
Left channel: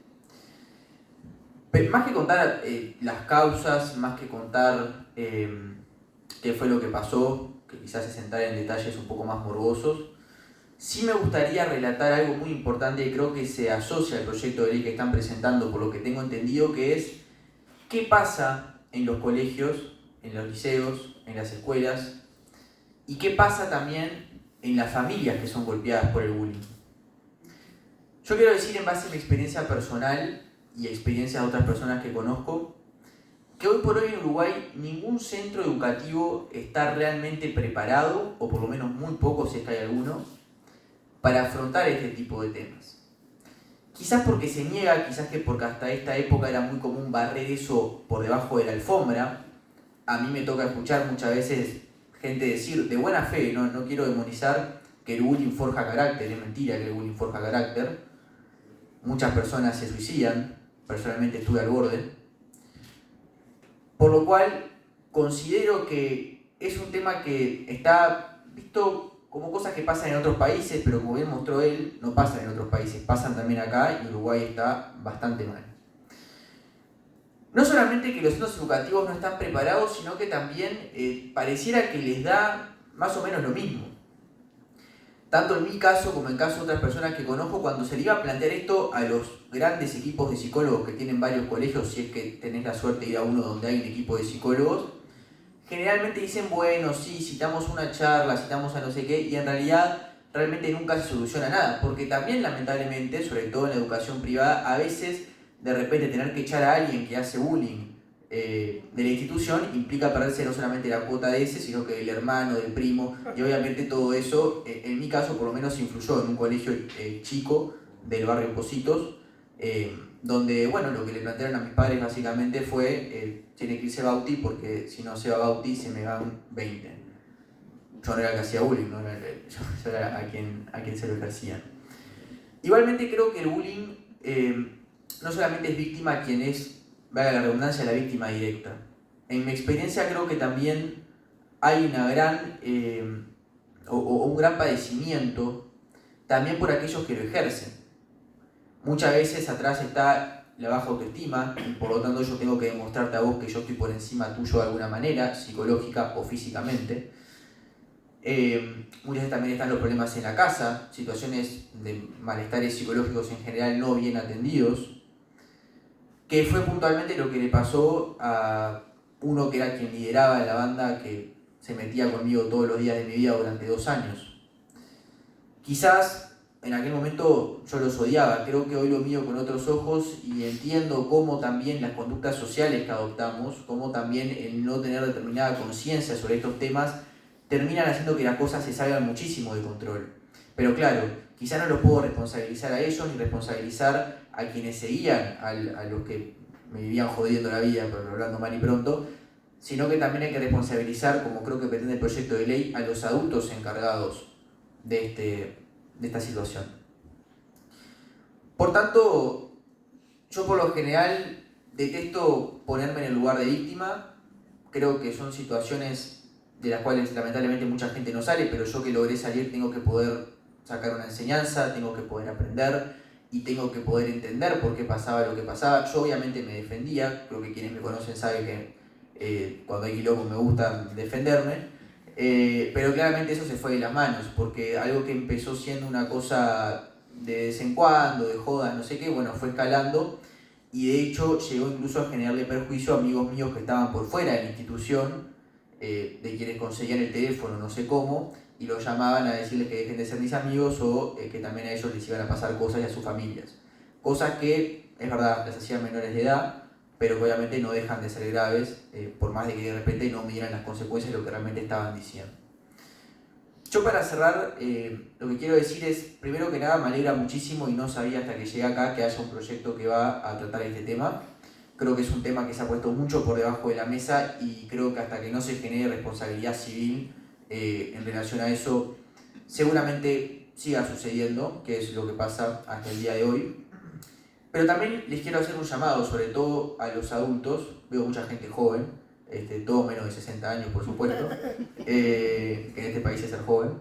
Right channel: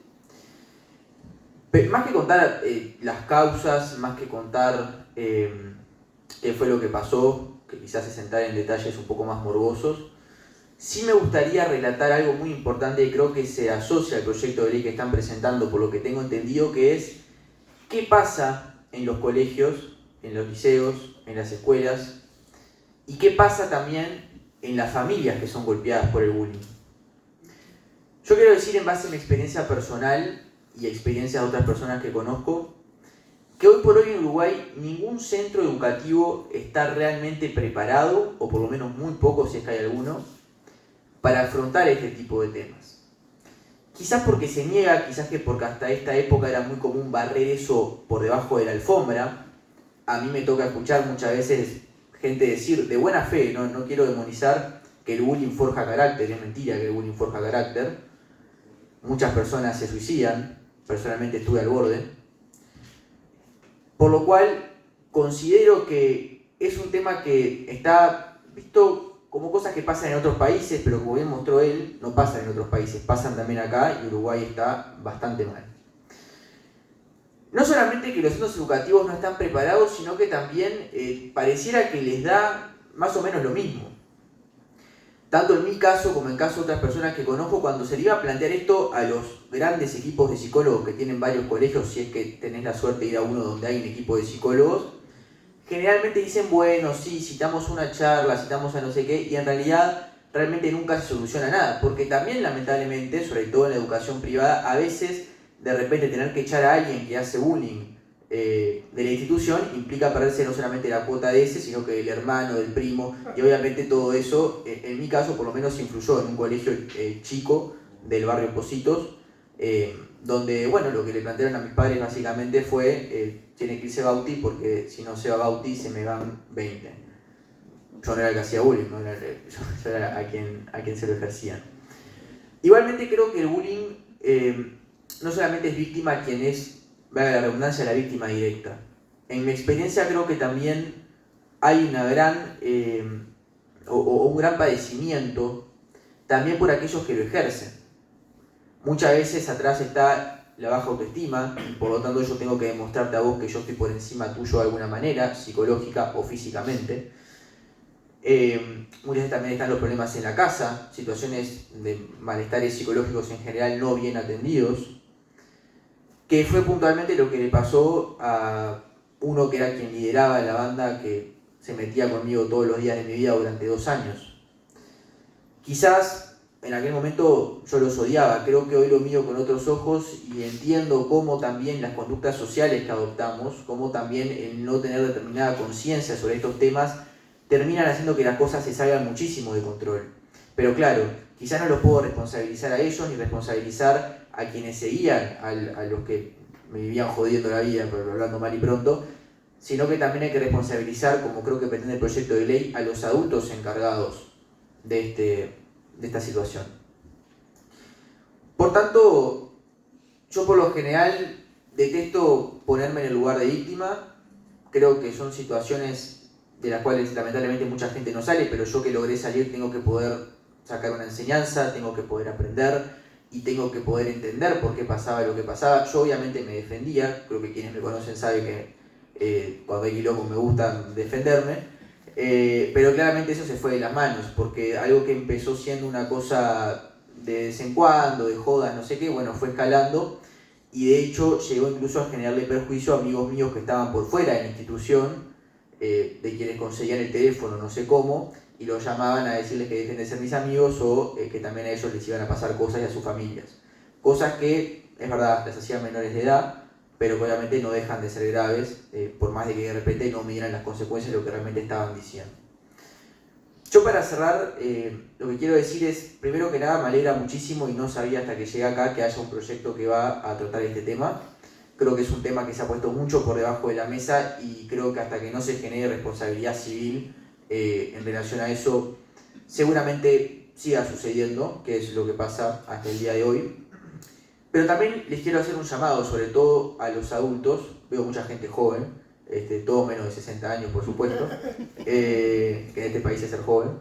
Pero más que contar las causas, más que contar qué fue lo que pasó, que quizás se sentara en detalles un poco más morbosos, sí me gustaría relatar algo muy importante y creo que se asocia al proyecto de ley que están presentando, por lo que tengo entendido, que es qué pasa en los colegios, en los liceos, en las escuelas, y qué pasa también en las familias que son golpeadas por el bullying. Yo quiero decir, en base a mi experiencia personal y experiencia de otras personas que conozco, que hoy por hoy en Uruguay ningún centro educativo está realmente preparado, o por lo menos muy poco si es que hay alguno, para afrontar este tipo de temas. Quizás porque se niega, quizás que porque hasta esta época era muy común barrer eso por debajo de la alfombra. A mí me toca escuchar muchas veces gente decir, de buena fe, no quiero demonizar, que el bullying forja carácter. Es mentira que el bullying forja carácter. Muchas personas se suicidan, personalmente estuve al borde. Por lo cual, considero que es un tema que está visto como cosas que pasan en otros países, pero como bien mostró él, no pasan en otros países, pasan también acá y Uruguay está bastante mal. No solamente que los centros educativos no están preparados, sino que también pareciera que les da más o menos lo mismo. tanto en mi caso como en caso de otras personas que conozco, cuando se le iba a plantear esto a los grandes equipos de psicólogos que tienen varios colegios, si es que tenés la suerte de ir a uno donde hay un equipo de psicólogos, generalmente dicen, bueno, sí, citamos una charla, citamos a no sé qué, y en realidad realmente nunca se soluciona nada, porque también lamentablemente, sobre todo en la educación privada, a veces de repente tener que echar a alguien que hace bullying de la institución implica perderse no solamente la cuota de ese, sino que el hermano, del primo, y obviamente todo eso, en mi caso por lo menos influyó en un colegio chico del barrio Pocitos, donde, bueno, lo que le plantearon a mis padres básicamente fue, tiene que irse Bauti porque si no se va Bauti se me van 20. Yo no era el que hacía bullying, ¿no? Yo era a quien se lo ejercía. Igualmente creo que el bullying no solamente es víctima quien es, valga la redundancia, la víctima directa. En mi experiencia creo que también hay una gran, un gran padecimiento también por aquellos que lo ejercen. Muchas veces atrás está la baja autoestima y por lo tanto yo tengo que demostrarte a vos que yo estoy por encima tuyo de alguna manera, psicológica o físicamente. Muchas veces también están los problemas en la casa, situaciones de malestares psicológicos en general no bien atendidos, que fue puntualmente lo que le pasó a uno que era quien lideraba la banda que se metía conmigo todos los días de mi vida durante 2 años. Quizás en aquel momento yo los odiaba, creo que hoy lo miro con otros ojos y entiendo cómo también las conductas sociales que adoptamos, cómo también el no tener determinada conciencia sobre estos temas terminan haciendo que las cosas se salgan muchísimo de control. Pero claro, quizás no los puedo responsabilizar a ellos ni responsabilizar a quienes seguían, a los que me vivían jodiendo la vida, pero hablando mal y pronto, sino que también hay que responsabilizar, como creo que pretende el proyecto de ley, a los adultos encargados de esta situación. Por tanto, yo por lo general detesto ponerme en el lugar de víctima, creo que son situaciones de las cuales lamentablemente mucha gente no sale, pero yo que logré salir tengo que poder sacar una enseñanza, tengo que poder aprender y tengo que poder entender por qué pasaba lo que pasaba. Yo obviamente me defendía, creo que quienes me conocen saben que cuando hay quilombo me gusta defenderme, pero claramente eso se fue de las manos, porque algo que empezó siendo una cosa de vez en cuando, de jodas, no sé qué, bueno, fue escalando y de hecho llegó incluso a generarle perjuicio a amigos míos que estaban por fuera de la institución, de quienes conseguían el teléfono, no sé cómo, y los llamaban a decirles que dejen de ser mis amigos o que también a ellos les iban a pasar cosas y a sus familias. Cosas que, es verdad, las hacían menores de edad, pero que obviamente no dejan de ser graves, por más de que de repente no midieran las consecuencias de lo que realmente estaban diciendo. Yo para cerrar, lo que quiero decir es, primero que nada, me alegra muchísimo y no sabía hasta que llegué acá que haya un proyecto que va a tratar este tema. Creo que es un tema que se ha puesto mucho por debajo de la mesa y creo que hasta que no se genere responsabilidad civil en relación a eso, seguramente siga sucediendo, que es lo que pasa hasta el día de hoy. Pero también les quiero hacer un llamado, sobre todo a los adultos, veo mucha gente joven, todos menos de 60 años por supuesto, que en este país es ser joven.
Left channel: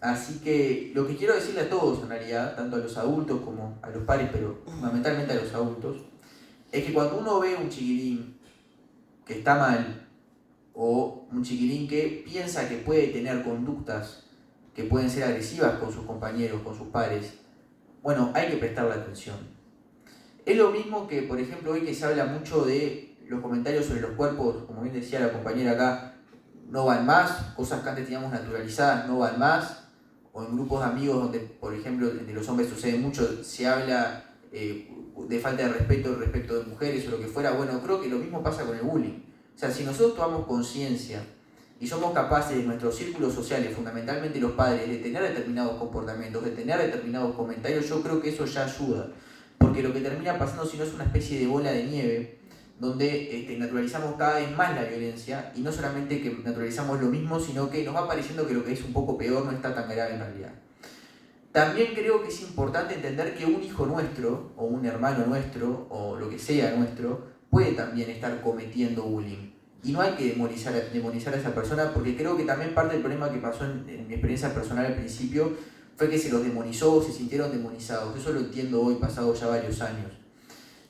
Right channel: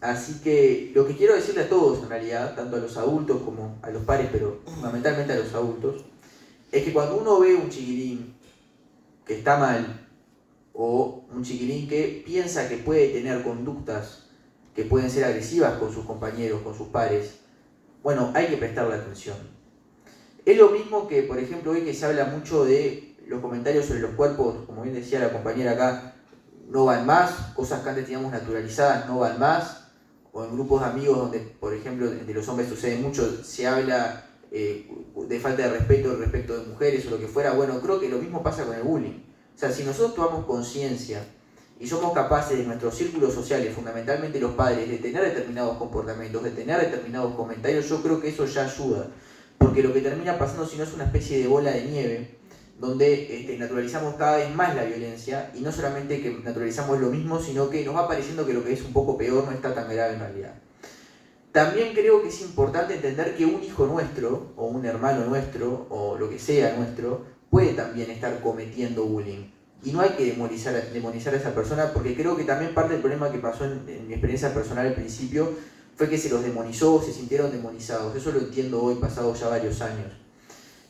Así que lo que quiero decirle a todos en realidad, tanto a los adultos como a los padres, pero fundamentalmente a los adultos, es que cuando uno ve un chiquilín que está mal, o un chiquilín que piensa que puede tener conductas que pueden ser agresivas con sus compañeros, con sus pares, bueno, hay que prestarle atención. Es lo mismo que, por ejemplo, hoy que se habla mucho de los comentarios sobre los cuerpos, como bien decía la compañera acá, no van más, cosas que antes teníamos naturalizadas no van más, o en grupos de amigos donde, por ejemplo, entre los hombres sucede mucho, se habla de falta de respeto respecto de mujeres o lo que fuera. Bueno, creo que lo mismo pasa con el bullying. O sea, si nosotros tomamos conciencia y somos capaces de nuestros círculos sociales, fundamentalmente los padres, de tener determinados comportamientos, de tener determinados comentarios, yo creo que eso ya ayuda. Porque lo que termina pasando, si no, es una especie de bola de nieve, donde naturalizamos cada vez más la violencia, y no solamente que naturalizamos lo mismo, sino que nos va pareciendo que lo que es un poco peor no está tan grave en realidad. También creo que es importante entender que un hijo nuestro, o un hermano nuestro, o lo que sea nuestro, puede también estar cometiendo bullying. Y no hay que demonizar a esa persona, porque creo que también parte del problema que pasó en mi experiencia personal al principio fue que se los demonizó, se sintieron demonizados. Eso lo entiendo hoy, pasados ya varios años.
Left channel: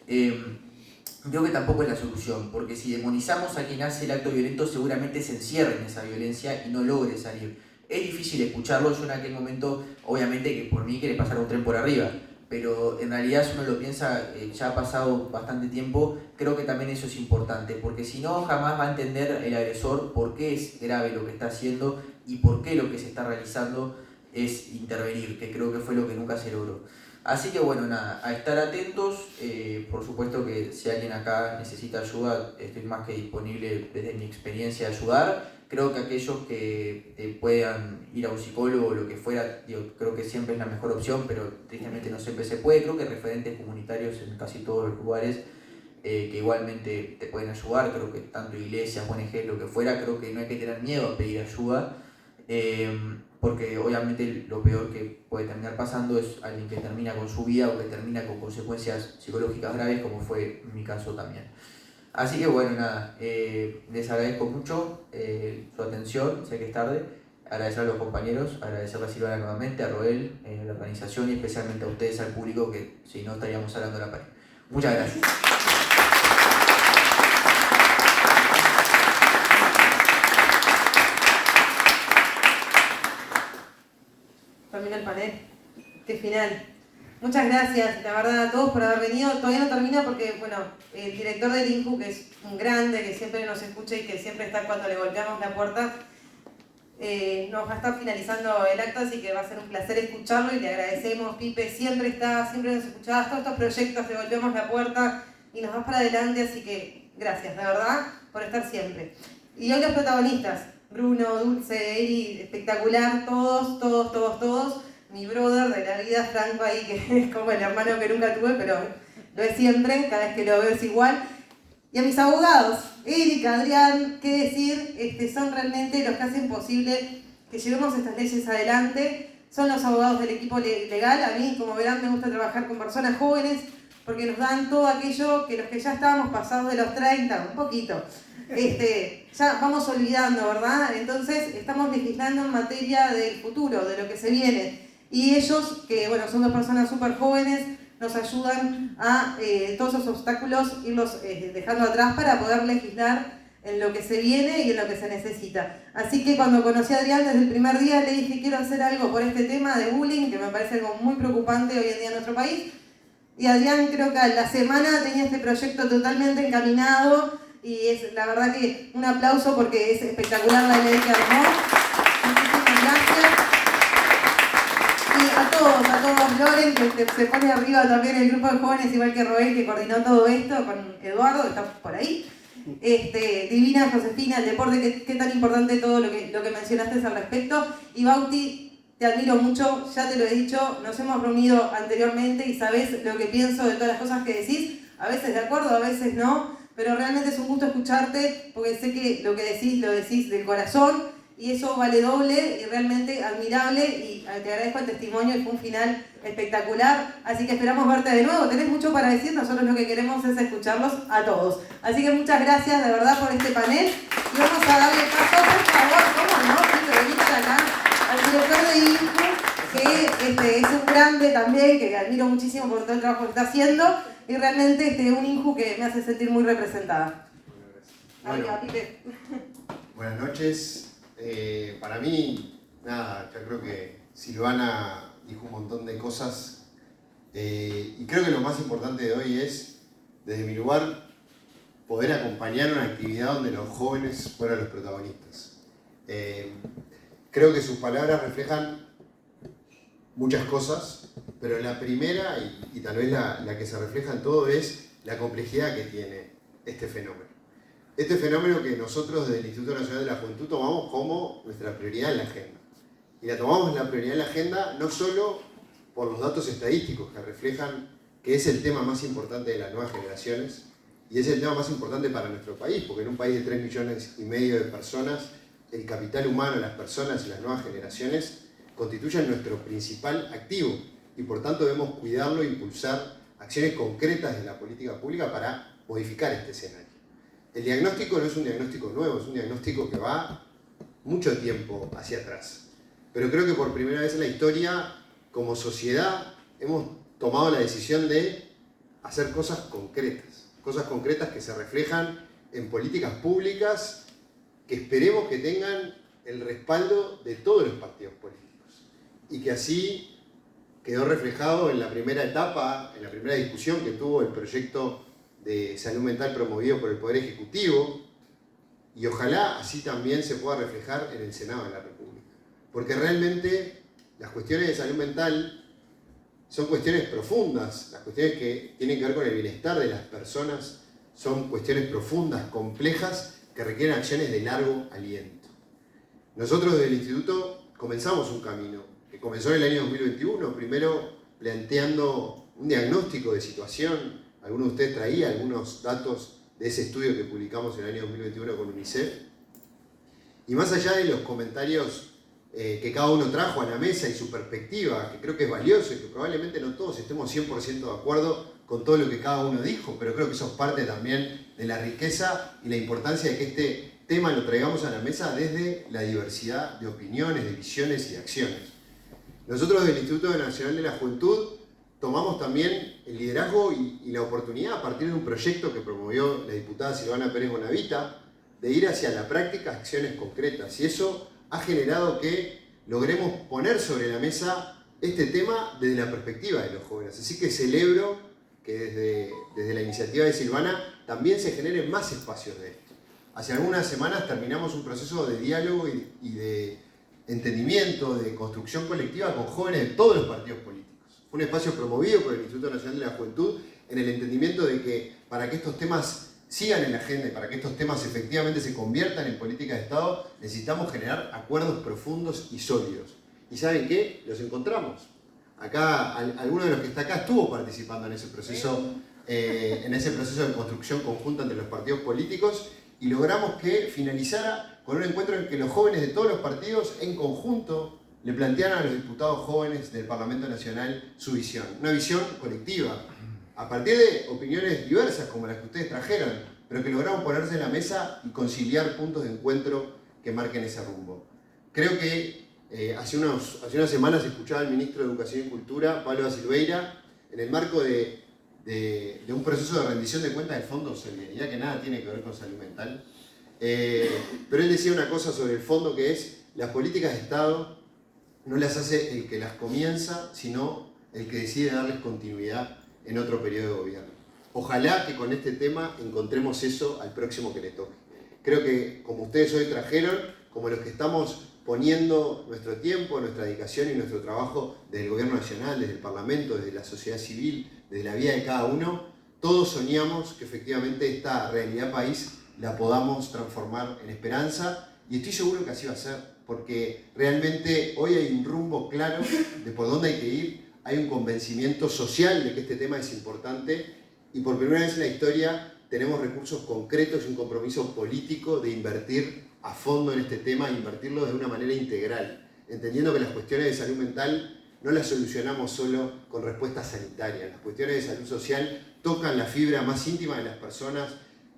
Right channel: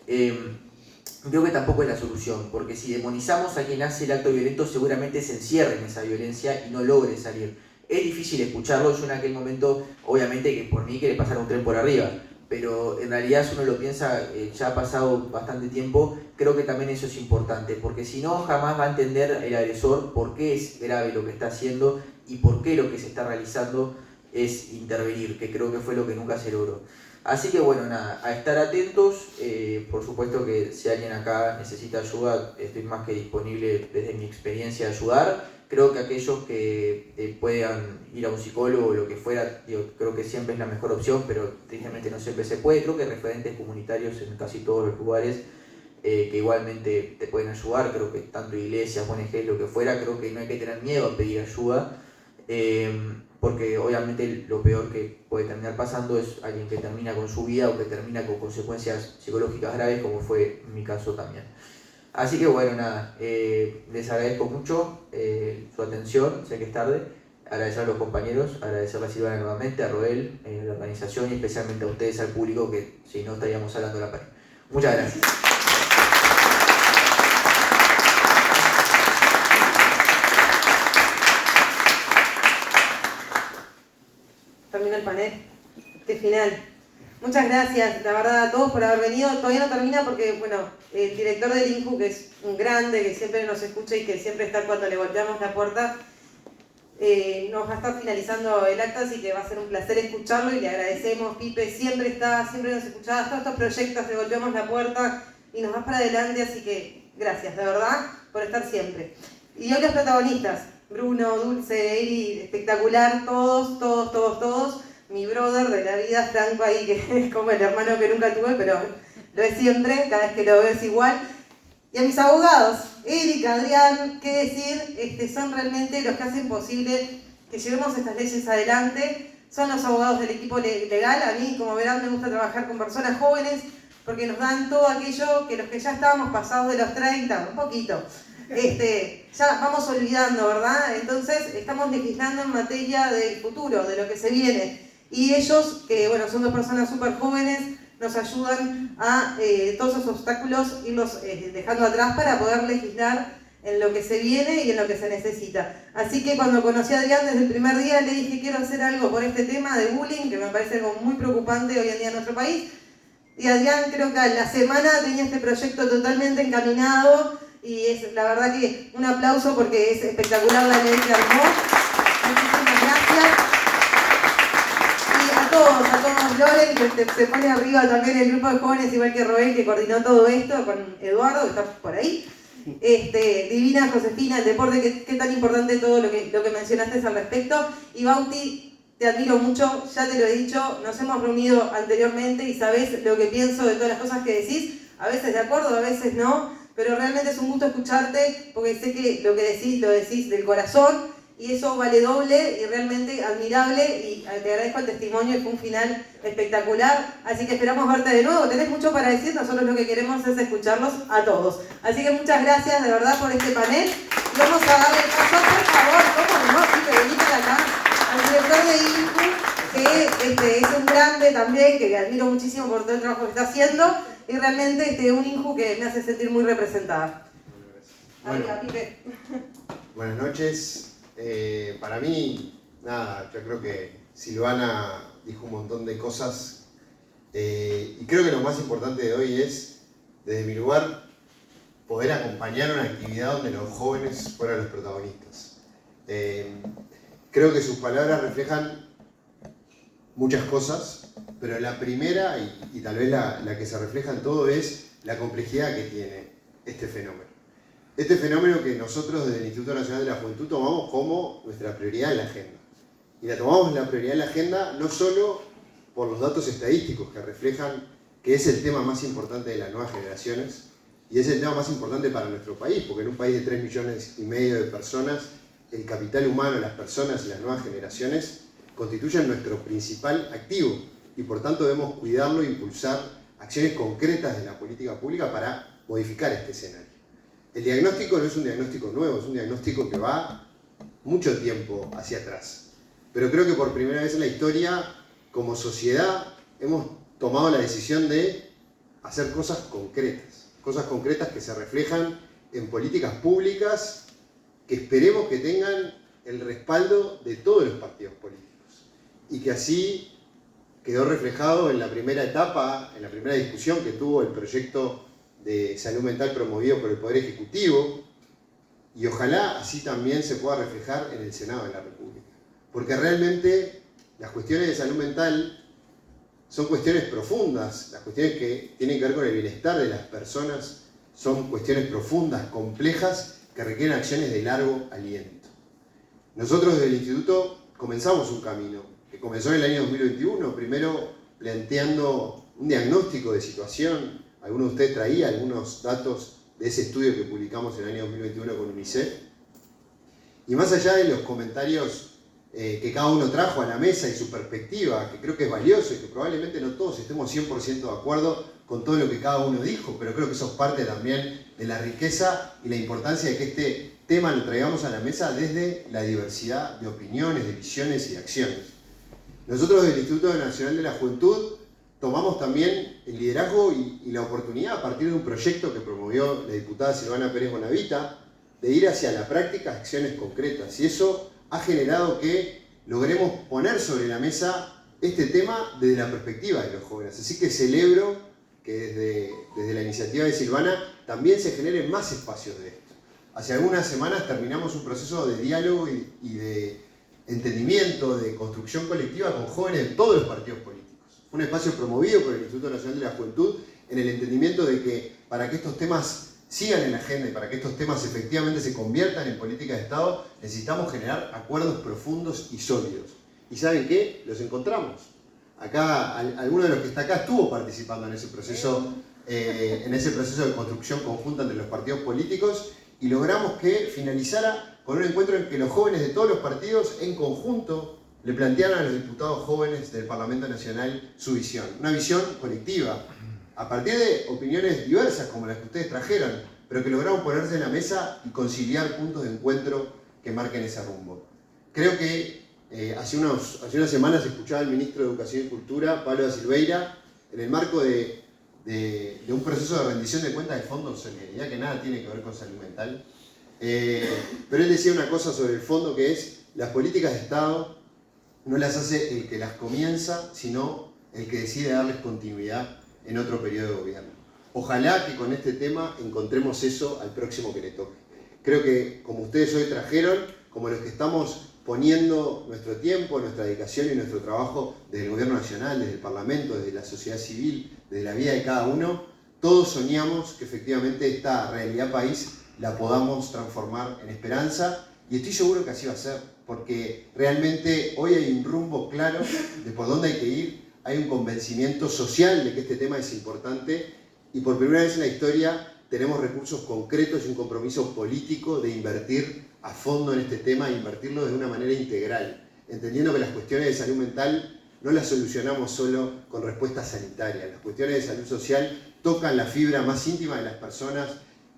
Creo que tampoco es la solución, porque si demonizamos a quien hace el acto violento, seguramente se encierre en esa violencia y no logre salir. es difícil escucharlo. Yo en aquel momento, obviamente que por mí quiere pasar un tren por arriba, pero en realidad si uno lo piensa, ya ha pasado bastante tiempo, creo que también eso es importante, porque si no jamás va a entender el agresor por qué es grave lo que está haciendo y por qué lo que se está realizando es intervenir, que creo que fue lo que nunca se logró. Así que bueno, nada, a estar atentos. Por supuesto que si alguien acá necesita ayuda, estoy más que disponible desde mi experiencia a ayudar. Creo que aquellos que puedan ir a un psicólogo o lo que fuera, creo que siempre es la mejor opción, pero tristemente no siempre se puede. Creo que hay referentes comunitarios en casi todos los lugares que igualmente te pueden ayudar. Creo que tanto iglesias, ONG, lo que fuera, creo que no hay que tener miedo a pedir ayuda. Porque obviamente lo peor que puede terminar pasando es alguien que termina con su vida o que termina con consecuencias psicológicas graves, como fue mi caso también. Así que bueno, nada, les agradezco mucho su atención, sé que es tarde, agradecer a los compañeros, agradecerle a Silvana nuevamente, a Roel, a la organización y especialmente a ustedes, al público, que si no estaríamos hablando a la pared. Muchas gracias. Terminó el panel. Qué final. Muchas gracias, la verdad, a todos por haber venido. Todavía no termina porque, bueno, el director del INJU, que es un grande, que siempre nos escucha y que siempre está cuando le golpeamos la puerta, nos va a estar finalizando el acto, así que va a ser un placer escucharlo y le agradecemos. Pipe siempre está, siempre nos escuchaba todos estos proyectos, le golpeamos la puerta y nos vas para adelante, así que gracias, de verdad, por estar siempre. Y hoy los protagonistas, Bruno, Dulce, Eri, espectacular, todos. Mi brother de la vida, Franco, ahí, que es como el hermano que nunca tuve, pero lo es siempre, cada vez que lo veo es igual. Y a mis abogados, Erika, Adrián, qué decir, son realmente los que hacen posible que llevemos estas leyes adelante. Son los abogados del equipo legal. A mí, como verán, me gusta trabajar con personas jóvenes porque nos dan todo aquello que los que ya estábamos pasados de los 30, un poquito, ya vamos olvidando, ¿verdad? Entonces, estamos legislando en materia del futuro, de lo que se viene. Y ellos, que bueno, son dos personas súper jóvenes, nos ayudan a todos esos obstáculos irlos dejando atrás para poder legislar en lo que se viene y en lo que se necesita. Así que cuando conocí a Adrián desde el primer día le dije quiero hacer algo por este tema de bullying, que me parece algo muy preocupante hoy en día en nuestro país. Y Adrián creo que a la semana tenía este proyecto totalmente encaminado y es la verdad que un aplauso porque es espectacular la ley que armó. Muchísimas gracias. A todos, Loren, que se pone arriba también el grupo de jóvenes, igual que Roel, que coordinó todo esto, con Eduardo, que está por ahí. Divina, Josefina, el deporte, qué tan importante todo lo que mencionaste al respecto. Y Bauti, te admiro mucho, ya te lo he dicho, nos hemos reunido anteriormente y sabes lo que pienso de todas las cosas que decís, a veces de acuerdo, a veces no, pero realmente es un gusto escucharte, porque sé que lo que decís, lo decís del corazón, y eso vale doble y realmente admirable, y te agradezco el testimonio, y fue un final espectacular, así que esperamos verte de nuevo. Tenés mucho para decir, nosotros lo que queremos es escucharlos a todos. Así que muchas gracias de verdad por este panel, y vamos a darle paso, por favor, cómo no, venir acá, al director de INJU, que es un grande también, que admiro muchísimo por todo el trabajo que está haciendo, y realmente un INJU que me hace sentir muy representada. Bueno, Pipe. Buenas noches. Para mí, nada, yo creo que Silvana dijo un montón de cosas y creo que lo más importante de hoy es, desde mi lugar, poder acompañar una actividad donde los jóvenes fueran los protagonistas. Creo que sus palabras reflejan muchas cosas, pero la primera, y tal vez la que se refleja en todo, es la complejidad que tiene este fenómeno. Este fenómeno que nosotros desde el Instituto Nacional de la Juventud tomamos como nuestra prioridad en la agenda. Y la tomamos la prioridad en la agenda no solo por los datos estadísticos que reflejan que es el tema más importante de las nuevas generaciones y es el tema más importante para nuestro país, porque en un país de 3,5 millones de personas, el capital humano, las personas y las nuevas generaciones constituyen nuestro principal activo y por tanto debemos cuidarlo e impulsar acciones concretas de la política pública para modificar este escenario. El diagnóstico no es un diagnóstico nuevo, es un diagnóstico que va mucho tiempo hacia atrás. Pero creo que por primera vez en la historia, como sociedad, hemos tomado la decisión de hacer cosas concretas que se reflejan en políticas públicas que esperemos que tengan el respaldo de todos los partidos políticos y que así quedó reflejado en la primera etapa, en la primera discusión que tuvo el proyecto de salud mental promovido por el Poder Ejecutivo, y ojalá así también se pueda reflejar en el Senado de la República. Porque realmente las cuestiones de salud mental son cuestiones profundas, las cuestiones que tienen que ver con el bienestar de las personas son cuestiones profundas, complejas, que requieren acciones de largo aliento. Nosotros desde el Instituto comenzamos un camino, que comenzó en el año 2021, primero planteando un diagnóstico de situación. Algunos de ustedes traían algunos datos de ese estudio que publicamos en el año 2021 con UNICEF. Y más allá de los comentarios que cada uno trajo a la mesa y su perspectiva, que creo que es valioso y que probablemente no todos estemos 100% de acuerdo con todo lo que cada uno dijo, pero creo que eso es parte también de la riqueza y la importancia de que este tema lo traigamos a la mesa desde la diversidad de opiniones, de visiones y de acciones. Nosotros del Instituto Nacional de la Juventud tomamos también el liderazgo y la oportunidad a partir de un proyecto que promovió la diputada Silvana Pérez Bonavita de ir hacia la práctica acciones concretas, y eso ha generado que logremos poner sobre la mesa este tema desde la perspectiva de los jóvenes. Así que celebro que desde la iniciativa de Silvana también se generen más espacios de esto. Hace algunas semanas terminamos un proceso de diálogo y de entendimiento, de construcción colectiva con jóvenes de todos los partidos políticos. Fue un espacio promovido por el Instituto Nacional de la Juventud en el entendimiento de que para que estos temas sigan en la agenda y para que estos temas efectivamente se conviertan en política de Estado, necesitamos generar acuerdos profundos y sólidos. ¿Y saben qué? Los encontramos. Acá, alguno de los que está acá estuvo participando en ese proceso de construcción conjunta entre los partidos políticos, y logramos que finalizara con un encuentro en que los jóvenes de todos los partidos en conjunto le plantearan a los diputados jóvenes del Parlamento Nacional su visión, una visión colectiva, a partir de opiniones diversas como las que ustedes trajeron, pero que lograron ponerse en la mesa y conciliar puntos de encuentro que marquen ese rumbo. Creo que hace unas semanas escuchaba al ministro de Educación y Cultura, Pablo da Silveira, en el marco de un proceso de rendición de cuentas del Fondo de Solidaridad que nada tiene que ver con salud mental. Pero él decía una cosa sobre el fondo, que es: las políticas de Estado no las hace el que las comienza, sino el que decide darles continuidad en otro periodo de gobierno. Ojalá que con este tema encontremos eso al próximo que le toque. Creo que como ustedes hoy trajeron, como los que estamos poniendo nuestro tiempo, nuestra dedicación y nuestro trabajo desde el Gobierno Nacional, desde el Parlamento, desde la sociedad civil, desde la vida de cada uno, todos soñamos que efectivamente esta realidad país la podamos transformar en esperanza, y estoy seguro que así va a ser, porque realmente hoy hay un rumbo claro de por dónde hay que ir, hay un convencimiento social de que este tema es importante, y por primera vez en la historia tenemos recursos concretos y un compromiso político de invertir a fondo en este tema, e invertirlo de una manera integral, entendiendo que las cuestiones de salud mental no las solucionamos solo con respuestas sanitarias. Las cuestiones de salud social tocan la fibra más íntima de las personas,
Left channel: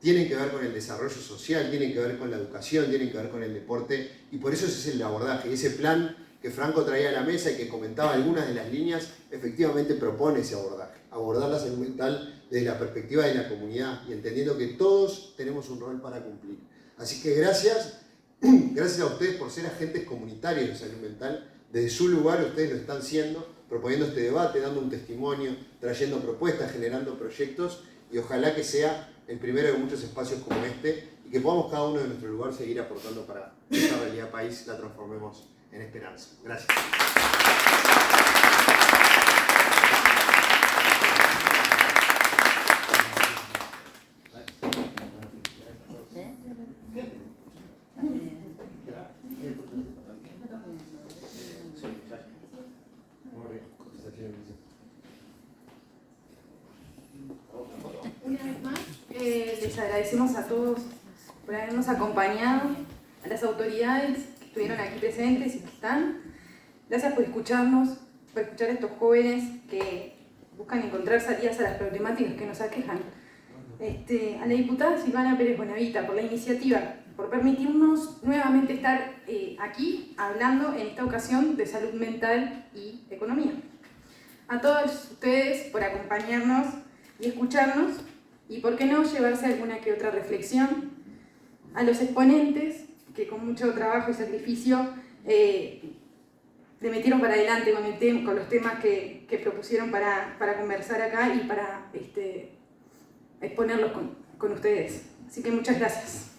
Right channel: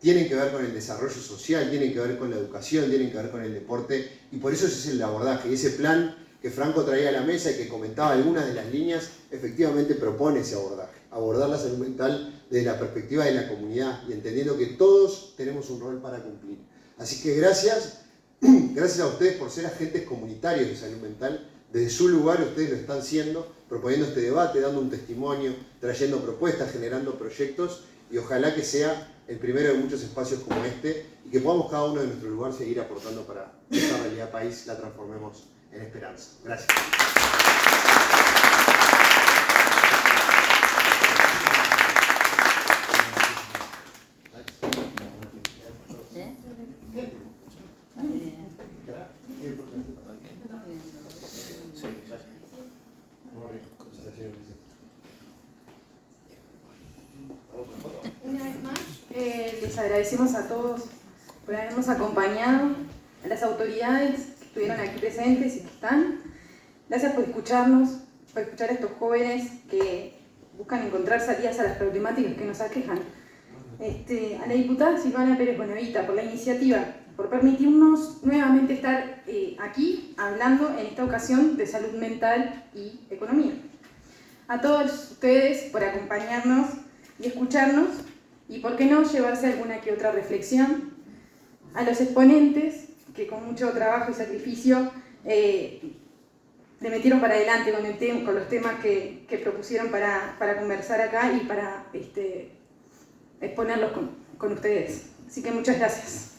tienen que ver con el desarrollo social, tienen que ver con la educación, tienen que ver con el deporte, y por eso ese es el abordaje. Y ese plan que Franco traía a la mesa y que comentaba algunas de las líneas, efectivamente propone ese abordaje. Abordar la salud mental desde la perspectiva de la comunidad y entendiendo que todos tenemos un rol para cumplir. Así que gracias a ustedes por ser agentes comunitarios de salud mental. Desde su lugar ustedes lo están siendo, proponiendo este debate, dando un testimonio, trayendo propuestas, generando proyectos, y ojalá que sea el primero de muchos espacios como este, y que podamos cada uno de nuestro lugar seguir aportando para que esta realidad país la transformemos en esperanza. Gracias. Una vez más, les agradecemos a todos por habernos acompañado, a las autoridades que estuvieron aquí presentes y que están. Gracias por escucharnos, por escuchar a estos jóvenes que buscan encontrar salidas a las problemáticas que nos aquejan. A la diputada Silvana Pérez Bonavita por la iniciativa, por permitirnos nuevamente estar aquí hablando en esta ocasión de salud mental y economía. A todos ustedes por acompañarnos y escucharnos, y por qué no llevarse alguna que otra reflexión. A los exponentes que con mucho trabajo y sacrificio le metieron para adelante con los temas que propusieron para conversar acá y para exponerlos con ustedes. Así que muchas gracias.